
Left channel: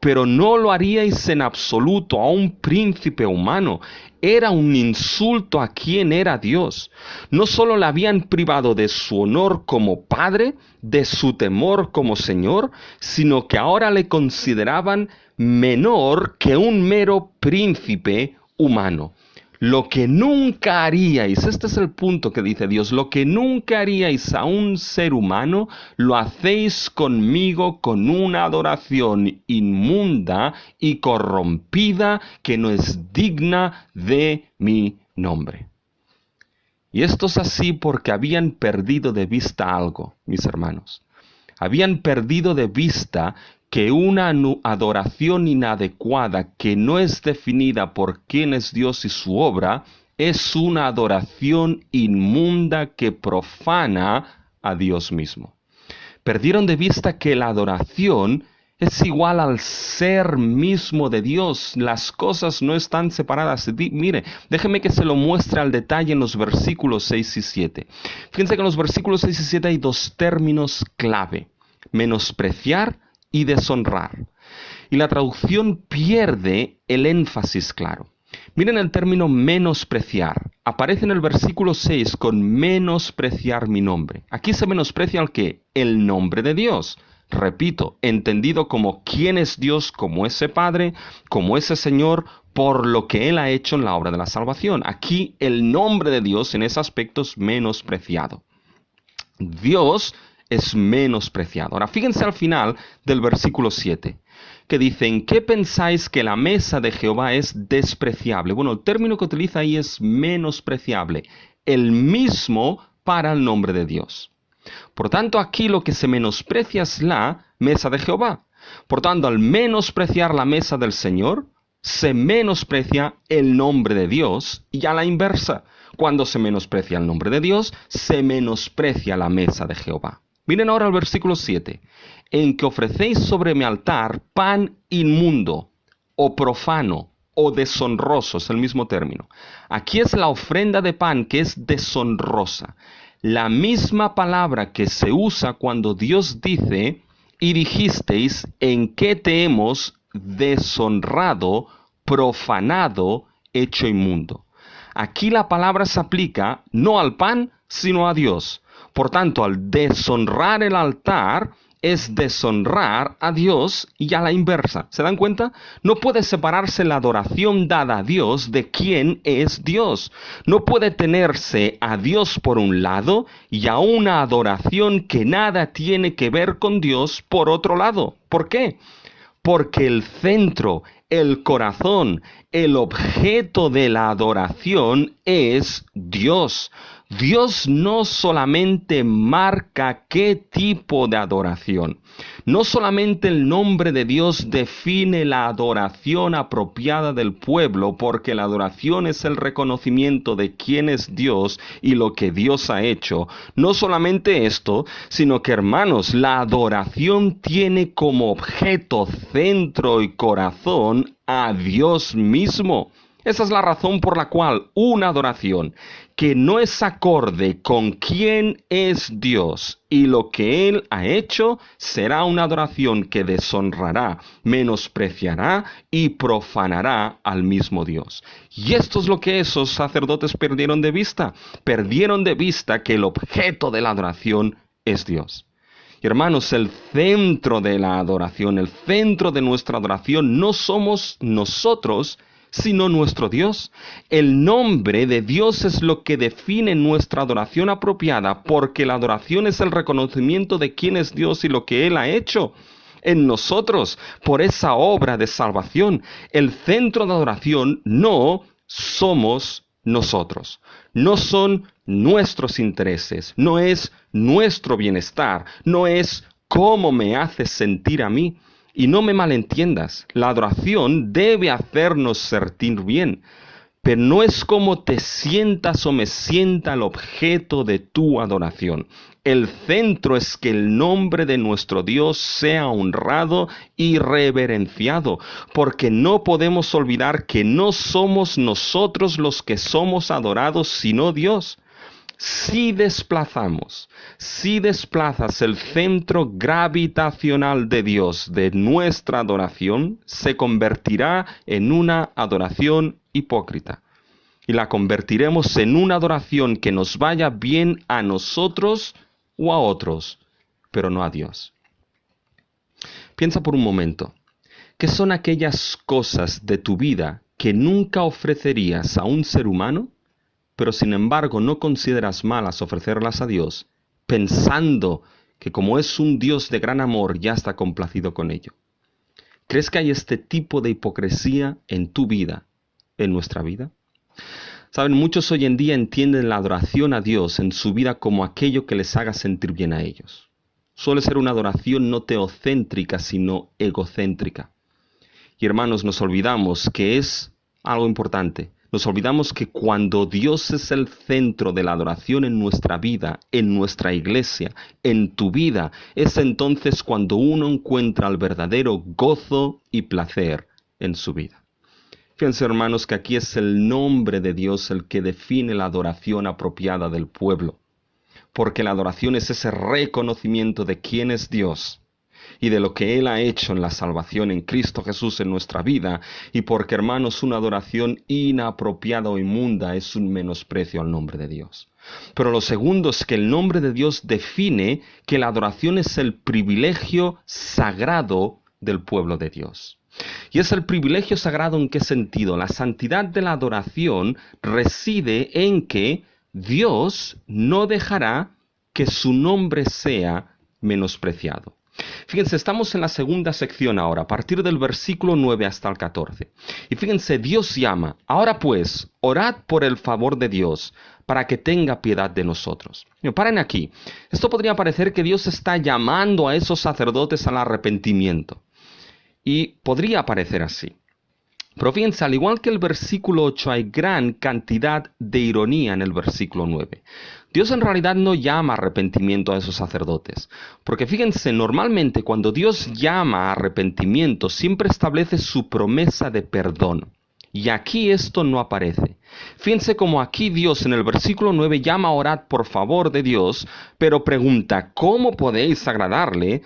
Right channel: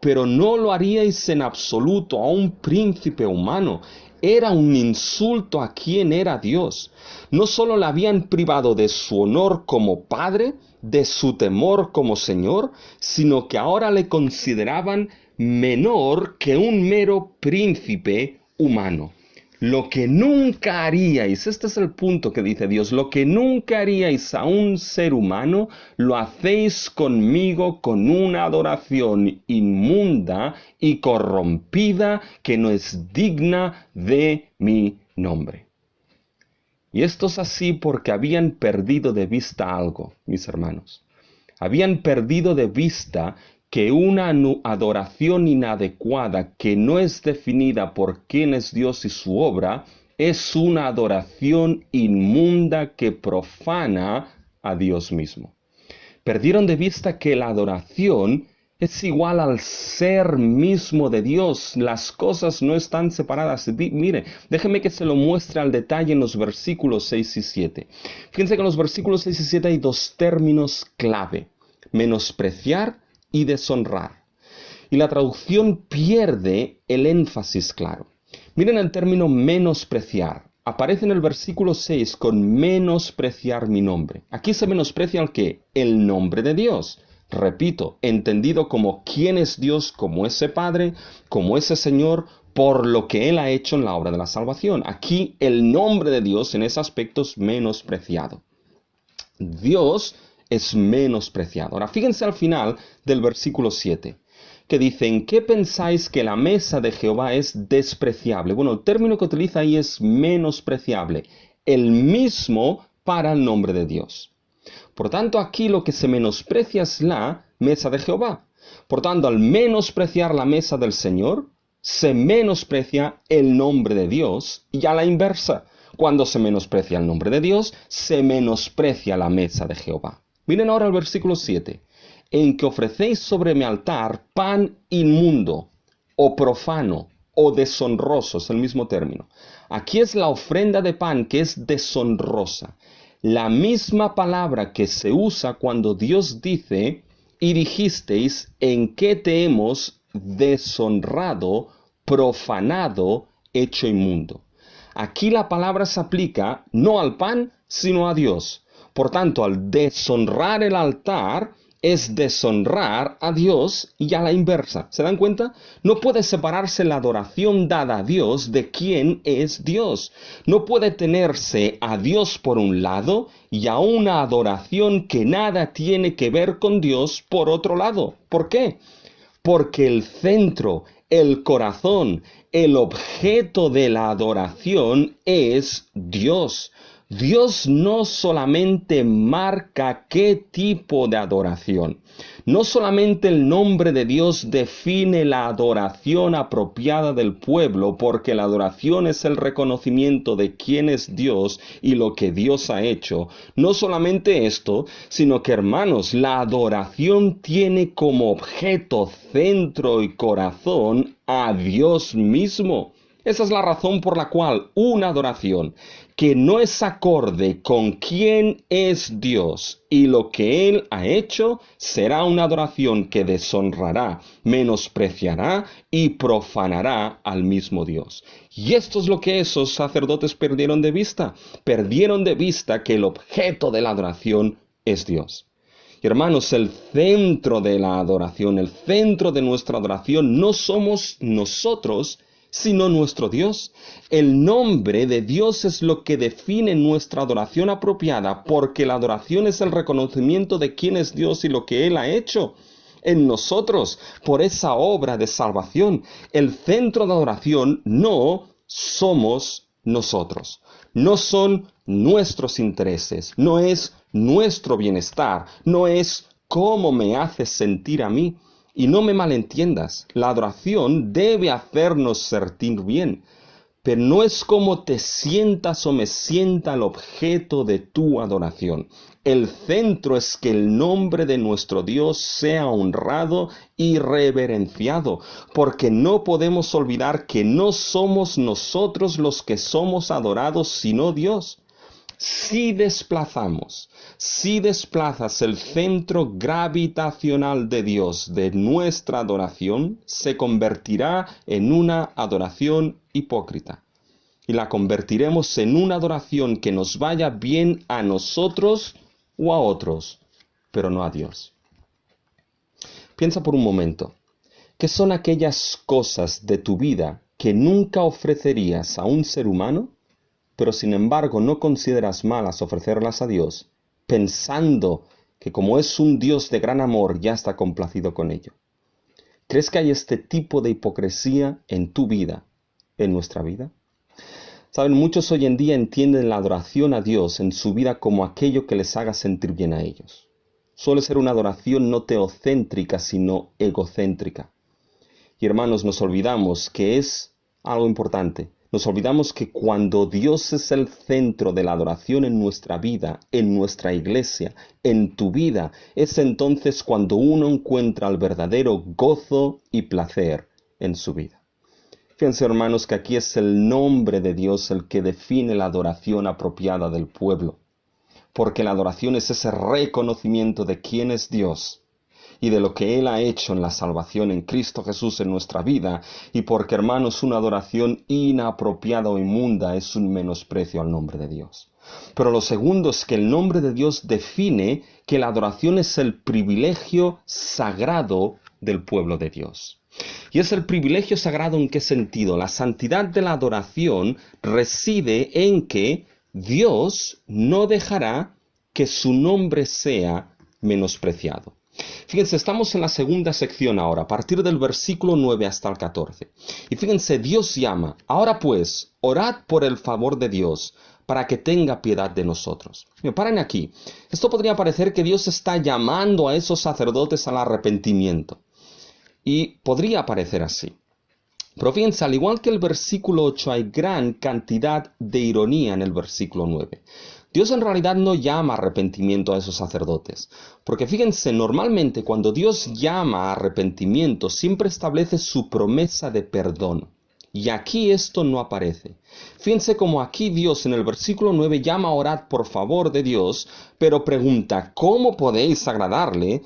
pero no lo haríais en absoluto a un príncipe humano. Era un insulto a quien era Dios. No solo le habían privado de su honor como padre, de su temor como Señor, sino que ahora le consideraban menor que un mero príncipe humano. Lo que nunca haríais, este es el punto que dice Dios, lo que nunca haríais a un ser humano, lo hacéis conmigo con una adoración inmunda y corrompida que no es digna de mi nombre. Y esto es así porque habían perdido de vista algo, mis hermanos. Habían perdido de vista que una adoración inadecuada que no es definida por quién es Dios y su obra, es una adoración inmunda que profana a Dios mismo. Perdieron de vista que la adoración es igual al ser mismo de Dios. Las cosas no están separadas. Mire, déjeme que se lo muestre al detalle en los versículos 6 y 7. Fíjense que en los versículos 6 y 7 hay dos términos clave: menospreciar y deshonrar. Y la traducción pierde el énfasis claro. Miren el término menospreciar. Aparece en el versículo 6 con menospreciar mi nombre. Aquí se menosprecia el ¿qué? El nombre de Dios. Repito, entendido como quién es Dios, como ese Padre, como ese Señor, por lo que Él ha hecho en la obra de la salvación. Aquí el nombre de Dios en ese aspecto es menospreciado. Dios es menospreciado. Ahora fíjense al final del versículo 7. Que dicen, ¿qué pensáis que la mesa de Jehová es despreciable? Bueno, el término que utiliza ahí es menospreciable, el mismo para el nombre de Dios. Por tanto, aquí lo que se menosprecia es la mesa de Jehová. Por tanto, al menospreciar la mesa del Señor, se menosprecia el nombre de Dios, y a la inversa. Cuando se menosprecia el nombre de Dios, se menosprecia la mesa de Jehová. Miren ahora el versículo 7. En que ofrecéis sobre mi altar pan inmundo, o profano, o deshonroso, es el mismo término. Aquí es la ofrenda de pan que es deshonrosa. La misma palabra que se usa cuando Dios dice, y dijisteis, en que te hemos deshonrado, profanado, hecho inmundo. Aquí la palabra se aplica no al pan, sino a Dios. Por tanto, al deshonrar el altar, es deshonrar a Dios y a la inversa. ¿Se dan cuenta? No puede separarse la adoración dada a Dios de quién es Dios. No puede tenerse a Dios por un lado y a una adoración que nada tiene que ver con Dios por otro lado. ¿Por qué? Porque el centro, el corazón, el objeto de la adoración es Dios. Dios no solamente marca qué tipo de adoración, no solamente el nombre de Dios define la adoración apropiada del pueblo, porque la adoración es el reconocimiento de quién es Dios y lo que Dios ha hecho. No solamente esto, sino que, hermanos, la adoración tiene como objeto, centro y corazón a Dios mismo. Esa es la razón por la cual una adoración que no es acorde con quién es Dios y lo que Él ha hecho será una adoración que deshonrará, menospreciará y profanará al mismo Dios. Y esto es lo que esos sacerdotes perdieron de vista. Perdieron de vista que el objeto de la adoración es Dios. Y hermanos, el centro de la adoración, el centro de nuestra adoración no somos nosotros, sino nuestro Dios. El nombre de Dios es lo que define nuestra adoración apropiada, porque la adoración es el reconocimiento de quién es Dios y lo que Él ha hecho en nosotros por esa obra de salvación. El centro de adoración no somos nosotros, no son nuestros intereses, no es nuestro bienestar, no es cómo me hace sentir a mí. Y no me malentiendas, la adoración debe hacernos sentir bien, pero no es como te sientas o me sienta el objeto de tu adoración. El centro es que el nombre de nuestro Dios sea honrado y reverenciado, porque no podemos olvidar que no somos nosotros los que somos adorados, sino Dios. Si desplazas el centro gravitacional de Dios de nuestra adoración, se convertirá en una adoración hipócrita. Y la convertiremos en una adoración que nos vaya bien a nosotros o a otros, pero no a Dios. Piensa por un momento, ¿qué son aquellas cosas de tu vida que nunca ofrecerías a un ser humano, pero sin embargo no consideras malas ofrecerlas a Dios, pensando que como es un Dios de gran amor ya está complacido con ello? ¿Crees que hay este tipo de hipocresía en tu vida, en nuestra vida? Saben, muchos hoy en día entienden la adoración a Dios en su vida como aquello que les haga sentir bien a ellos. Suele ser una adoración no teocéntrica, sino egocéntrica. Y hermanos, nos olvidamos que es algo importante. Nos olvidamos que cuando Dios es el centro de la adoración en nuestra vida, en nuestra iglesia, en tu vida, es entonces cuando uno encuentra el verdadero gozo y placer en su vida. Fíjense, hermanos, que aquí es el nombre de Dios el que define la adoración apropiada del pueblo, porque la adoración es ese reconocimiento de quién es Dios y de lo que Él ha hecho en la salvación en Cristo Jesús en nuestra vida, y porque, hermanos, una adoración inapropiada o inmunda es un menosprecio al nombre de Dios. Pero lo segundo es que el nombre de Dios define que la adoración es el privilegio sagrado del pueblo de Dios. ¿Y es el privilegio sagrado en qué sentido? La santidad de la adoración reside en que Dios no dejará que su nombre sea menospreciado. Fíjense, estamos en la segunda sección ahora, a partir del versículo 9 hasta el 14. Y fíjense, Dios llama: ahora pues, orad por el favor de Dios, para que tenga piedad de nosotros. Paren aquí. Esto podría parecer que Dios está llamando a esos sacerdotes al arrepentimiento. Y podría parecer así. Pero fíjense, al igual que el versículo 8, hay gran cantidad de ironía en el versículo 9. Dios en realidad no llama a arrepentimiento a esos sacerdotes. Porque fíjense, normalmente cuando Dios llama a arrepentimiento, siempre establece su promesa de perdón. Y aquí esto no aparece. Fíjense como aquí Dios en el versículo 9 llama a orar por favor de Dios, pero pregunta: ¿cómo podéis agradarle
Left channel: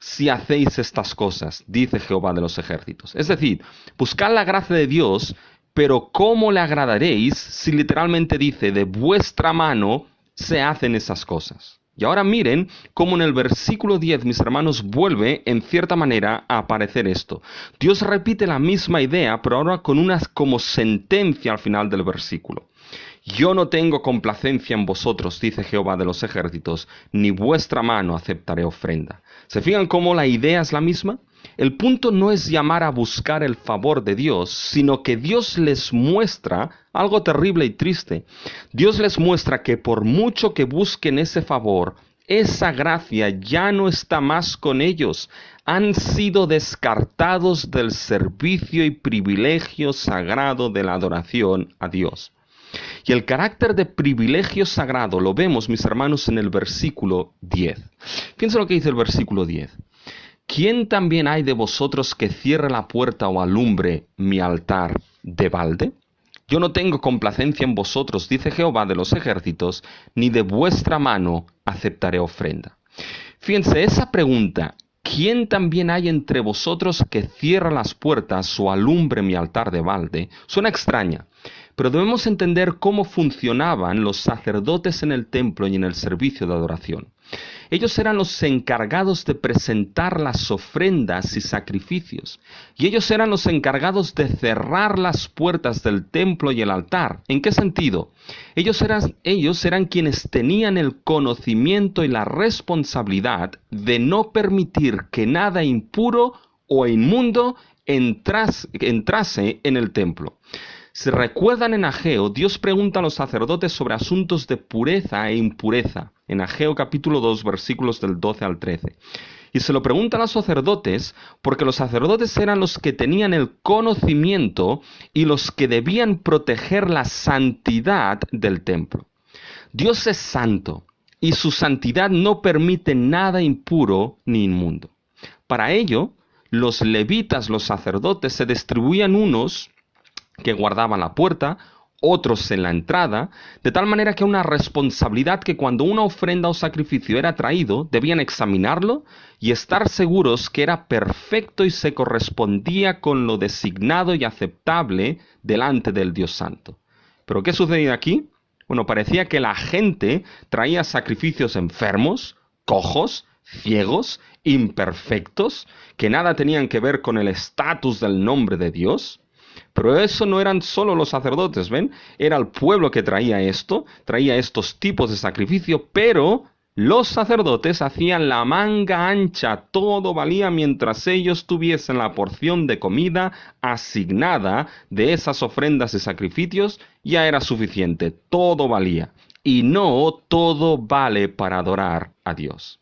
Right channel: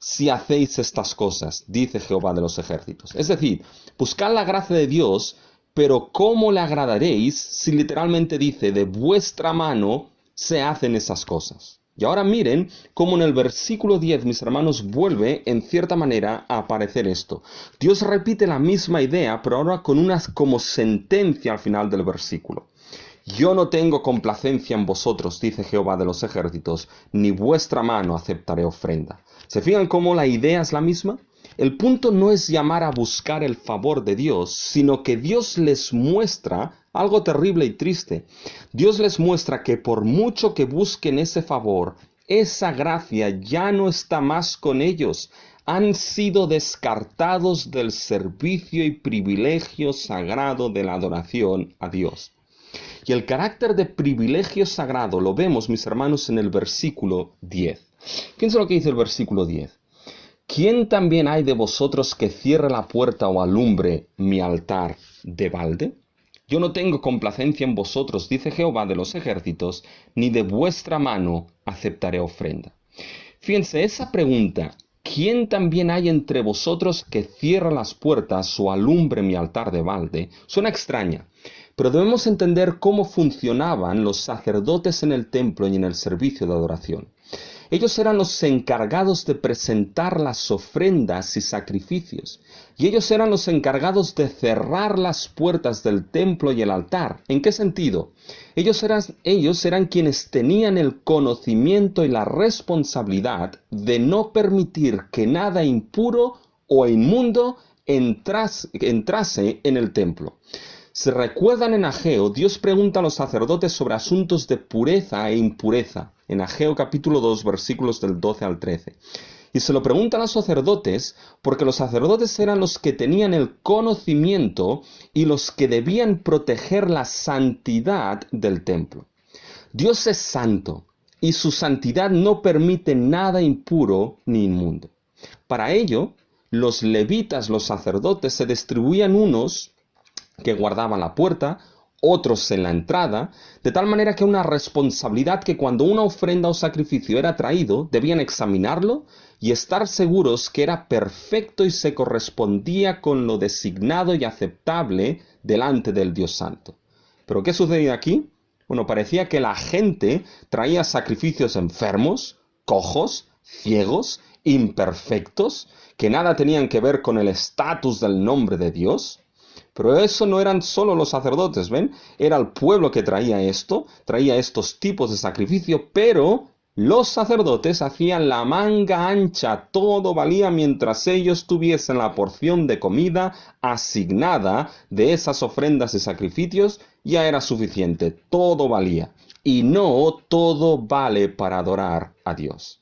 si hacéis estas cosas? Dice Jehová de los ejércitos. Es decir, buscad la gracia de Dios, pero ¿cómo le agradaréis si literalmente dice: de vuestra mano se hacen esas cosas? Y ahora miren cómo en el versículo 10, mis hermanos, vuelve en cierta manera a aparecer esto. Dios repite la misma idea, pero ahora con una como sentencia al final del versículo. Yo no tengo complacencia en vosotros, dice Jehová de los ejércitos, ni vuestra mano aceptaré ofrenda. ¿Se fijan cómo la idea es la misma? El punto no es llamar a buscar el favor de Dios, sino que Dios les muestra algo terrible y triste. Dios les muestra que por mucho que busquen ese favor, esa gracia ya no está más con ellos. Han sido descartados del servicio y privilegio sagrado de la adoración a Dios. Y el carácter de privilegio sagrado lo vemos, mis hermanos, en el versículo 10. Fíjense lo que dice el versículo 10. ¿Quién también hay de vosotros que cierre la puerta o alumbre mi altar de balde? Yo no tengo complacencia en vosotros, dice Jehová de los ejércitos, ni de vuestra mano aceptaré ofrenda. Fíjense, esa pregunta: ¿quién también hay entre vosotros que cierre las puertas o alumbre mi altar de balde? Suena extraña, pero debemos entender cómo funcionaban los sacerdotes en el templo y en el servicio de adoración. Ellos eran los encargados de presentar las ofrendas y sacrificios, y ellos eran los encargados de cerrar las puertas del templo y el altar. ¿En qué sentido? Ellos eran quienes tenían el conocimiento y la responsabilidad de no permitir que nada impuro o inmundo entrase en el templo. Si recuerdan en Ageo, Dios pregunta a los sacerdotes sobre asuntos de pureza e impureza, en Ageo capítulo 2, versículos del 12 al 13. Y se lo pregunta a los sacerdotes porque los sacerdotes eran los que tenían el conocimiento y los que debían proteger la santidad del templo. Dios es santo y su santidad no permite nada impuro ni inmundo. Para ello, los levitas, los sacerdotes, se distribuían unos que guardaban la puerta, otros en la entrada, de tal manera que una responsabilidad que cuando una ofrenda o sacrificio era traído, debían examinarlo y estar seguros que era perfecto y se correspondía con lo designado y aceptable delante del Dios Santo. ¿Pero qué sucedía aquí? Bueno, parecía que la gente traía sacrificios enfermos, cojos, ciegos, imperfectos, que nada tenían que ver con el estatus del nombre de Dios. Pero eso no eran solo los sacerdotes, ¿ven? Era el pueblo que traía estos tipos de sacrificio, pero los sacerdotes hacían la manga ancha, todo valía mientras ellos tuviesen la porción de comida asignada de esas ofrendas y sacrificios, ya era suficiente, todo valía. Y no todo vale para adorar a Dios.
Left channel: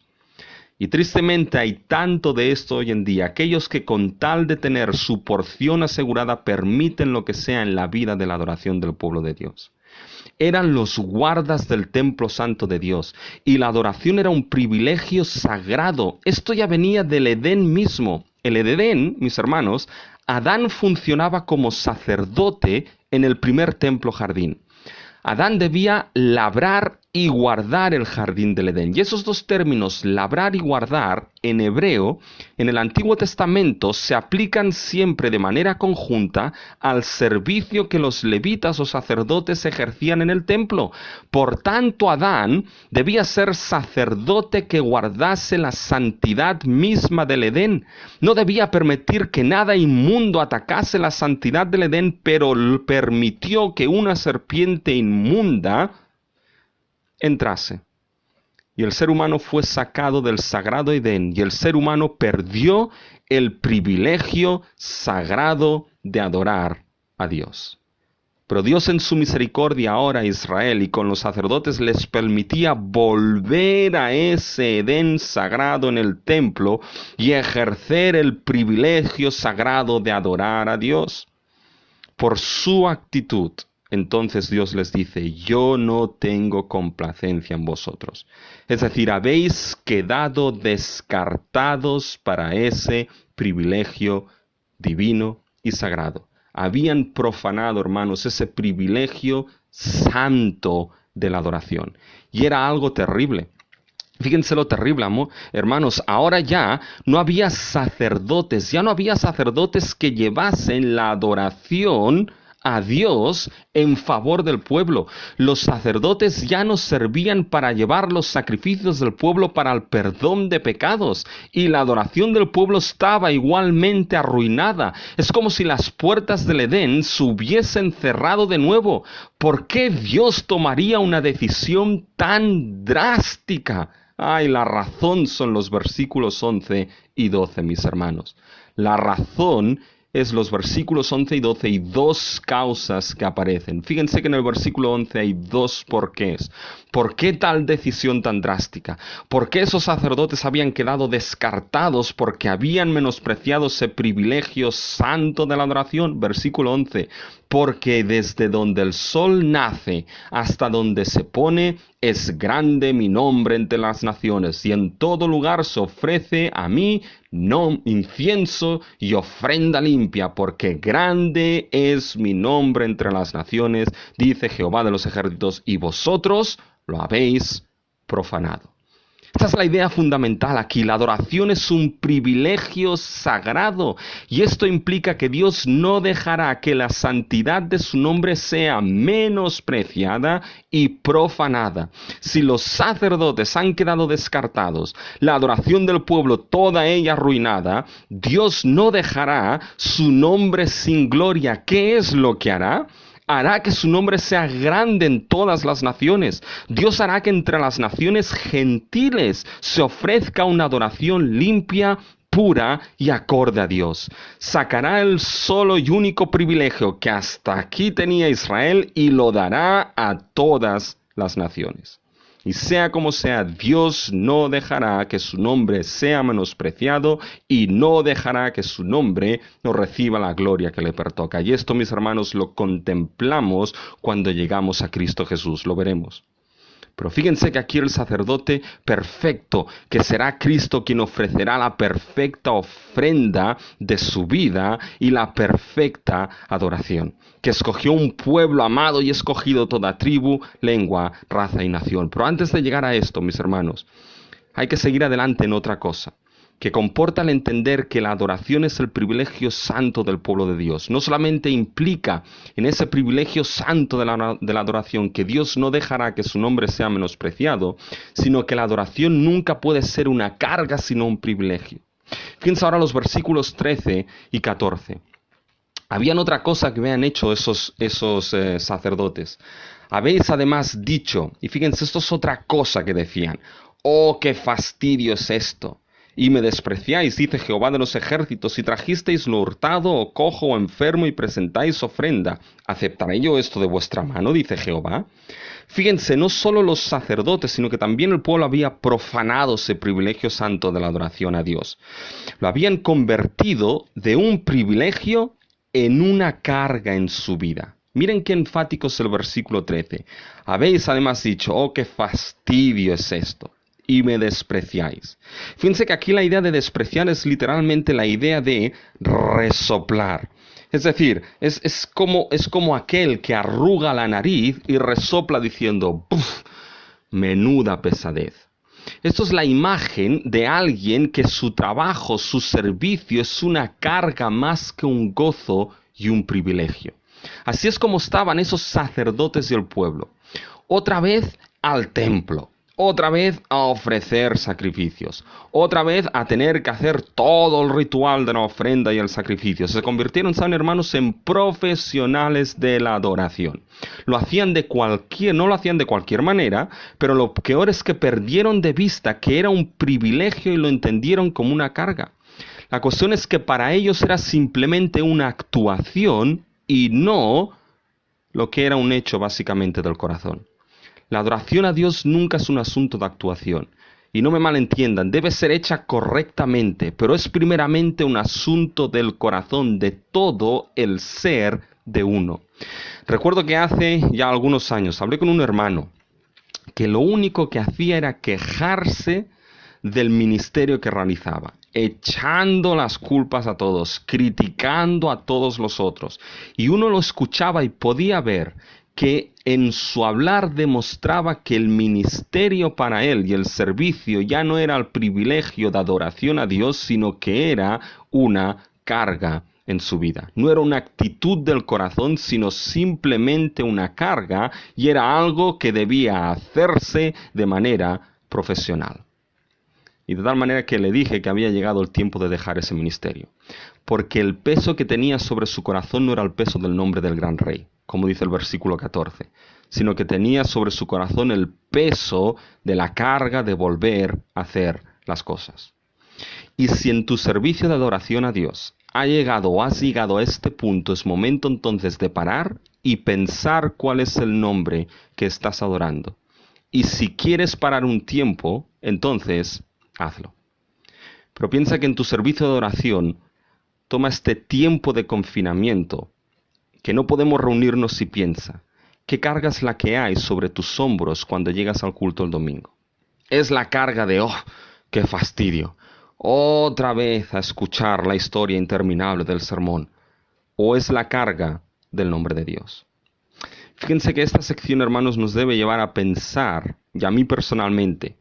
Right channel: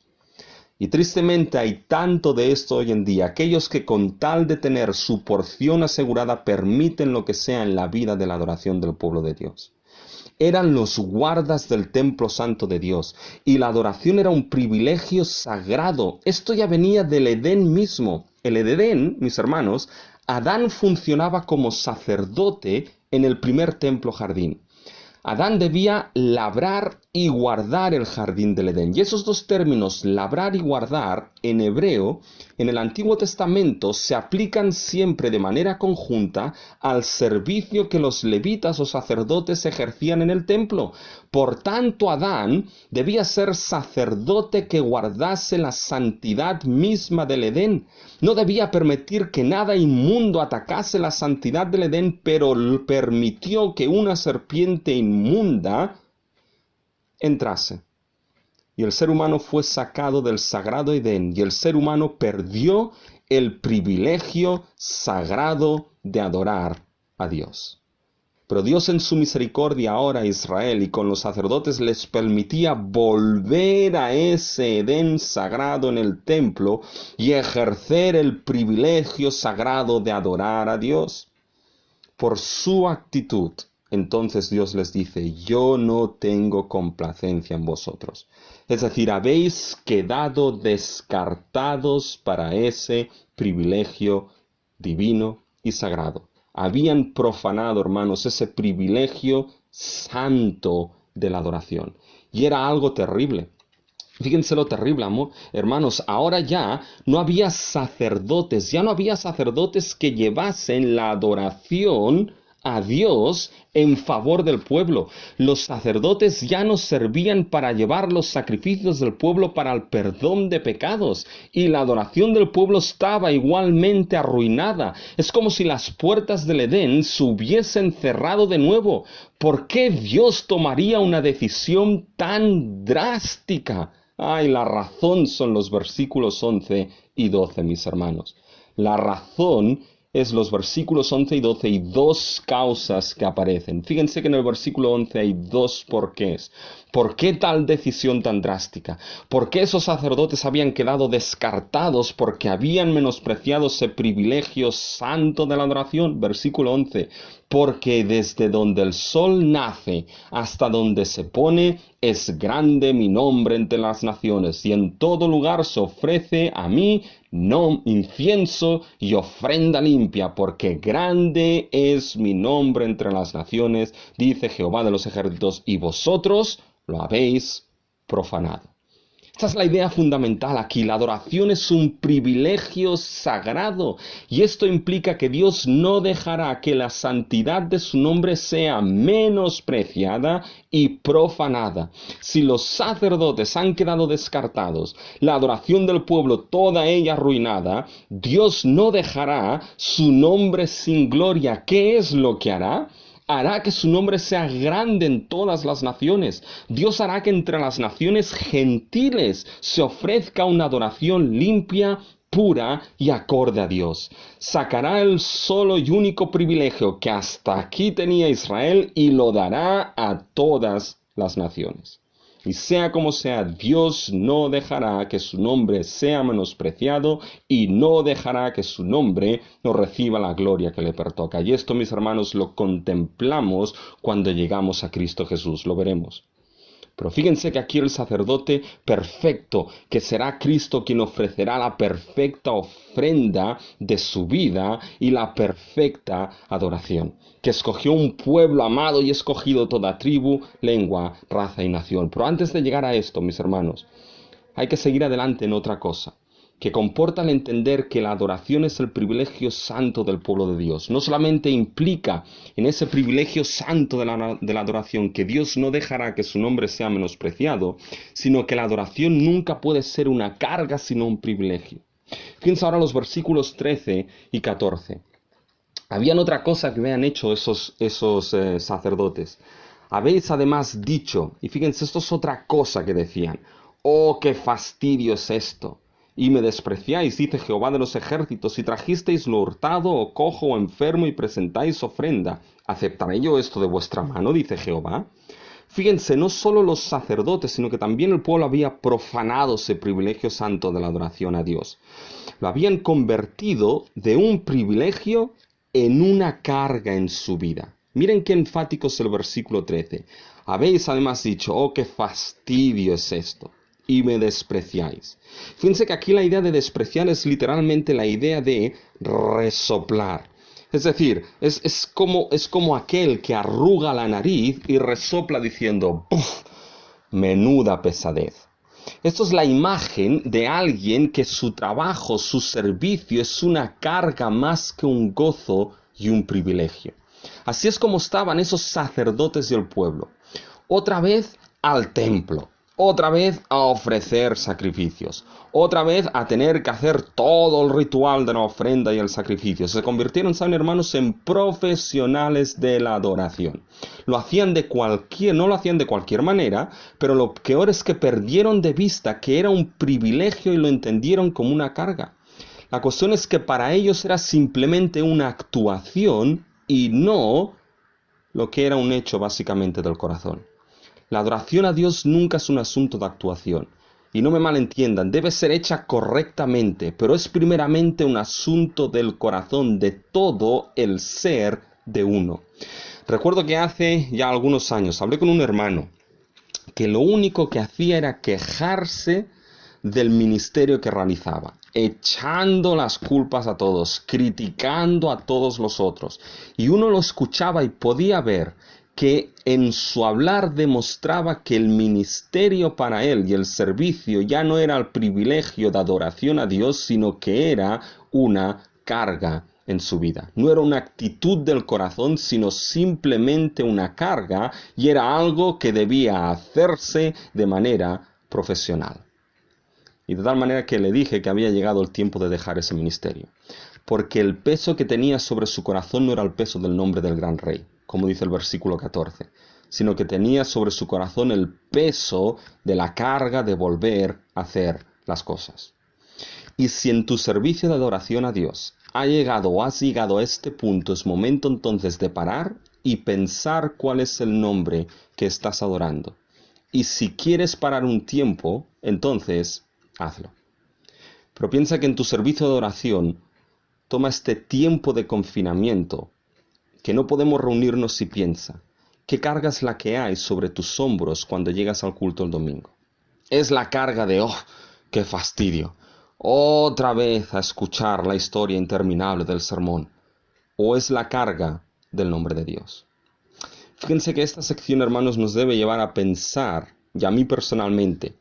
Y tristemente hay tanto de esto hoy en día. Aquellos que con tal de tener su porción asegurada permiten lo que sea en la vida de la adoración del pueblo de Dios. Eran los guardas del templo santo de Dios y la adoración era un privilegio sagrado. Esto ya venía del Edén mismo. El Edén, mis hermanos, Adán funcionaba como sacerdote en el primer templo jardín. Adán debía labrar y guardar el jardín del Edén. Y esos dos términos, labrar y guardar, en hebreo, en el Antiguo Testamento, se aplican siempre de manera conjunta al servicio que los levitas o sacerdotes ejercían en el templo. Por tanto, Adán debía ser sacerdote que guardase la santidad misma del Edén. No debía permitir que nada inmundo atacase la santidad del Edén, pero permitió que una serpiente inmunda entrase. Y el ser humano fue sacado del sagrado Edén y el ser humano perdió el privilegio sagrado de adorar a Dios. Pero Dios en su misericordia ahora a Israel y con los sacerdotes les permitía volver a ese Edén sagrado en el templo y ejercer el privilegio sagrado de adorar a Dios. Por su actitud, entonces Dios les dice, yo no tengo complacencia en vosotros. Es decir, habéis quedado descartados para ese privilegio divino y sagrado. Habían profanado, hermanos, ese privilegio santo de la adoración. Y era algo terrible. Fíjense lo terrible, hermanos, ahora ya no había sacerdotes, que llevasen la adoración a Dios en favor del pueblo. Los sacerdotes ya no servían para llevar los sacrificios del pueblo para el perdón de pecados, y la adoración del pueblo estaba igualmente arruinada. Es como si las puertas del Edén se hubiesen cerrado de nuevo. ¿Por qué Dios tomaría una decisión tan drástica? Ay, la razón son los versículos 11 y 12, mis hermanos. La razón es los versículos 11 y 12 y dos causas que aparecen. Fíjense que en el versículo 11 hay dos porqués. ¿Por qué tal decisión tan drástica? ¿Por qué esos sacerdotes habían quedado descartados porque habían menospreciado ese privilegio santo de la adoración? Versículo 11. Porque desde donde el sol nace hasta donde se pone, es grande mi nombre entre las naciones, y en todo lugar se ofrece a mí incienso y ofrenda limpia, porque grande es mi nombre entre las naciones, dice Jehová de los ejércitos, y vosotros lo habéis profanado. Esta es la idea fundamental aquí. La adoración es un privilegio sagrado y esto implica que Dios no dejará que la santidad de su nombre sea menospreciada y profanada. Si los sacerdotes han quedado descartados, la adoración del pueblo toda ella arruinada, Dios no dejará su nombre sin gloria. ¿Qué es lo que hará? Hará que su nombre sea grande en todas las naciones. Dios hará que entre las naciones gentiles se ofrezca una adoración limpia, pura y acorde a Dios. Sacará el solo y único privilegio que hasta aquí tenía Israel y lo dará a todas las naciones. Y sea como sea, Dios no dejará que su nombre sea menospreciado y no dejará que su nombre no reciba la gloria que le pertoca. Y esto, mis hermanos, lo contemplamos cuando llegamos a Cristo Jesús, lo veremos. Pero fíjense que aquí el sacerdote perfecto, que será Cristo quien ofrecerá la perfecta ofrenda de su vida y la perfecta adoración, que escogió un pueblo amado y escogido toda tribu, lengua, raza y nación. Pero antes de llegar a esto, mis hermanos, hay que seguir adelante en otra cosa, que comporta el entender que la adoración es el privilegio santo del pueblo de Dios. No solamente implica en ese privilegio santo de la adoración que Dios no dejará que su nombre sea menospreciado, sino que la adoración nunca puede ser una carga, sino un privilegio. Fíjense ahora los versículos 13 y 14. Habían otra cosa que habían hecho esos sacerdotes. Habéis además dicho, y fíjense, esto es otra cosa que decían, ¡oh, qué fastidio es esto! Y me despreciáis, dice Jehová de los ejércitos, si trajisteis lo hurtado, o cojo, o enfermo, y presentáis ofrenda. ¿Aceptaré yo esto de vuestra mano? Dice Jehová. Fíjense, no solo los sacerdotes, sino que también el pueblo había profanado ese privilegio santo de la adoración a Dios. Lo habían convertido de un privilegio en una carga en su vida. Miren qué enfático es el versículo 13. Habéis además dicho, oh, qué fastidio es esto, y me despreciáis. Fíjense que aquí la idea de despreciar es literalmente la idea de resoplar. Es decir, es como aquel que arruga la nariz y resopla diciendo, ¡puf! Menuda pesadez. Esto es la imagen de alguien que su trabajo, su servicio es una carga más que un gozo y un privilegio. Así es como estaban esos sacerdotes del pueblo. Otra vez al templo. Otra vez a ofrecer sacrificios. Otra vez a tener que hacer todo el ritual de la ofrenda y el sacrificio. Se convirtieron, ¿saben, hermanos?, en profesionales de la adoración. No lo hacían de cualquier manera, pero lo peor es que perdieron de vista que era un privilegio y lo entendieron como una carga. La cuestión es que para ellos era simplemente una actuación y no lo que era un hecho básicamente del corazón. La adoración a Dios nunca es un asunto de actuación. Y no me malentiendan, debe ser hecha correctamente, pero es primeramente un asunto del corazón, de todo el ser de uno. Recuerdo que hace ya algunos años hablé con un hermano que lo único que hacía era quejarse del ministerio que realizaba, echando las culpas a todos, criticando a todos los otros. Y uno lo escuchaba y podía ver que en su hablar demostraba que el ministerio para él y el servicio ya no era el privilegio de adoración a Dios, sino que era una carga en su vida. No era una actitud del corazón, sino simplemente una carga, y era algo que debía hacerse de manera profesional. Y de tal manera que le dije que había llegado el tiempo de dejar ese ministerio, porque el peso que tenía sobre su corazón no era el peso del nombre del gran rey, como dice el versículo 14, sino que tenía sobre su corazón el peso de la carga de volver a hacer las cosas. Y si en tu servicio de adoración a Dios has llegado a este punto, es momento entonces de parar y pensar cuál es el nombre que estás adorando. Y si quieres parar un tiempo, entonces hazlo. Pero piensa que en tu servicio de adoración toma este tiempo de confinamiento, que no podemos reunirnos, y piensa, ¿qué carga es la que hay sobre tus hombros cuando llegas al culto el domingo? ¿Es la carga de, oh, qué fastidio, otra vez a escuchar la historia interminable del sermón? ¿O es la carga del nombre de Dios? Fíjense que esta sección, hermanos, nos debe llevar a pensar, y a mí personalmente,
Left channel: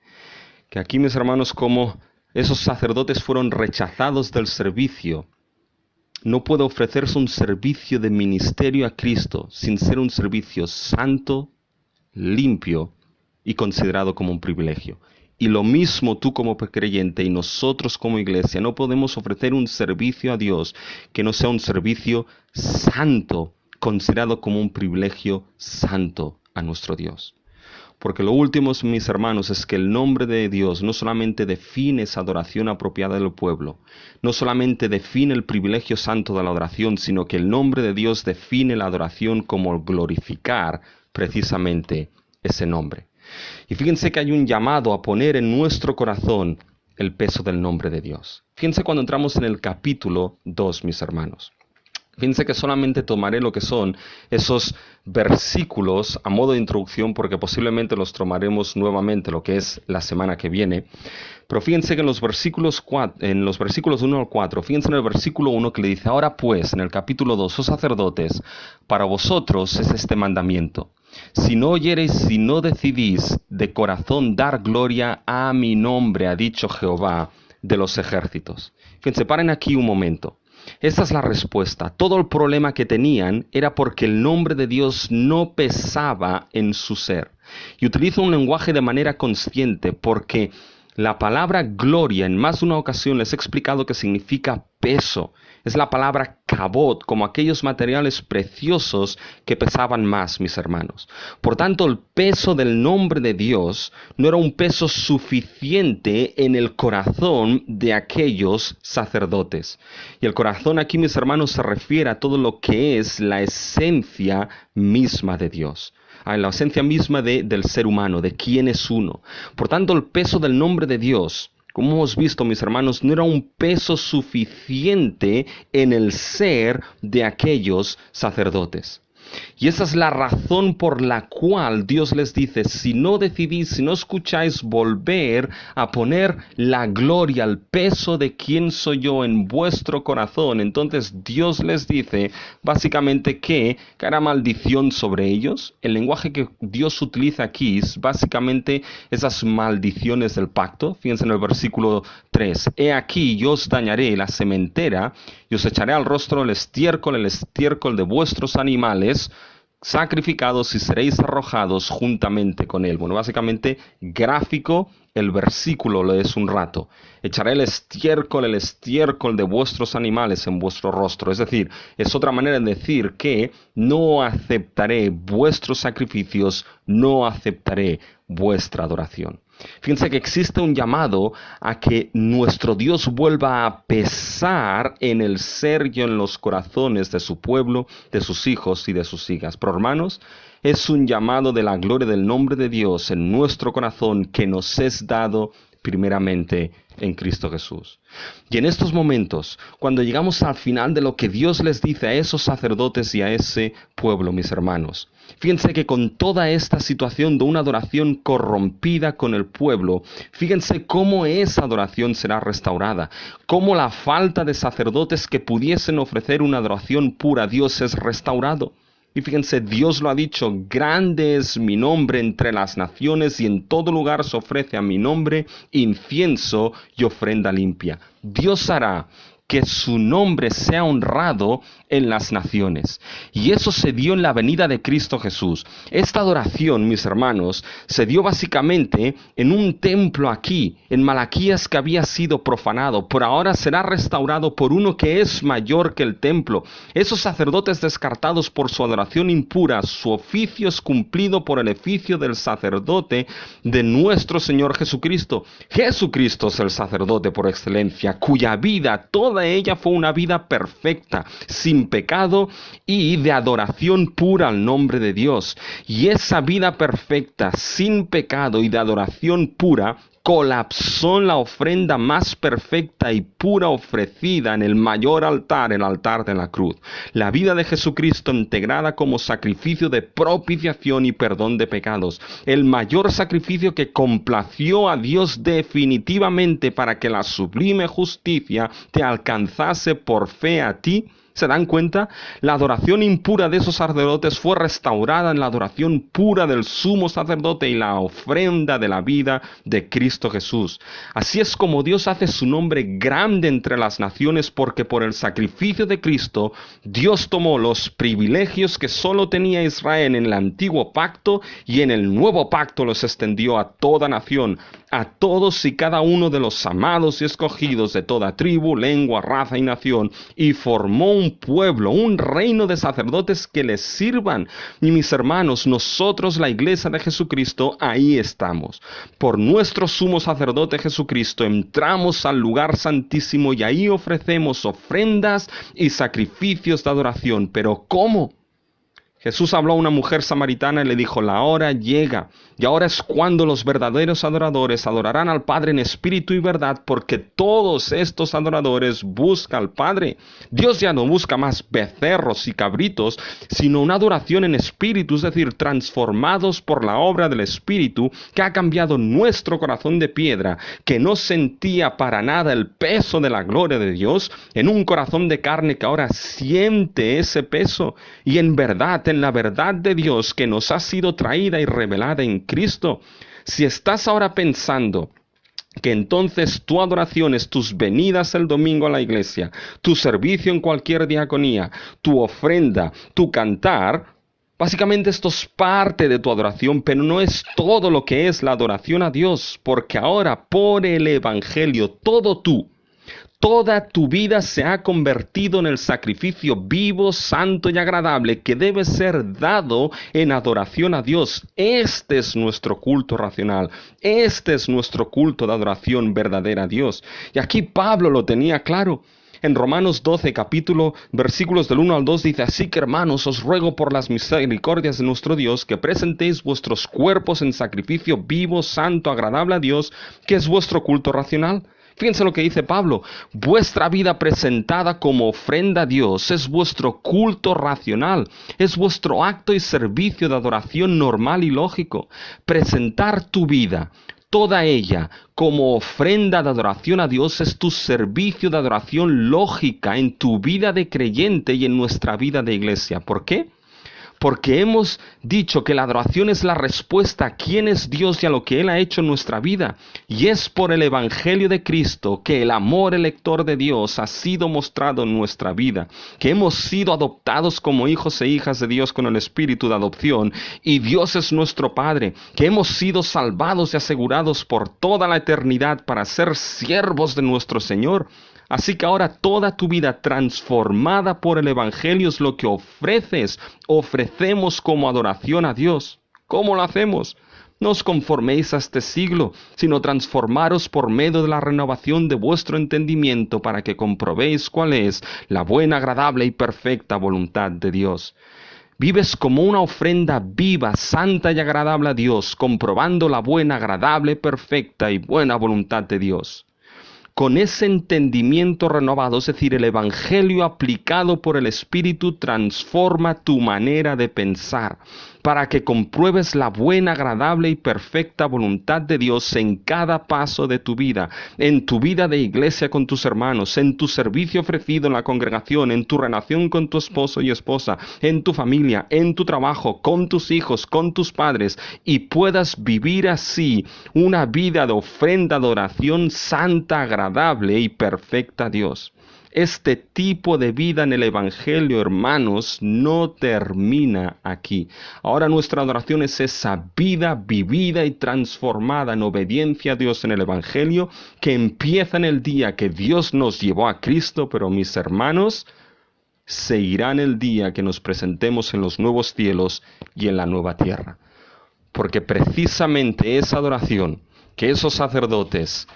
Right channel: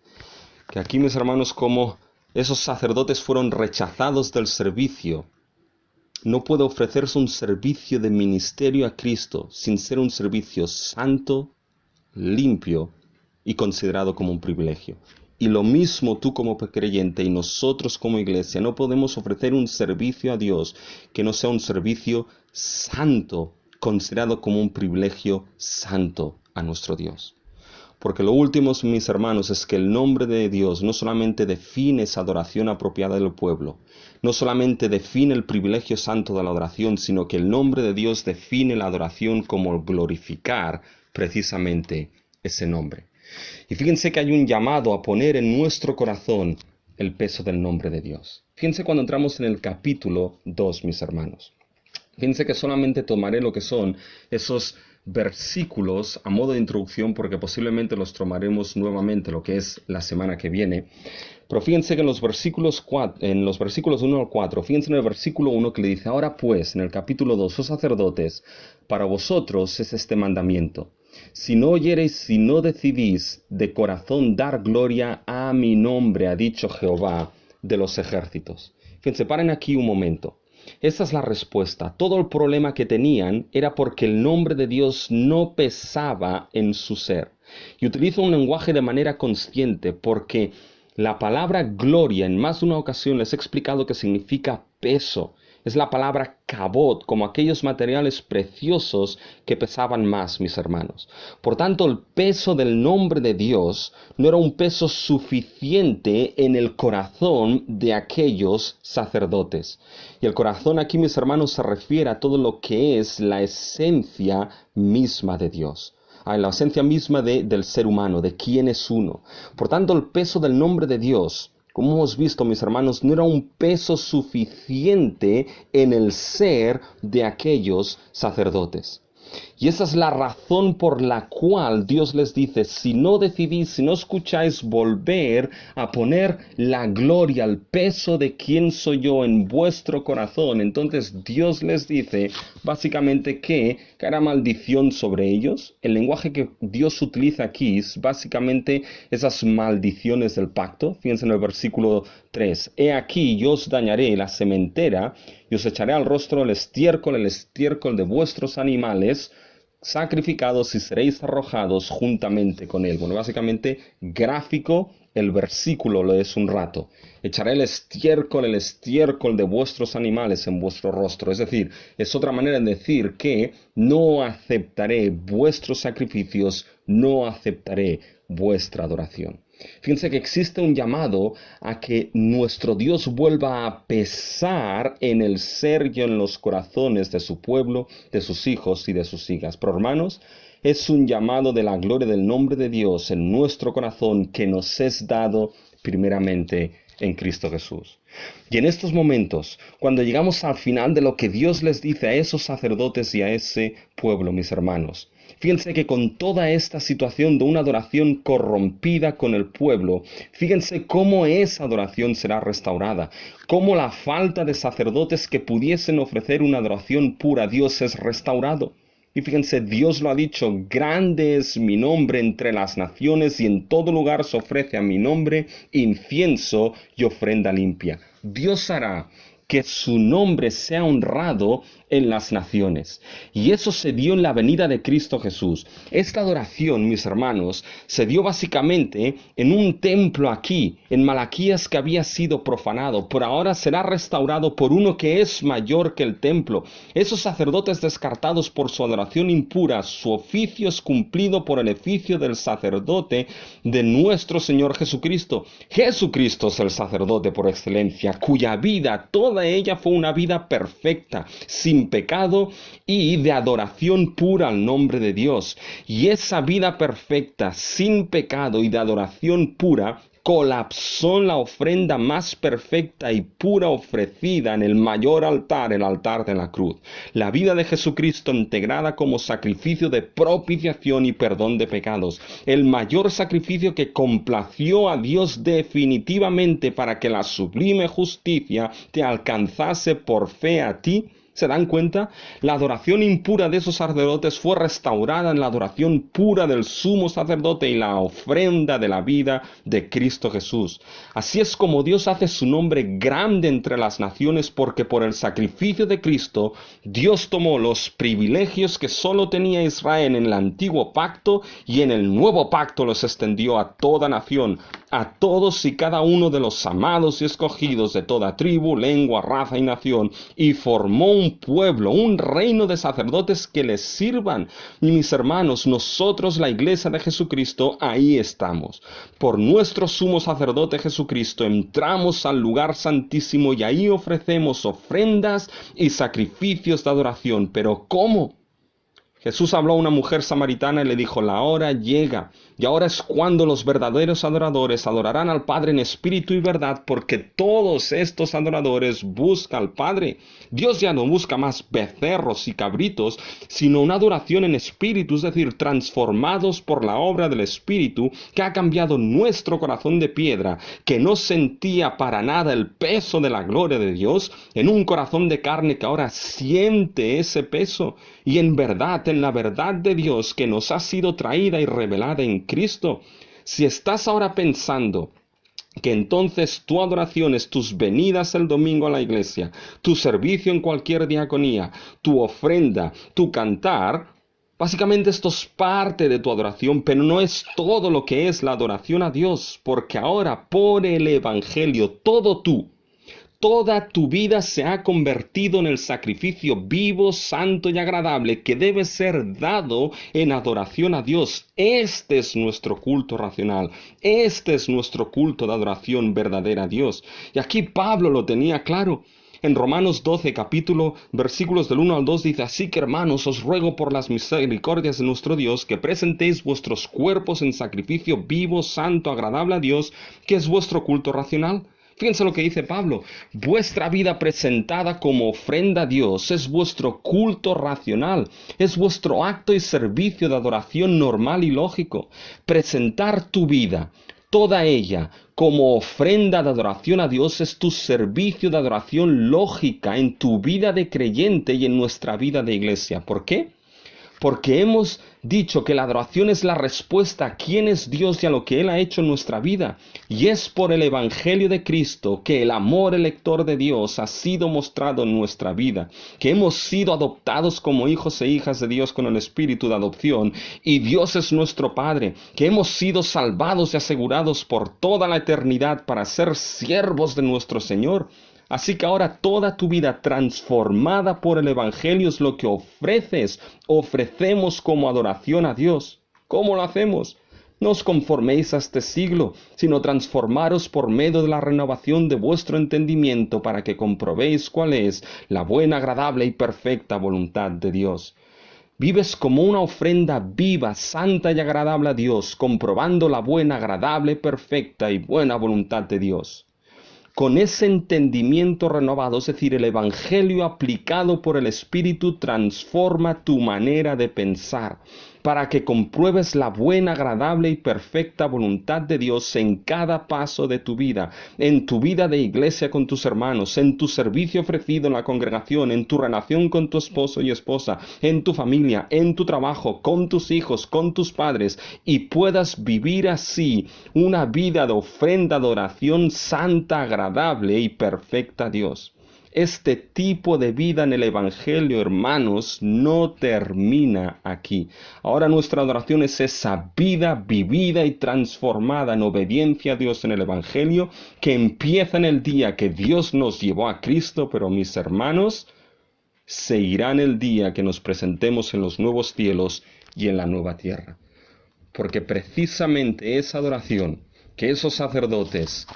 que aquí, mis hermanos, como esos sacerdotes fueron rechazados del servicio, no puede ofrecerse un servicio de ministerio a Cristo sin ser un servicio santo, limpio y considerado como un privilegio. Y lo mismo tú como creyente y nosotros como iglesia, no podemos ofrecer un servicio a Dios que no sea un servicio santo, considerado como un privilegio santo a nuestro Dios. Porque lo último, mis hermanos, es que el nombre de Dios no solamente define esa adoración apropiada del pueblo, no solamente define el privilegio santo de la adoración, sino que el nombre de Dios define la adoración como el glorificar precisamente ese nombre. Y fíjense que hay un llamado a poner en nuestro corazón el peso del nombre de Dios. Fíjense cuando entramos en el capítulo 2, mis hermanos. Fíjense que solamente tomaré lo que son esos versículos a modo de introducción, porque posiblemente los tomaremos nuevamente lo que es la semana que viene. Pero fíjense que en los versículos 1 al 4, fíjense en el versículo 1 que le dice, ahora pues, en el capítulo 2, oh sacerdotes, para vosotros es este mandamiento. Si no oyereis, si no decidís de corazón dar gloria a mi nombre, ha dicho Jehová de los ejércitos. Fíjense, paren aquí un momento. Esta es la respuesta. Todo el problema que tenían era porque el nombre de Dios no pesaba en su ser. Y utilizo un lenguaje de manera consciente porque la palabra gloria en más de una ocasión les he explicado que significa peso. Es la palabra kabod, como aquellos materiales preciosos que pesaban más, mis hermanos. Por tanto, el peso del nombre de Dios no era un peso suficiente en el corazón de aquellos sacerdotes. Y el corazón aquí, mis hermanos, se refiere a todo lo que es la esencia misma de Dios. en la esencia misma del ser humano, de quién es uno. Por tanto, el peso del nombre de Dios, como hemos visto, mis hermanos, no era un peso suficiente en el ser de aquellos sacerdotes. Y esa es la razón por la cual Dios les dice, si no decidís, si no escucháis volver a poner la gloria, el peso de quién soy yo en vuestro corazón, entonces Dios les dice básicamente que hará maldición sobre ellos. El lenguaje que Dios utiliza aquí es básicamente esas maldiciones del pacto. Fíjense en el versículo 3. He aquí, yo os dañaré la sementera y os echaré al rostro el estiércol de vuestros animales sacrificados y seréis arrojados juntamente con él. Bueno, básicamente gráfico el versículo lo es un rato. Echaré el estiércol de vuestros animales en vuestro rostro. Es decir, es otra manera de decir que no aceptaré vuestros sacrificios, no aceptaré vuestra adoración. Fíjense que existe un llamado a que nuestro Dios vuelva a pesar en el ser y en los corazones de su pueblo, de sus hijos y de sus hijas. Pero hermanos, es un llamado de la gloria del nombre de Dios en nuestro corazón que nos es dado primeramente en Cristo Jesús. Y en estos momentos, cuando llegamos al final de lo que Dios les dice a esos sacerdotes y a ese pueblo, mis hermanos, fíjense que con toda esta situación de una adoración corrompida con el pueblo, fíjense cómo esa adoración será restaurada, cómo la falta de sacerdotes que pudiesen ofrecer una adoración pura a Dios es restaurado. Y fíjense, Dios lo ha dicho, grande es mi nombre entre las naciones y en todo lugar se ofrece a mi nombre incienso y ofrenda limpia. Dios hará que su nombre sea honrado en las naciones. Y eso se dio en la venida de Cristo Jesús. Esta adoración, mis hermanos, se dio básicamente en un templo aquí, en Malaquías, que había sido profanado, pero ahora será restaurado por uno que es mayor que el templo. Esos sacerdotes descartados por su adoración impura, su oficio es cumplido por el oficio del sacerdote de nuestro Señor Jesucristo. Jesucristo es el sacerdote por excelencia, cuya vida, toda ella fue una vida perfecta, sin pecado y de adoración pura al nombre de Dios. Y esa vida perfecta, sin pecado y de adoración pura, colapsó en la ofrenda más perfecta y pura ofrecida en el mayor altar, el altar de la cruz. La vida de Jesucristo integrada como sacrificio de propiciación y perdón de pecados. El mayor sacrificio que complació a Dios definitivamente para que la sublime justicia te alcanzase por fe a ti. ¿Se dan cuenta? La adoración impura de esos sacerdotes fue restaurada en la adoración pura del sumo sacerdote y la ofrenda de la vida de Cristo Jesús. Así es como Dios hace su nombre grande entre las naciones, porque por el sacrificio de Cristo, Dios tomó los privilegios que solo tenía Israel en el antiguo pacto y en el nuevo pacto los extendió a toda nación, a todos y cada uno de los amados y escogidos de toda tribu, lengua, raza y nación, y formó un pueblo, un reino de sacerdotes que les sirvan. Y mis hermanos, nosotros, la iglesia de Jesucristo, ahí estamos. Por nuestro sumo sacerdote Jesucristo entramos al lugar santísimo y ahí ofrecemos ofrendas y sacrificios de adoración. ¿Pero cómo? Jesús habló a una mujer samaritana y le dijo, la hora llega, y ahora es cuando los verdaderos adoradores adorarán al Padre en espíritu y verdad, porque todos estos adoradores buscan al Padre. Dios ya no busca más becerros y cabritos, sino una adoración en espíritu, es decir, transformados por la obra del Espíritu, que ha cambiado nuestro corazón de piedra, que no sentía para nada el peso de la gloria de Dios, en un corazón de carne que ahora siente ese peso, y en verdad, en la verdad de Dios que nos ha sido traída y revelada en Cristo. Si estás ahora pensando que entonces tu adoración es tus venidas el domingo a la iglesia, tu servicio en cualquier diaconía, tu ofrenda, tu cantar, básicamente esto es parte de tu adoración, pero no es todo lo que es la adoración a Dios, porque ahora por el Evangelio toda tu vida se ha convertido en el sacrificio vivo, santo y agradable que debe ser dado en adoración a Dios. Este es nuestro culto racional. Este es nuestro culto de adoración verdadera a Dios. Y aquí Pablo lo tenía claro. En Romanos 12, capítulo, versículos del 1 al 2 dice: así que, hermanos, os ruego por las misericordias de nuestro Dios que presentéis vuestros cuerpos en sacrificio vivo, santo, agradable a Dios, que es vuestro culto racional. Fíjense lo que dice Pablo: vuestra vida presentada como ofrenda a Dios es vuestro culto racional, es vuestro acto y servicio de adoración normal y lógico. Presentar tu vida, toda ella, como ofrenda de adoración a Dios es tu servicio de adoración lógica en tu vida de creyente y en nuestra vida de iglesia. ¿Por qué? Porque hemos dicho que la adoración es la respuesta a quién es Dios y a lo que Él ha hecho en nuestra vida. Y es por el Evangelio de Cristo que el amor elector de Dios ha sido mostrado en nuestra vida, que hemos sido adoptados como hijos e hijas de Dios con el espíritu de adopción, y Dios es nuestro Padre, que hemos sido salvados y asegurados por toda la eternidad para ser siervos de nuestro Señor. Así que ahora toda tu vida transformada por el Evangelio es lo que ofrecemos como adoración a Dios. ¿Cómo lo hacemos? No os conforméis a este siglo, sino transformaros por medio de la renovación de vuestro entendimiento para que comprobéis cuál es la buena, agradable y perfecta voluntad de Dios. Vives como una ofrenda viva, santa y agradable a Dios, comprobando la buena, agradable, perfecta y buena voluntad de Dios. Con ese entendimiento renovado, es decir, el Evangelio aplicado por el Espíritu, transforma tu manera de pensar para que compruebes la buena, agradable y perfecta voluntad de Dios en cada paso de tu vida, en tu vida de iglesia con tus hermanos, en tu servicio ofrecido en la congregación, en tu relación con tu esposo y esposa, en tu familia, en tu trabajo, con tus hijos, con tus padres, y puedas vivir así una vida de ofrenda, de oración santa, agradable y perfecta a Dios. Este tipo de vida en el Evangelio, hermanos, no termina aquí. Ahora nuestra adoración es esa vida vivida y transformada en obediencia a Dios en el Evangelio, que empieza en el día que Dios nos llevó a Cristo, pero mis hermanos, seguirá en el día que nos presentemos en los nuevos cielos y en la nueva tierra. Porque precisamente esa adoración que esos sacerdotes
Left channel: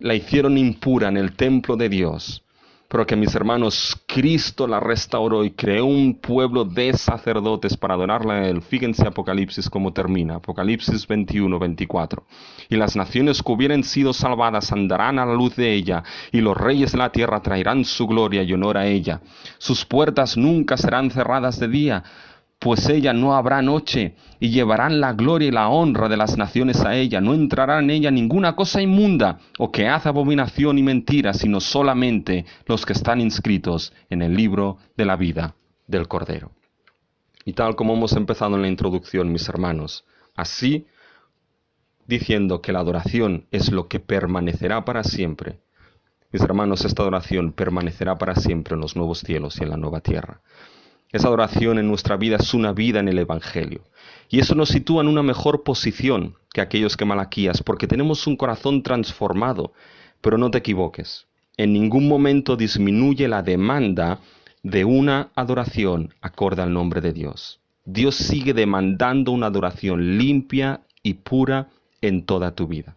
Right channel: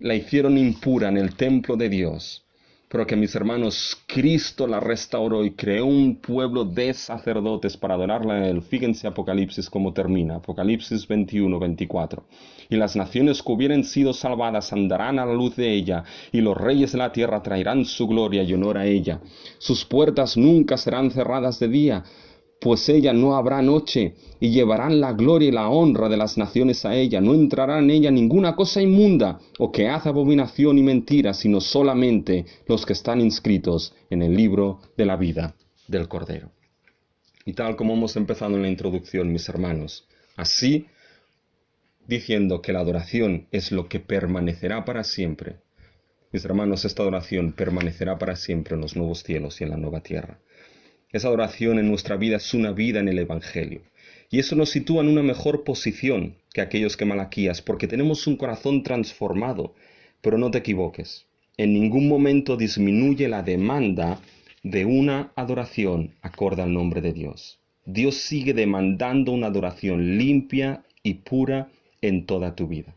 la hicieron impura en el templo de Dios, pero que, mis hermanos, Cristo la restauró y creó un pueblo de sacerdotes para adorarle a Él. Fíjense Apocalipsis cómo termina, Apocalipsis 21, 24. Y las naciones que hubieran sido salvadas andarán a la luz de ella, y los reyes de la tierra traerán su gloria y honor a ella. Sus puertas nunca serán cerradas de día, pues ella no habrá noche, y llevarán la gloria y la honra de las naciones a ella. No entrará en ella ninguna cosa inmunda, o que hace abominación y mentira, sino solamente los que están inscritos en el libro de la vida del Cordero. Y tal como hemos empezado en la introducción, mis hermanos, así, diciendo que la adoración es lo que permanecerá para siempre, mis hermanos, esta adoración permanecerá para siempre en los nuevos cielos y en la nueva tierra. Esa adoración en nuestra vida es una vida en el Evangelio. Y eso nos sitúa en una mejor posición que aquellos que Malaquías, porque tenemos un corazón transformado. Pero no te equivoques, en ningún momento disminuye la demanda de una adoración acorde al nombre de Dios. Dios sigue demandando una adoración limpia y pura en toda tu vida.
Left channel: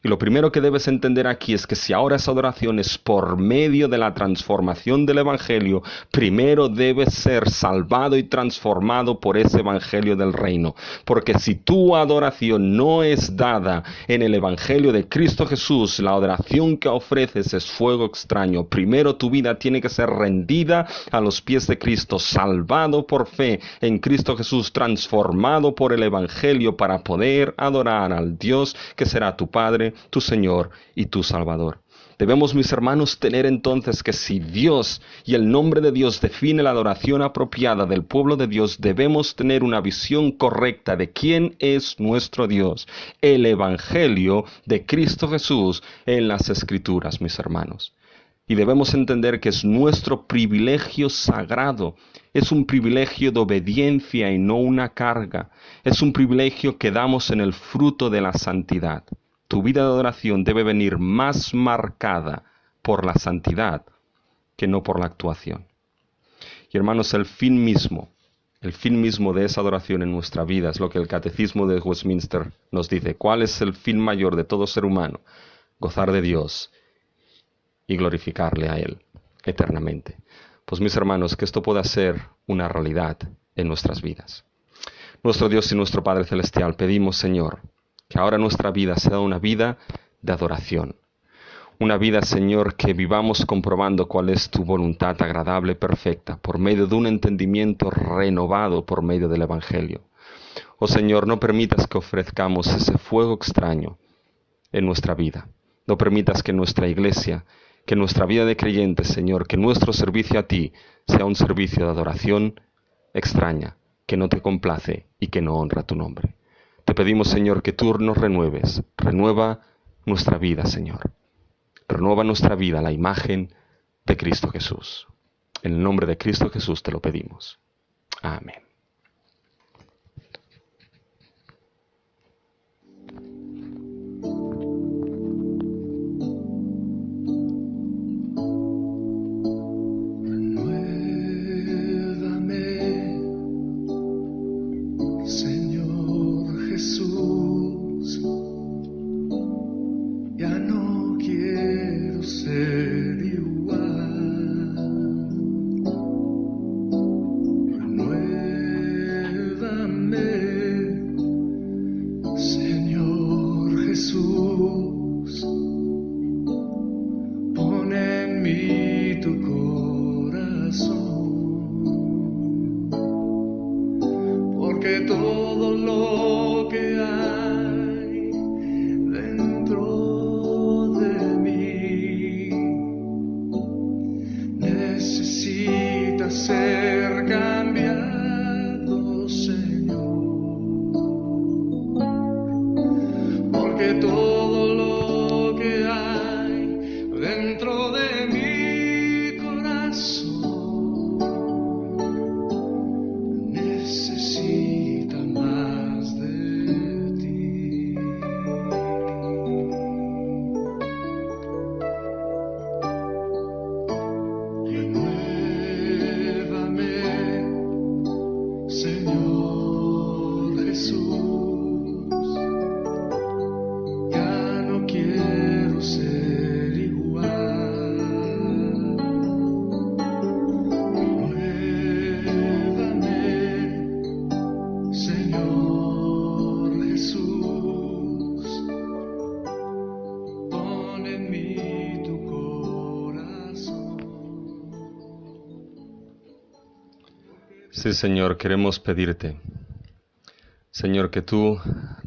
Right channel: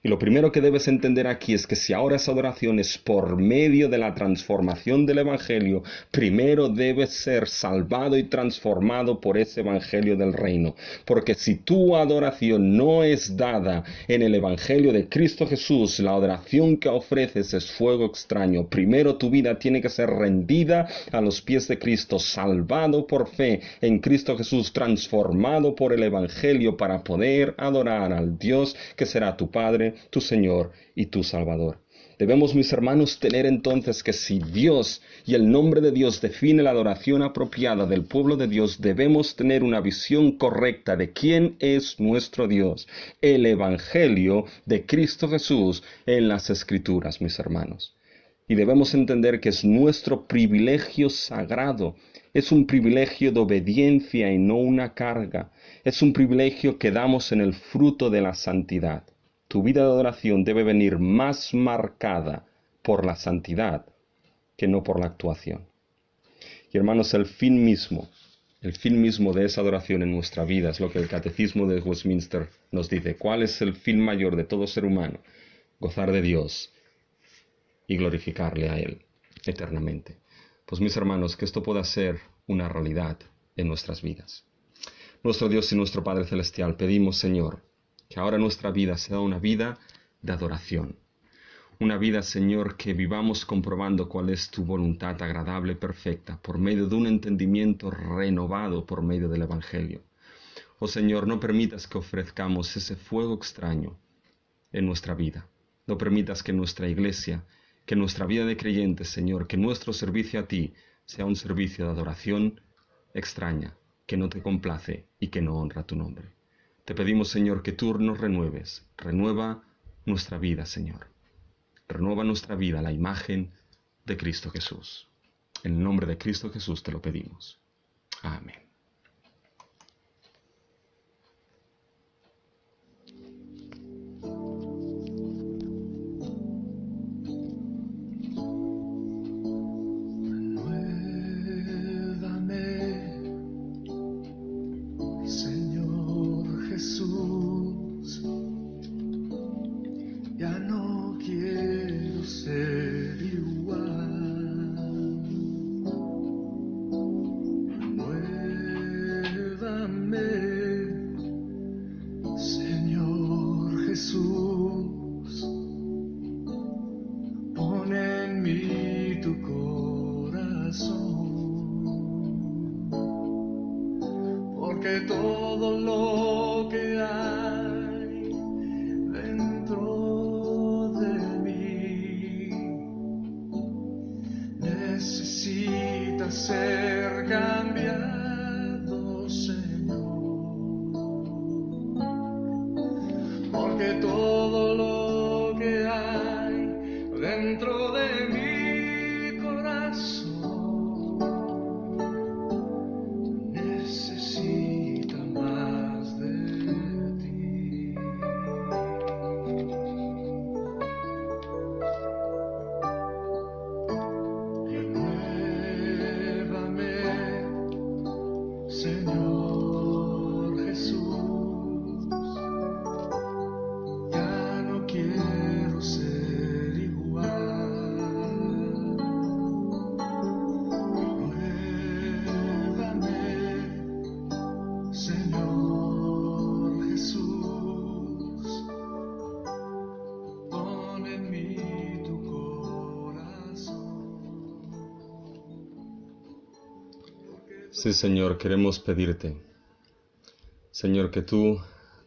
Y lo primero que debes entender aquí es que si ahora esa adoración es por medio de la transformación del Evangelio, primero debes ser salvado y transformado por ese Evangelio del reino. Porque si tu adoración no es dada en el Evangelio de Cristo Jesús, la adoración que ofreces es fuego extraño. Primero tu vida tiene que ser rendida a los pies de Cristo, salvado por fe en Cristo Jesús, transformado por el Evangelio para poder adorar al Dios que será tu Padre, tu Señor y tu Salvador. Debemos, mis hermanos, tener entonces que si Dios y el nombre de Dios define la adoración apropiada del pueblo de Dios, debemos tener una visión correcta de quién es nuestro Dios, el Evangelio de Cristo Jesús en las Escrituras, mis hermanos. Y debemos entender que es nuestro privilegio sagrado, es un privilegio de obediencia y no una carga, es un privilegio que damos en el fruto de la santidad. Tu vida de adoración debe venir más marcada por la santidad que no por la actuación. Y hermanos, el fin mismo de esa adoración en nuestra vida es lo que el Catecismo de Westminster nos dice. ¿Cuál es el fin mayor de todo ser humano? Gozar de Dios y glorificarle a Él. eternamente. Pues mis hermanos, que esto pueda ser una realidad en nuestras vidas. Nuestro Dios y nuestro Padre Celestial, pedimos, Señor, que ahora nuestra vida sea una vida de adoración. Una vida, Señor, que vivamos comprobando cuál es tu voluntad agradable y perfecta, por medio de un entendimiento renovado por medio del Evangelio. Oh Señor, no permitas que ofrezcamos ese fuego extraño en nuestra vida. No permitas que nuestra iglesia, que nuestra vida de creyentes, Señor, que nuestro servicio a ti sea un servicio de adoración extraña, que no te complace y que no honra tu nombre. Te pedimos, Señor, que tú nos renueves. Renueva nuestra vida, Señor. Renueva nuestra vida a la imagen de Cristo Jesús. En el nombre de Cristo Jesús te lo pedimos. Amén. Sí, Señor, queremos pedirte, Señor, que tú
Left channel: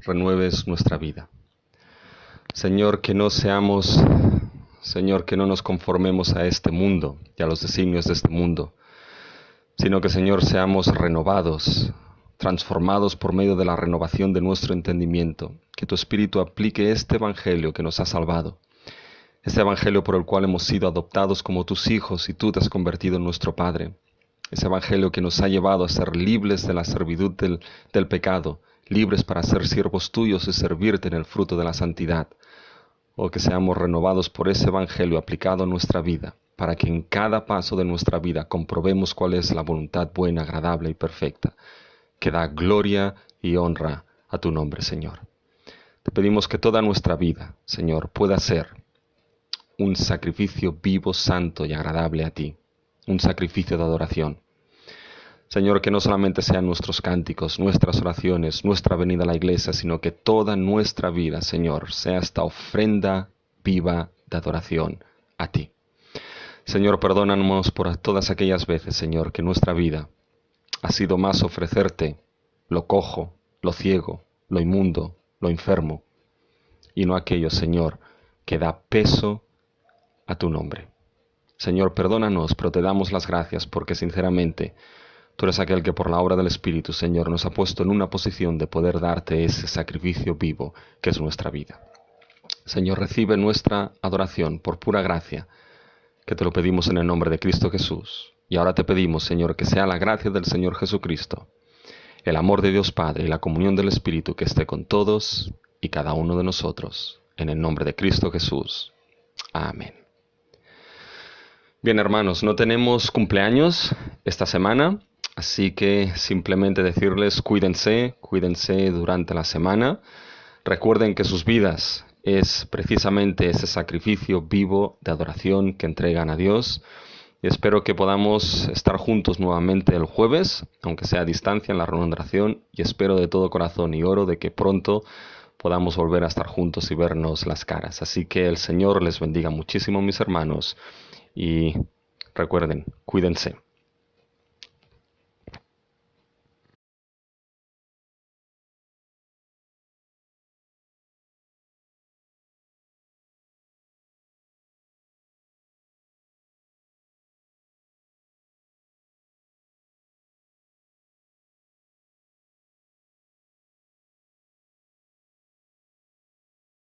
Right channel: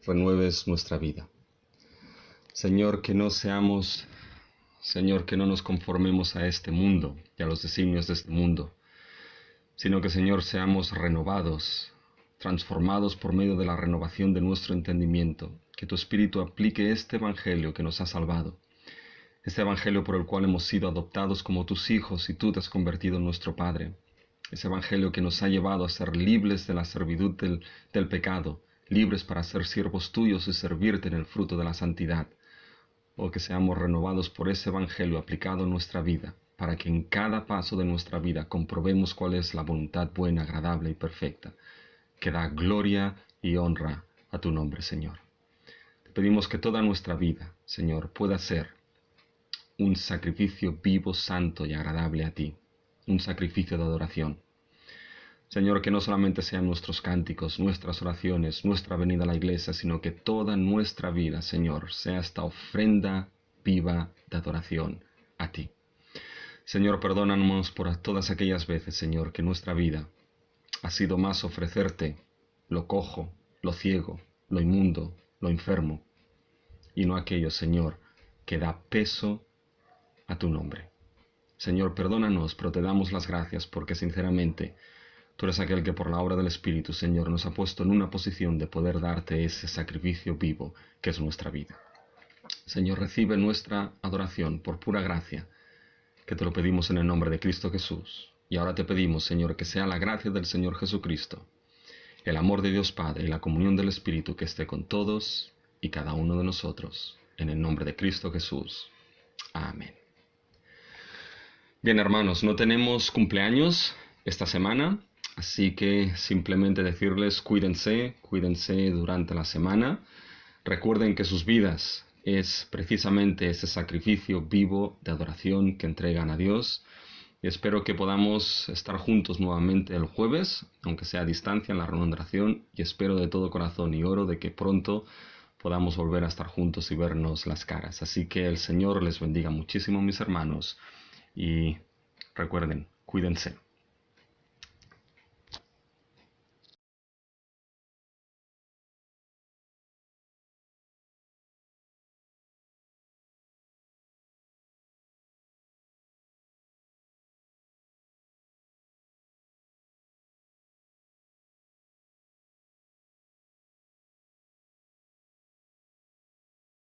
renueves nuestra vida. Señor, que no seamos, Señor, que no nos conformemos a este mundo y a los designios de este mundo, sino que, Señor, seamos renovados, transformados por medio de la renovación de nuestro entendimiento, que tu Espíritu aplique este Evangelio que nos ha salvado, este Evangelio por el cual hemos sido adoptados como tus hijos y tú te has convertido en nuestro Padre. Ese Evangelio que nos ha llevado a ser libres de la servidumbre del pecado, libres para ser siervos tuyos y servirte en el fruto de la santidad. O que seamos renovados por ese Evangelio aplicado a nuestra vida, para que en cada paso de nuestra vida comprobemos cuál es la voluntad buena, agradable y perfecta, que da gloria y honra a tu nombre, Señor. Te pedimos que toda nuestra vida, Señor, pueda ser un sacrificio vivo, santo y agradable a ti. Un sacrificio de adoración. Señor, que no solamente sean nuestros cánticos, nuestras oraciones, nuestra venida a la iglesia, sino que toda nuestra vida, Señor, sea esta ofrenda viva de adoración a ti. Señor, perdónanos por todas aquellas veces, Señor, que nuestra vida ha sido más ofrecerte lo cojo, lo ciego, lo inmundo, lo enfermo, y no aquello, Señor, que da peso a tu nombre. Señor, perdónanos, pero te damos las gracias porque sinceramente tú eres aquel que por la obra del Espíritu, Señor, nos ha puesto en una posición de poder darte ese sacrificio vivo que es nuestra vida. Señor, recibe nuestra adoración por pura gracia, que te lo pedimos en el nombre de Cristo Jesús. Y ahora te pedimos, Señor, que sea la gracia del Señor Jesucristo, el amor de Dios Padre y la comunión del Espíritu que esté con todos y cada uno de nosotros. En el nombre de Cristo Jesús. Amén. Bien, hermanos, no tenemos cumpleaños esta semana, así que simplemente decirles cuídense durante la semana. Recuerden que sus vidas es precisamente ese sacrificio vivo de adoración que entregan a Dios. y espero que podamos estar juntos nuevamente el jueves, aunque sea a distancia en la reunión de oración, y espero de todo corazón y oro de que pronto podamos volver a estar juntos y vernos las caras. Así que el Señor les bendiga muchísimo, mis hermanos, y recuerden, cuídense.